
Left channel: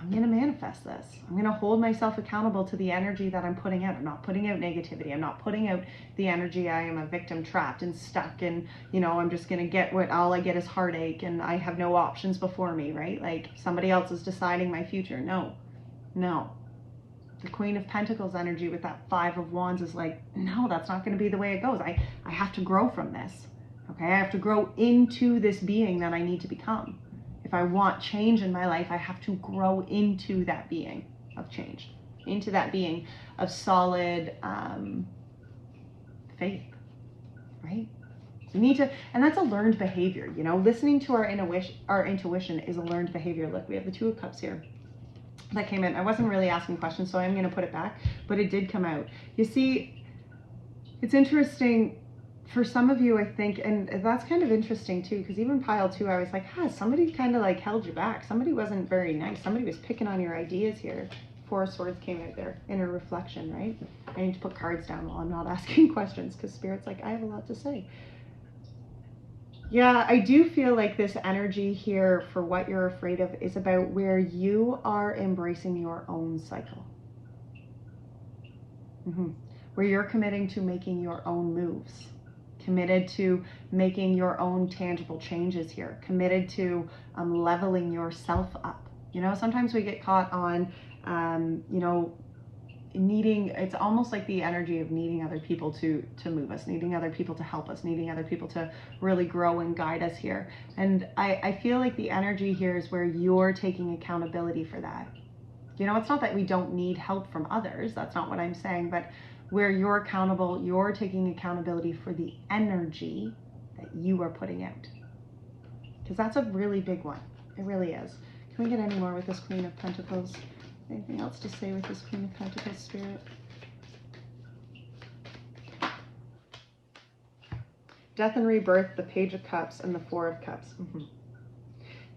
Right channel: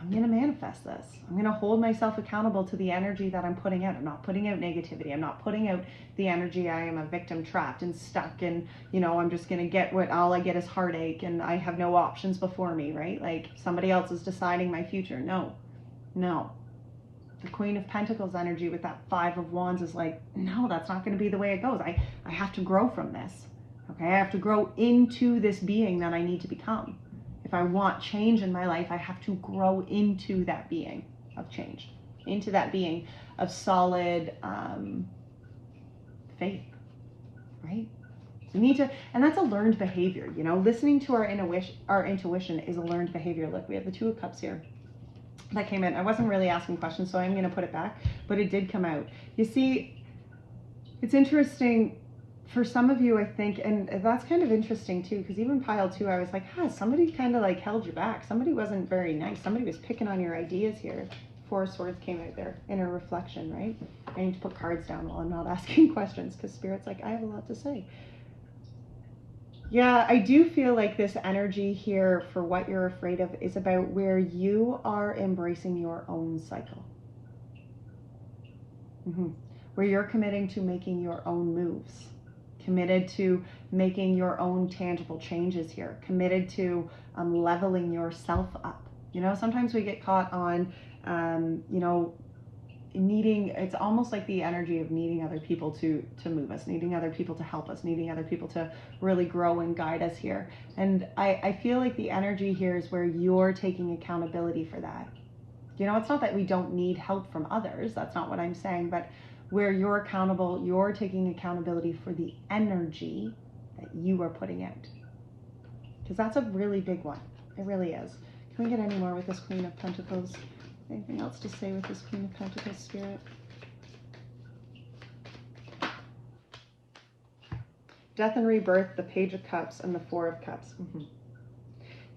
I'm going to manifest this. I'm going to hold myself accountable to the energy that I'm putting out. I'm not putting out negativity. I'm not putting out the energy I am a victim, trapped and stuck, and, you know, I'm just going to get what all I get is heartache and I have no options before me, right? Like, somebody else is deciding my future. No. The Queen of Pentacles energy with that 5 of Wands is like, no, that's not going to be the way it goes. I have to grow from this. Okay, I have to grow into this being that I need to become. If I want change in my life, I have to grow into that being of change, into that being of solid faith, right? We need to, and that's a learned behavior, you know, listening to our intuition is a learned behavior. Look, we have the 2 of Cups here that came in. I wasn't really asking questions, so I'm going to put it back, but it did come out. You see, it's interesting. For some of you, I think, and that's kind of interesting too, because even pile 2, I was like, somebody kind of like held you back. Somebody wasn't very nice. Somebody was picking on your ideas here. 4 of Swords came out there, inner reflection, right? I need to put cards down while I'm not asking questions, because Spirit's like, I have a lot to say. Yeah, I do feel like this energy here for what you're afraid of is about where you are embracing your own cycle. Where you're committing to making your own moves. Committed to making your own tangible changes here, committed to leveling yourself up. You know, sometimes we get caught on, you know, needing, it's almost like the energy of needing other people to move us, needing other people to help us, needing other people to really grow and guide us here. And I feel like the energy here is where you're taking accountability for that. You know, it's not that we don't need help from others. That's not what I'm saying, but where you're accountable, you're taking accountability for the energy that you are putting out. Because that's a really big one. It really is. Can we get any more with this Queen of Pentacles? Anything else to say with this Queen of Pentacles, Spirit? Death and rebirth, the Page of Cups, and the 4 of Cups.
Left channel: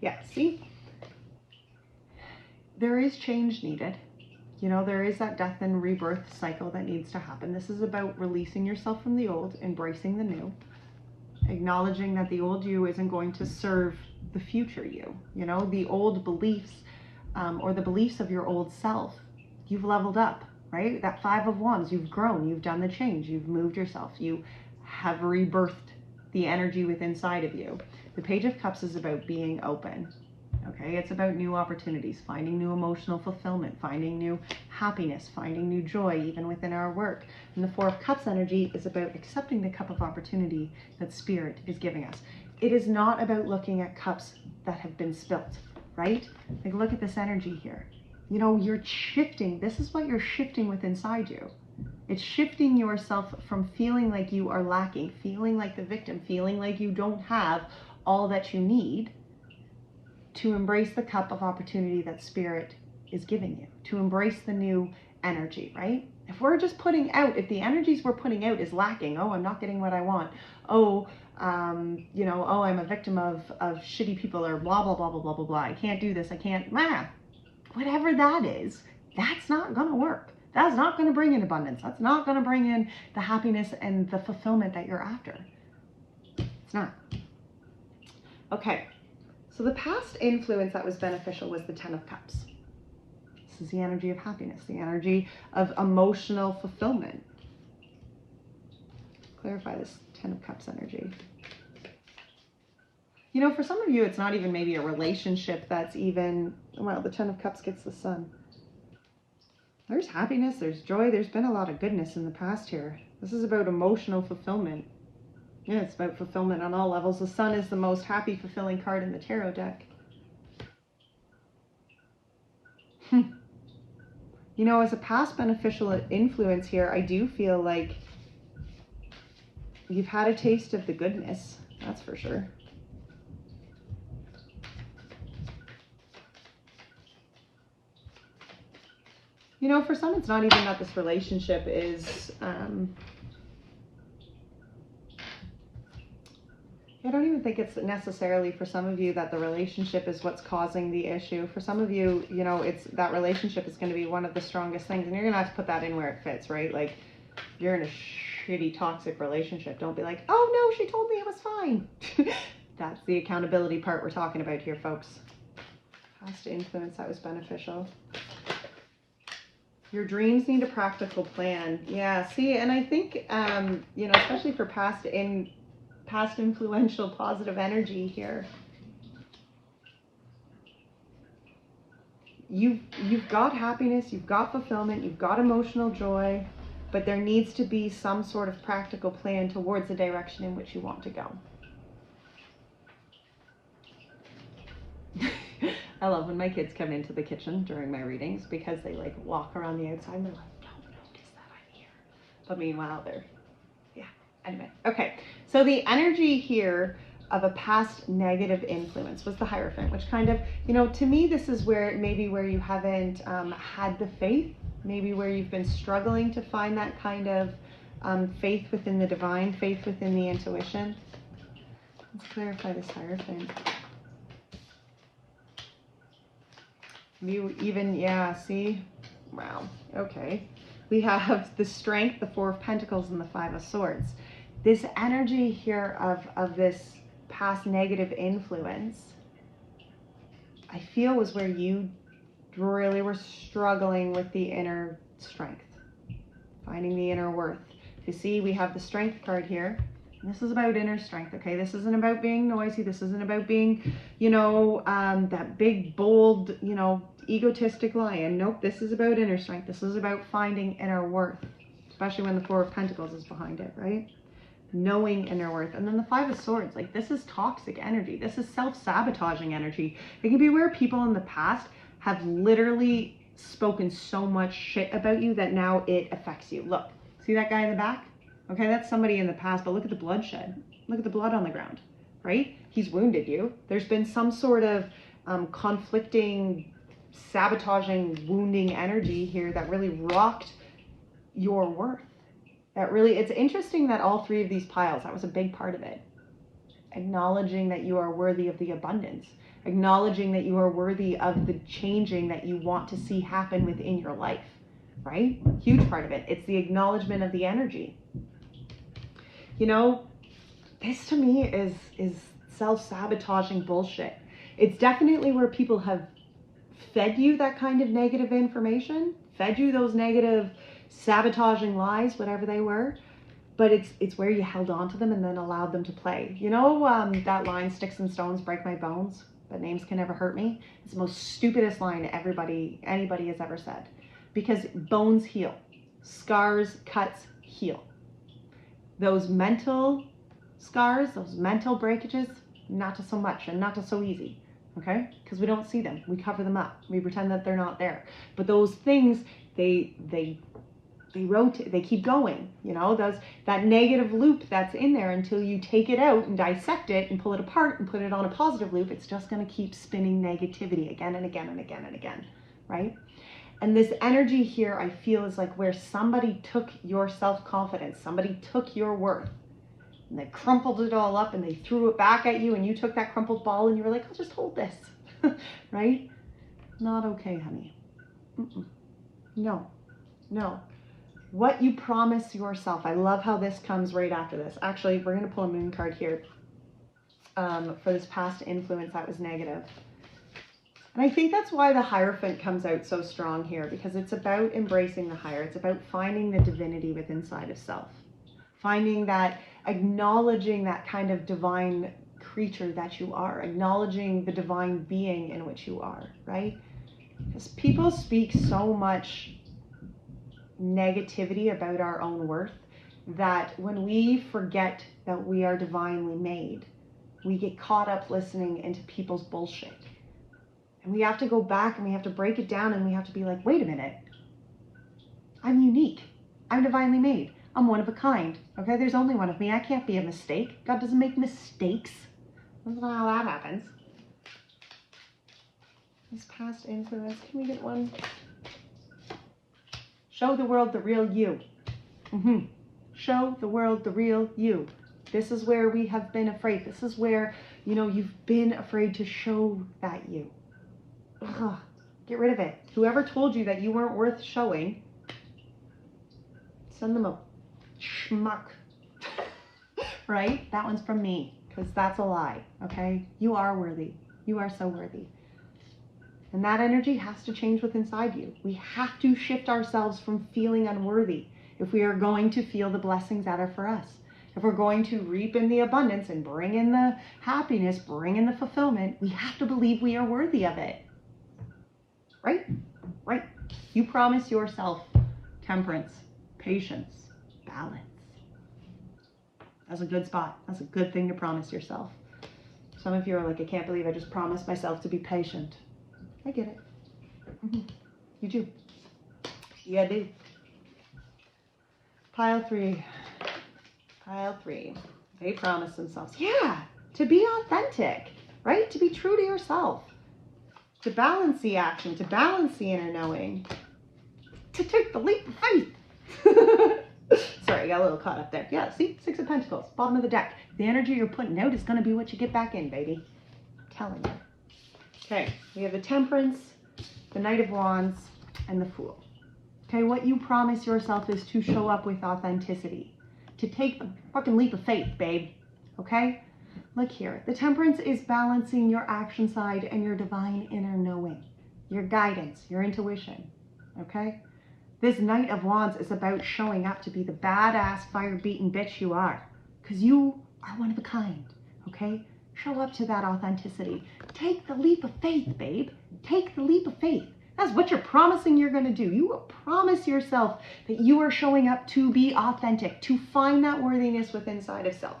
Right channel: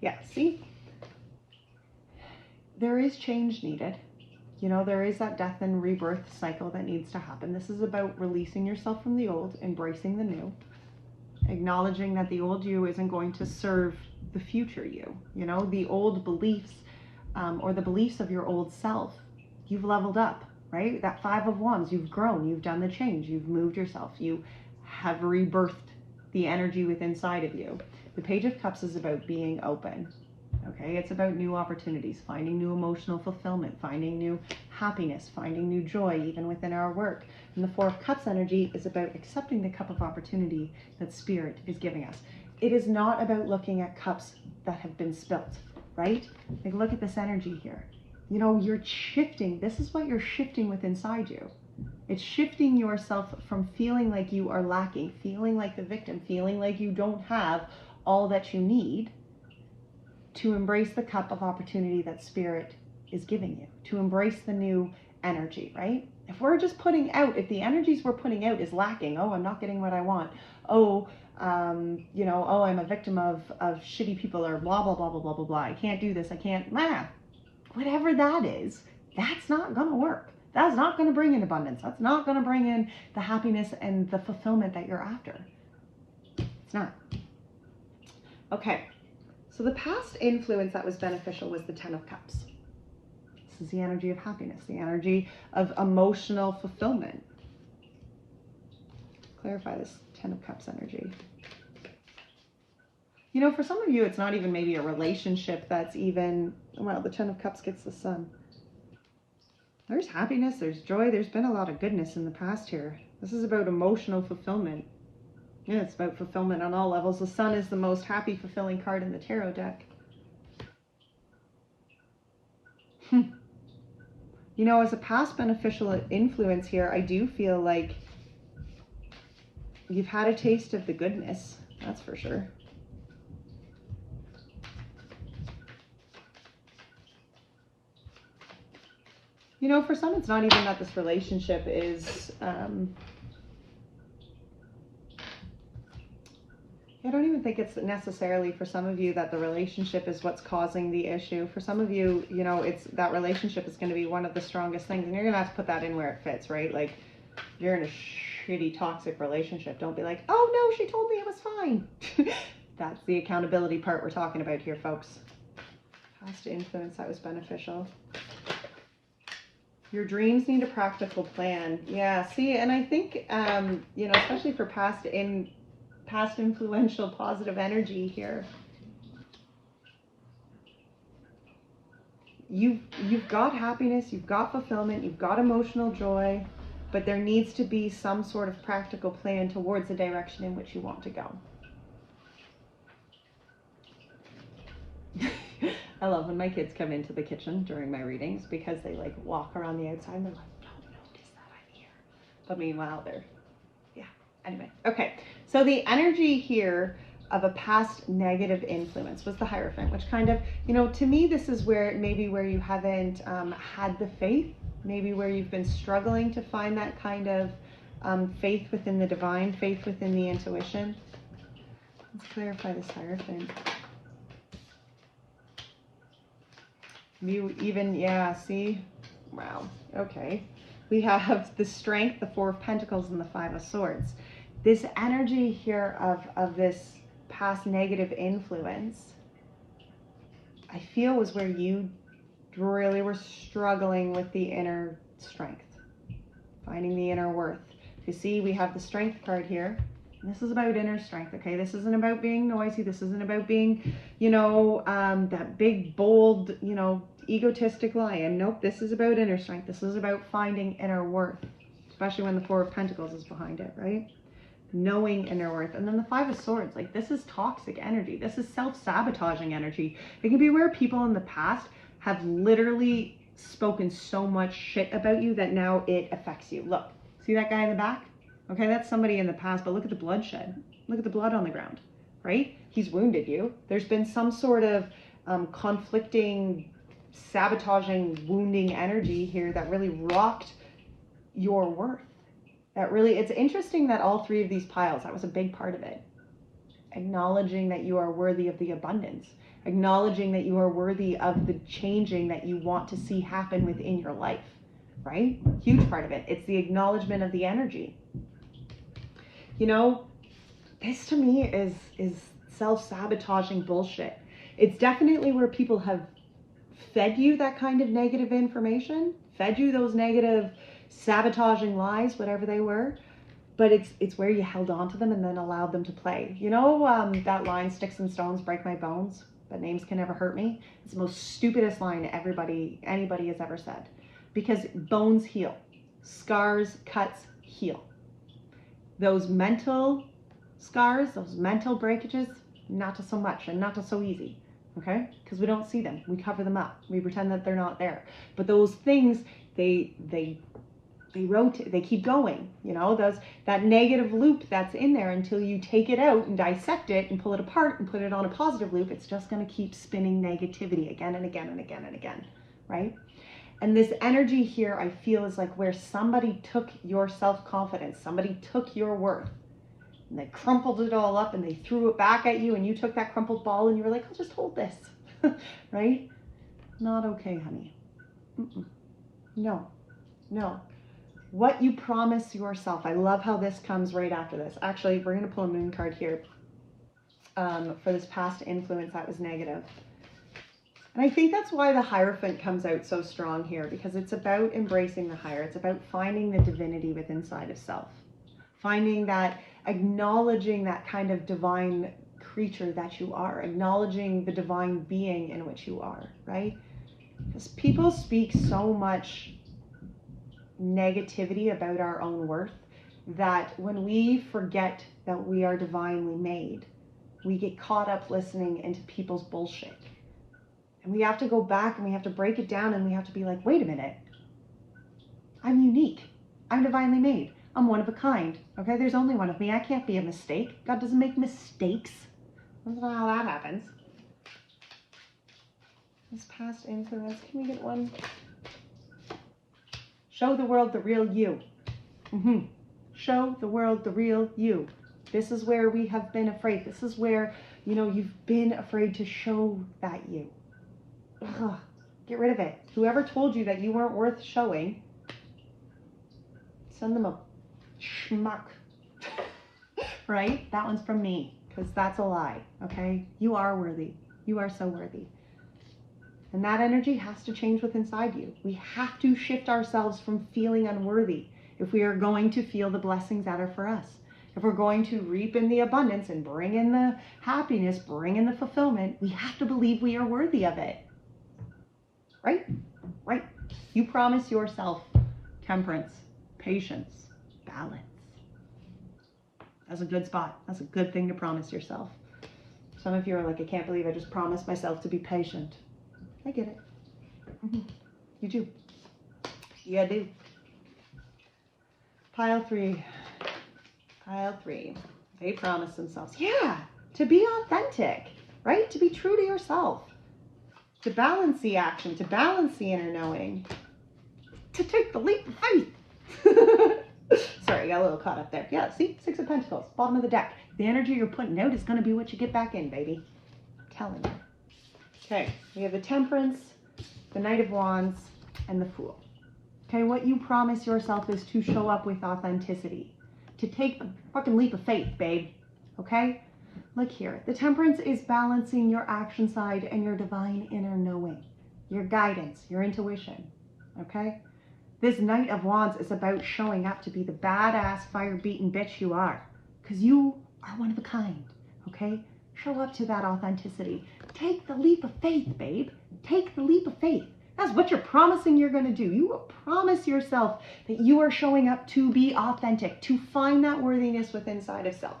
Yeah, see? there is change needed. You know, there is that death and rebirth cycle that needs to happen. This is about releasing yourself from the old, embracing the new, acknowledging that the old you isn't going to serve the future you. You know, the old beliefs or the beliefs of your old self, you've leveled up, right? That 5 of Wands, you've grown, you've done the change, you've moved yourself, you have rebirthed the energy within inside of you. The Page of Cups is about being open. Okay, it's about new opportunities, finding new emotional fulfillment, finding new happiness, finding new joy, even within our work. And the 4 of Cups energy is about accepting the cup of opportunity that Spirit is giving us. It is not about looking at cups that have been spilt, right? Like, look at this energy here. You know, you're shifting. This is what you're shifting with inside you. It's shifting yourself from feeling like you are lacking, feeling like the victim, feeling like you don't have all that you need, to embrace the cup of opportunity that Spirit is giving you, to embrace the new energy, right? If we're just putting out, if the energies we're putting out is lacking, oh, I'm not getting what I want, oh, you know, oh, I'm a victim of shitty people, or blah, blah, blah, blah, blah, blah, blah, I can't do this, I can't, whatever that is, that's not gonna work. That's not gonna bring in abundance. That's not gonna bring in the happiness and the fulfillment that you're after. It's not. Okay. So the past influence that was beneficial was the 10 of Cups. This is the energy of happiness, the energy of emotional fulfillment. Clarify this 10 of Cups energy. You know, for some of you, it's not even maybe a relationship that's even, well, the 10 of Cups gets the Sun. There's happiness, there's joy, there's been a lot of goodness in the past here. This is about emotional fulfillment. Yeah, it's about fulfillment on all levels. The Sun is the most happy, fulfilling card in the tarot deck. You know, as a past beneficial influence here, I do feel like you've had a taste of the goodness. That's for sure. You know, for some, it's not even that this relationship is... I don't even think it's necessarily for some of you that the relationship is what's causing the issue. For some of you, you know, it's that relationship is going to be one of the strongest things, and you're going to have to put that in where it fits, right? Like, you're in a shitty, toxic relationship. Don't be like, oh no, she told me it was fine. That's the accountability part we're talking about here, folks. Past influence that was beneficial. Your dreams need a practical plan. Yeah, see, and I think, you know, especially for past influential positive energy here, you've got happiness, you've got fulfillment, you've got emotional joy, but there needs to be some sort of practical plan towards the direction in which you want to go. I love when my kids come into the kitchen during my readings, because they like walk around the outside and they're like, don't notice that I'm here. But meanwhile, they're, yeah, anyway. Okay, so the energy here of a past negative influence was the Hierophant, which kind of, you know, to me, this is where maybe where you haven't had the faith, maybe where you've been struggling to find that kind of faith within the divine, faith within the intuition. Let's clarify this Hierophant. You even, yeah, see? Wow, okay. We have the Strength, the 4 of Pentacles, and the 5 of Swords. This energy here of this past negative influence, I feel was where you really were struggling with the inner strength, finding the inner worth. You see, we have the Strength card here. This is about inner strength, okay? This isn't about being noisy. This isn't about being, you know, that big, bold, you know, egotistic lion. Nope, this is about inner strength. This is about finding inner worth, especially when the 4 of Pentacles is behind it, right? Knowing inner worth. And then the 5 of Swords, like, this is toxic energy. This is self-sabotaging energy. It can be where people in the past have literally spoken so much shit about you that now it affects you. Look, see that guy in the back? Okay, that's somebody in the past, but look at the bloodshed. Look at the blood on the ground, right? He's wounded you. There's been some sort of conflicting, sabotaging, wounding energy here that really rocked your worth. That really, it's interesting that all 3 of these piles, that was a big part of it. Acknowledging that you are worthy of the abundance. acknowledging that you are worthy of the changing that you want to see happen within your life, right? Huge part of it. It's the acknowledgement of the energy. You know, this to me is self-sabotaging bullshit. It's definitely where people have fed you that kind of negative information, fed you those negative sabotaging lies, whatever they were, but it's where you held on to them and then allowed them to play. You know, that line, sticks and stones break my bones, but names can never hurt me. It's the most stupidest line anybody has ever said, because bones heal, scars, cuts heal. Those mental scars, those mental breakages, not so much and not so easy, okay? Because we don't see them. We cover them up. We pretend that they're not there. But those things, they rotate, they keep going, you know, that negative loop that's in there until you take it out and dissect it and pull it apart and put it on a positive loop. It's just going to keep spinning negativity again and again and again and again, right? And this energy here, I feel, is like where somebody took your self-confidence, somebody took your worth, and they crumpled it all up and they threw it back at you, and you took that crumpled ball and you were like, I'll just hold this, right? Not okay, honey. No, no. What you promise yourself. I love how this comes right after this. Actually, we're going to pull a moon card here for this past influence that was negative. And I think that's why the Hierophant comes out so strong here, because it's about embracing the higher. It's about finding the divinity within inside of self. Finding that, acknowledging that kind of divine creature that you are, acknowledging the divine being in which you are, right? Because people speak so much negativity about our own worth that when we forget that we are divinely made, we get caught up listening into people's bullshit. And we have to go back and we have to break it down and we have to be like, wait a minute. I'm unique. I'm divinely made. I'm one of a kind. Okay, there's only one of me. I can't be a mistake. God doesn't make mistakes. That's not how that happens. This past influence, can we get one? Show the world the real you. Show the world the real you. This is where we have been afraid. This is where, you know, you've been afraid to show that you. Ugh, get rid of it. Whoever told you that you weren't worth showing, send them a schmuck. Right? That one's from me, because that's a lie, okay? You are worthy. You are so worthy. And that energy has to change within inside you. We have to shift ourselves from feeling unworthy if we are going to feel the blessings that are for us. If we're going to reap in the abundance and bring in the happiness, bring in the fulfillment, we have to believe we are worthy of it. Right? Right. You promise yourself temperance, patience, balance. That's a good spot. That's a good thing to promise yourself. Some of you are like, I can't believe I just promised myself to be patient. I get it. You do. Yeah, do. Pile three. They promise themselves, yeah, to be authentic, right? To be true to yourself. To balance the action, to balance the inner knowing, to take the leap of faith. Sorry, I got a little caught up there. Yeah, see, 6 of Pentacles, bottom of the deck. The energy you're putting out is going to be what you get back in, baby. I'm telling you. Okay, we have the Temperance, the Knight of Wands, and the Fool. Okay, what you promise yourself is to show up with authenticity. To take the fucking leap of faith, babe. Okay? Look here. The Temperance is balancing your action side and your divine inner knowing. Your guidance, your intuition. Okay? This Knight of Wands is about showing up to be the badass, fire-beaten bitch you are. Because you are one of a kind. Okay? Show up to that authenticity. Take the leap of faith, babe. Take the leap of faith. That's what you're promising you're going to do. You promise yourself that you are showing up to be authentic, to find that worthiness within inside of self.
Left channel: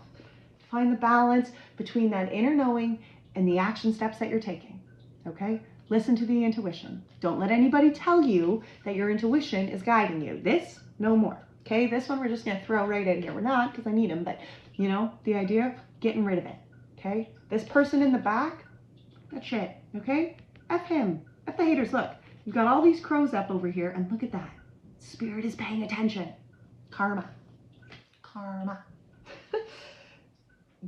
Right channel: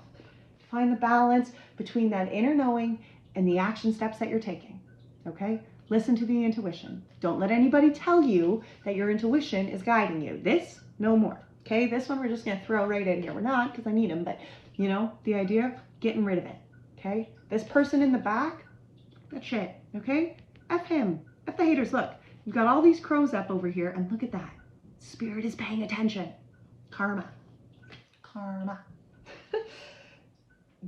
Find the balance between that inner knowing and the action steps that you're taking. Okay? Listen to the intuition. Don't let anybody tell you that your intuition is guiding you. This, no more. Okay? This one we're just going to throw right in here. We're not, because I need them, but, you know, the idea of getting rid of it. Okay? This person in the back, that shit. Okay? F him. F the haters. Look. You've got all these crows up over here, and look at that. Spirit is paying attention. Karma. Karma.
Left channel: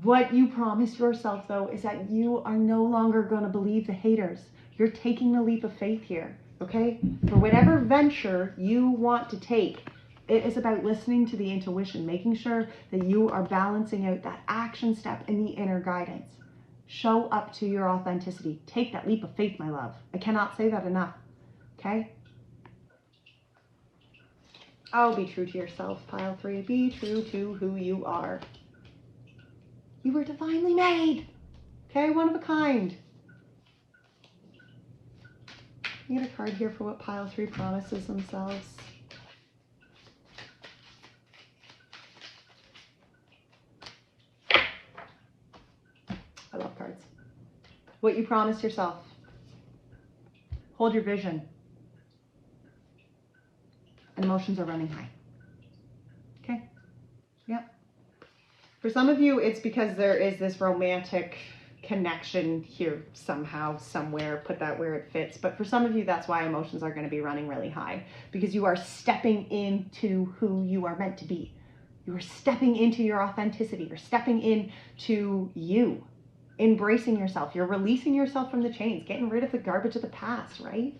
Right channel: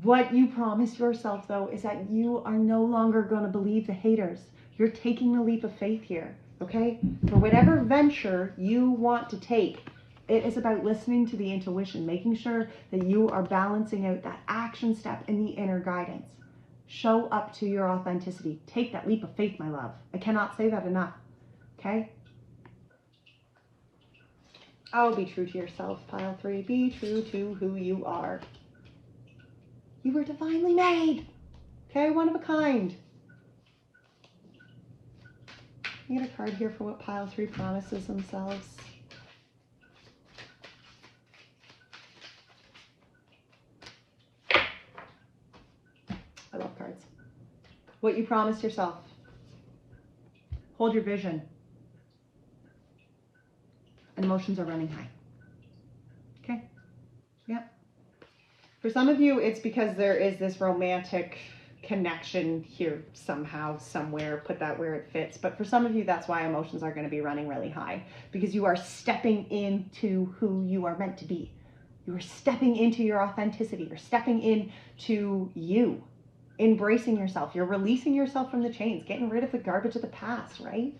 What you promise yourself, though, is that you are no longer going to believe the haters. You're taking the leap of faith here, okay? For whatever venture you want to take, it is about listening to the intuition, making sure that you are balancing out that action step in the inner guidance. Show up to your authenticity. Take that leap of faith, my love. I cannot say that enough, okay? Oh, be true to yourself, pile 3. Be true to who you are. You were divinely made, okay? One of a kind. You get a card here for what pile 3 promises themselves. I love cards. What you promised yourself. Hold your vision. And emotions are running high. Okay? Yep. For some of you, it's because there is this romantic connection here somehow, somewhere, put that where it fits. But for some of you, that's why emotions are going to be running really high, because you are stepping into who you are meant to be. You are stepping into your authenticity. You're stepping into you, embracing yourself. You're releasing yourself from the chains, getting rid of the garbage of the past, right?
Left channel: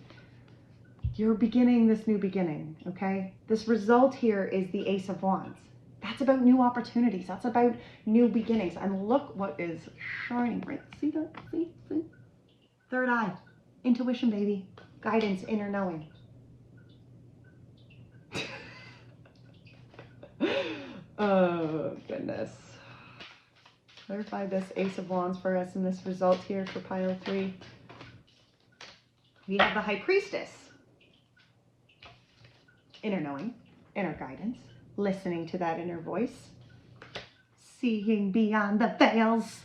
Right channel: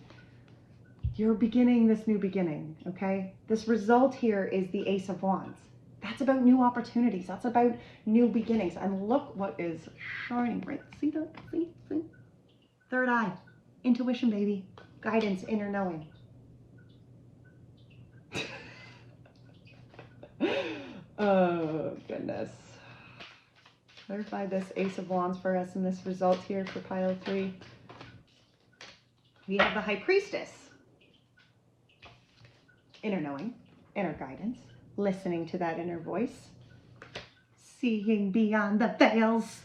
You're beginning this new beginning, okay? This result here is the Ace of Wands. That's about new opportunities. That's about new beginnings. And look what is shining right. See that? See? Third eye. Intuition, baby. Guidance, inner knowing. Oh, goodness. Clarify this Ace of Wands for us in this result here for pile 3. We have the High Priestess. Inner knowing, inner guidance. Listening to that inner voice, seeing beyond the veils,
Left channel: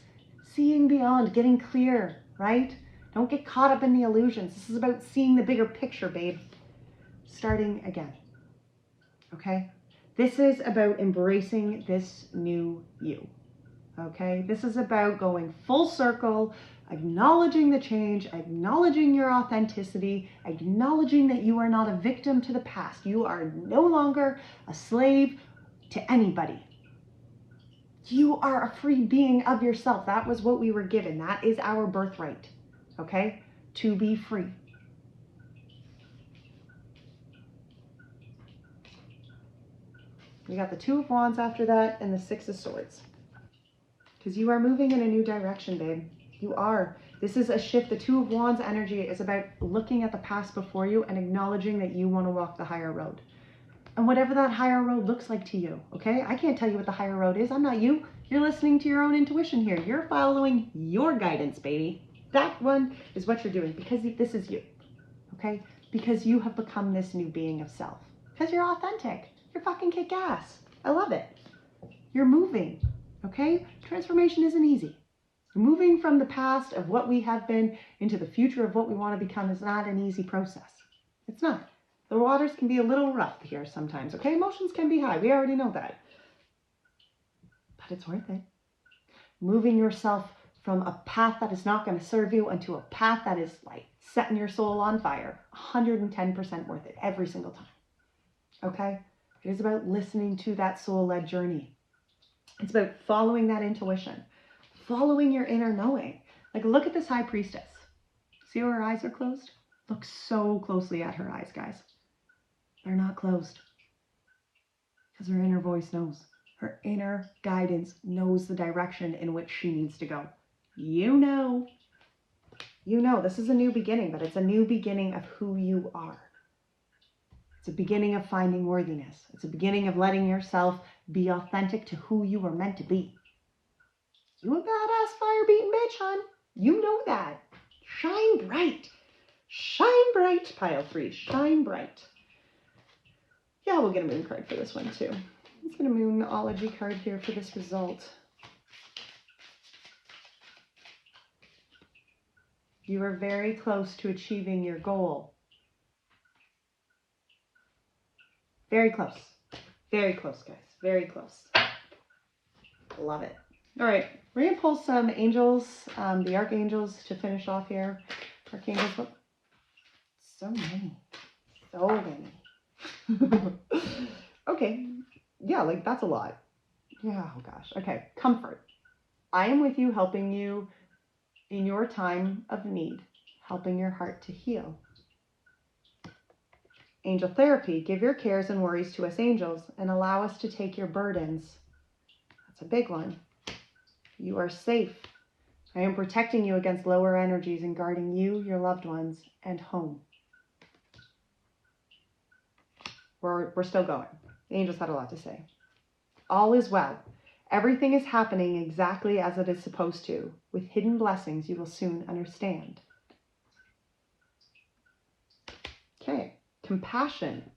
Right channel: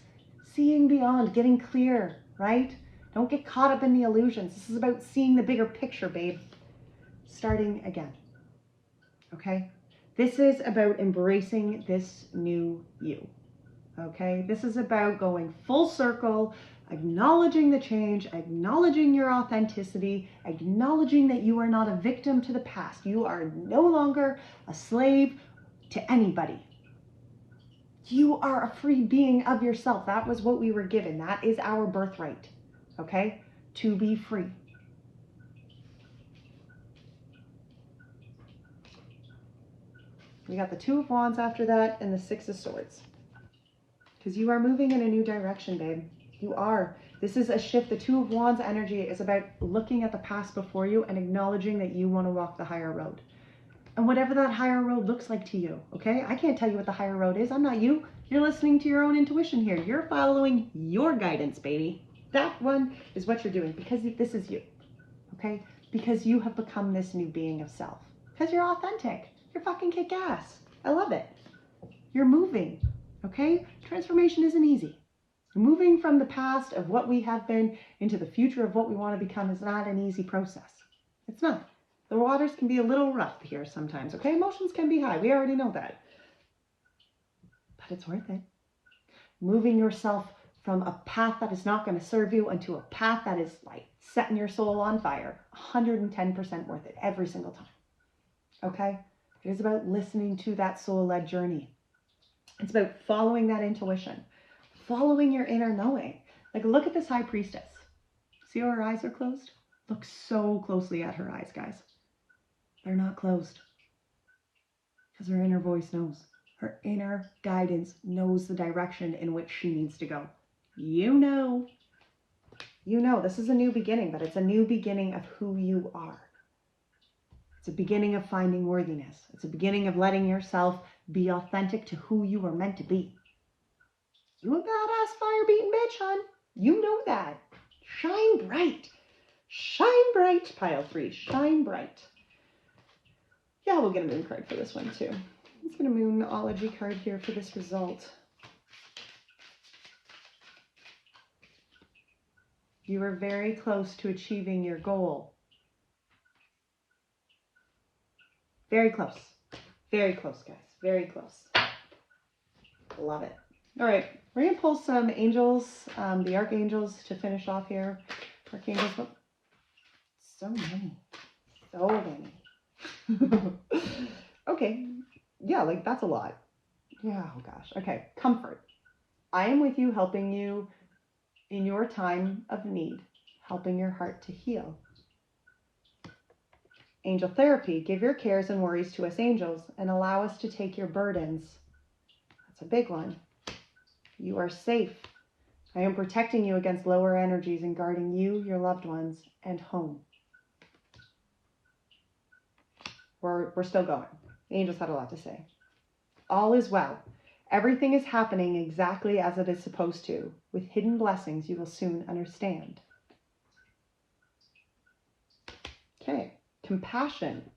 seeing beyond, getting clear, right? Don't get caught up in the illusions. This is about seeing the bigger picture, babe. Starting again, okay? This is about embracing this new you, okay? This is about going full circle, acknowledging the change, acknowledging your authenticity, acknowledging that you are not a victim to the past. You are no longer a slave to anybody. You are a free being of yourself. That was what we were given. That is our birthright, okay? To be free. We got the Two of Wands after that and the Six of Swords. Because you are moving in a new direction, babe. You are. This is a shift. The Two of Wands energy is about looking at the past before you and acknowledging that you want to walk the higher road. And whatever that higher road looks like to you, okay? I can't tell you what the higher road is. I'm not you. You're listening to your own intuition here. You're following your guidance, baby. That one is what you're doing because this is you, okay? Because you have become this new being of self. Because you're authentic. You're fucking kick-ass. I love it. You're moving, okay? Transformation isn't easy. Moving from the past of what we have been into the future of what we want to become is not an easy process. It's not. The waters can be a little rough here sometimes, okay? Emotions can be high. We already know that. But it's worth it. Moving yourself from a path that is not going to serve you into a path that is like setting your soul on fire. 110% worth it every single time, okay? It is about listening to that soul-led journey. It's about following that intuition. Following your inner knowing. Like, look at this High Priestess. See how her eyes are closed? Look so closely at her eyes, guys. They're not closed. Because her inner voice knows. Her inner guidance knows the direction in which she needs to go. You know. You know, this is a new beginning, but it's a new beginning of who you are. It's a beginning of finding worthiness. It's a beginning of letting yourself be authentic to who you are meant to be. You a badass fire-beating bitch, hon. You know that. Shine bright. Shine bright. Pile 3. Shine bright. Yeah, we'll get a moon card for this one too. Let's get a moonology card here for this result. You are very close to achieving your goal. Very close. Very close, guys. Very close. Love it. All right. We're going to pull some angels, the archangels to finish off here. Archangels, what? So many. So many. Okay. Yeah, like that's a lot. Yeah, oh gosh. Okay. Comfort. I am with you, helping you in your time of need, helping your heart to heal. Angel therapy, give your cares and worries to us angels and allow us to take your burdens. That's a big one. You are safe. I am protecting you against lower energies and guarding you, your loved ones, and home. We're still going. The angels had a lot to say. All is well. Everything is happening exactly as it is supposed to. With hidden blessings, you will soon understand. Okay. Compassion.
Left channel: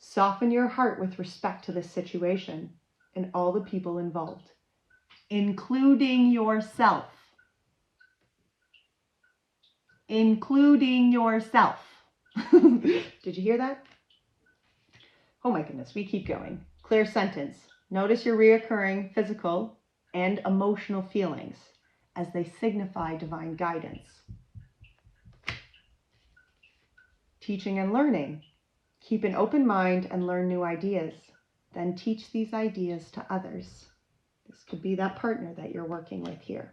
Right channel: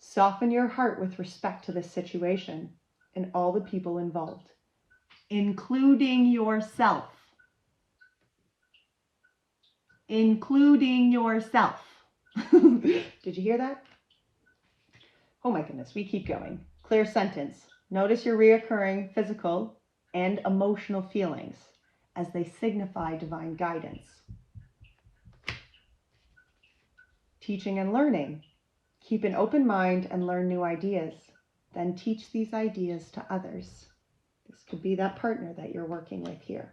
Soften your heart with respect to this situation and all the people involved, including yourself. Including yourself. Did you hear that? Oh my goodness, we keep going. Clear sentence. Notice your reoccurring physical and emotional feelings as they signify divine guidance. Teaching and learning. Keep an open mind and learn new ideas. Then teach these ideas to others. This could be that partner that you're working with here.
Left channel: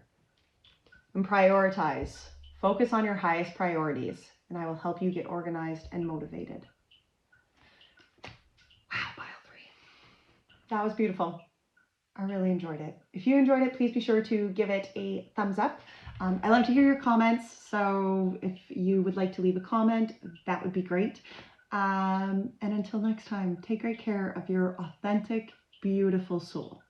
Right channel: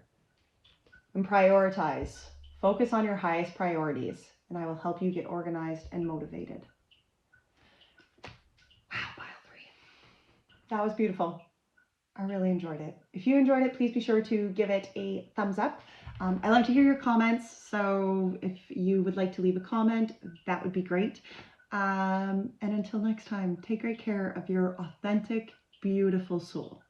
And prioritize. Focus on your highest priorities, and I will help you get organized and motivated. Wow, pile 3. That was beautiful. I really enjoyed it. If you enjoyed it, please be sure to give it a thumbs up. I love to hear your comments, so if you would like to leave a comment, that would be great. And until next time, take great care of your authentic, beautiful soul.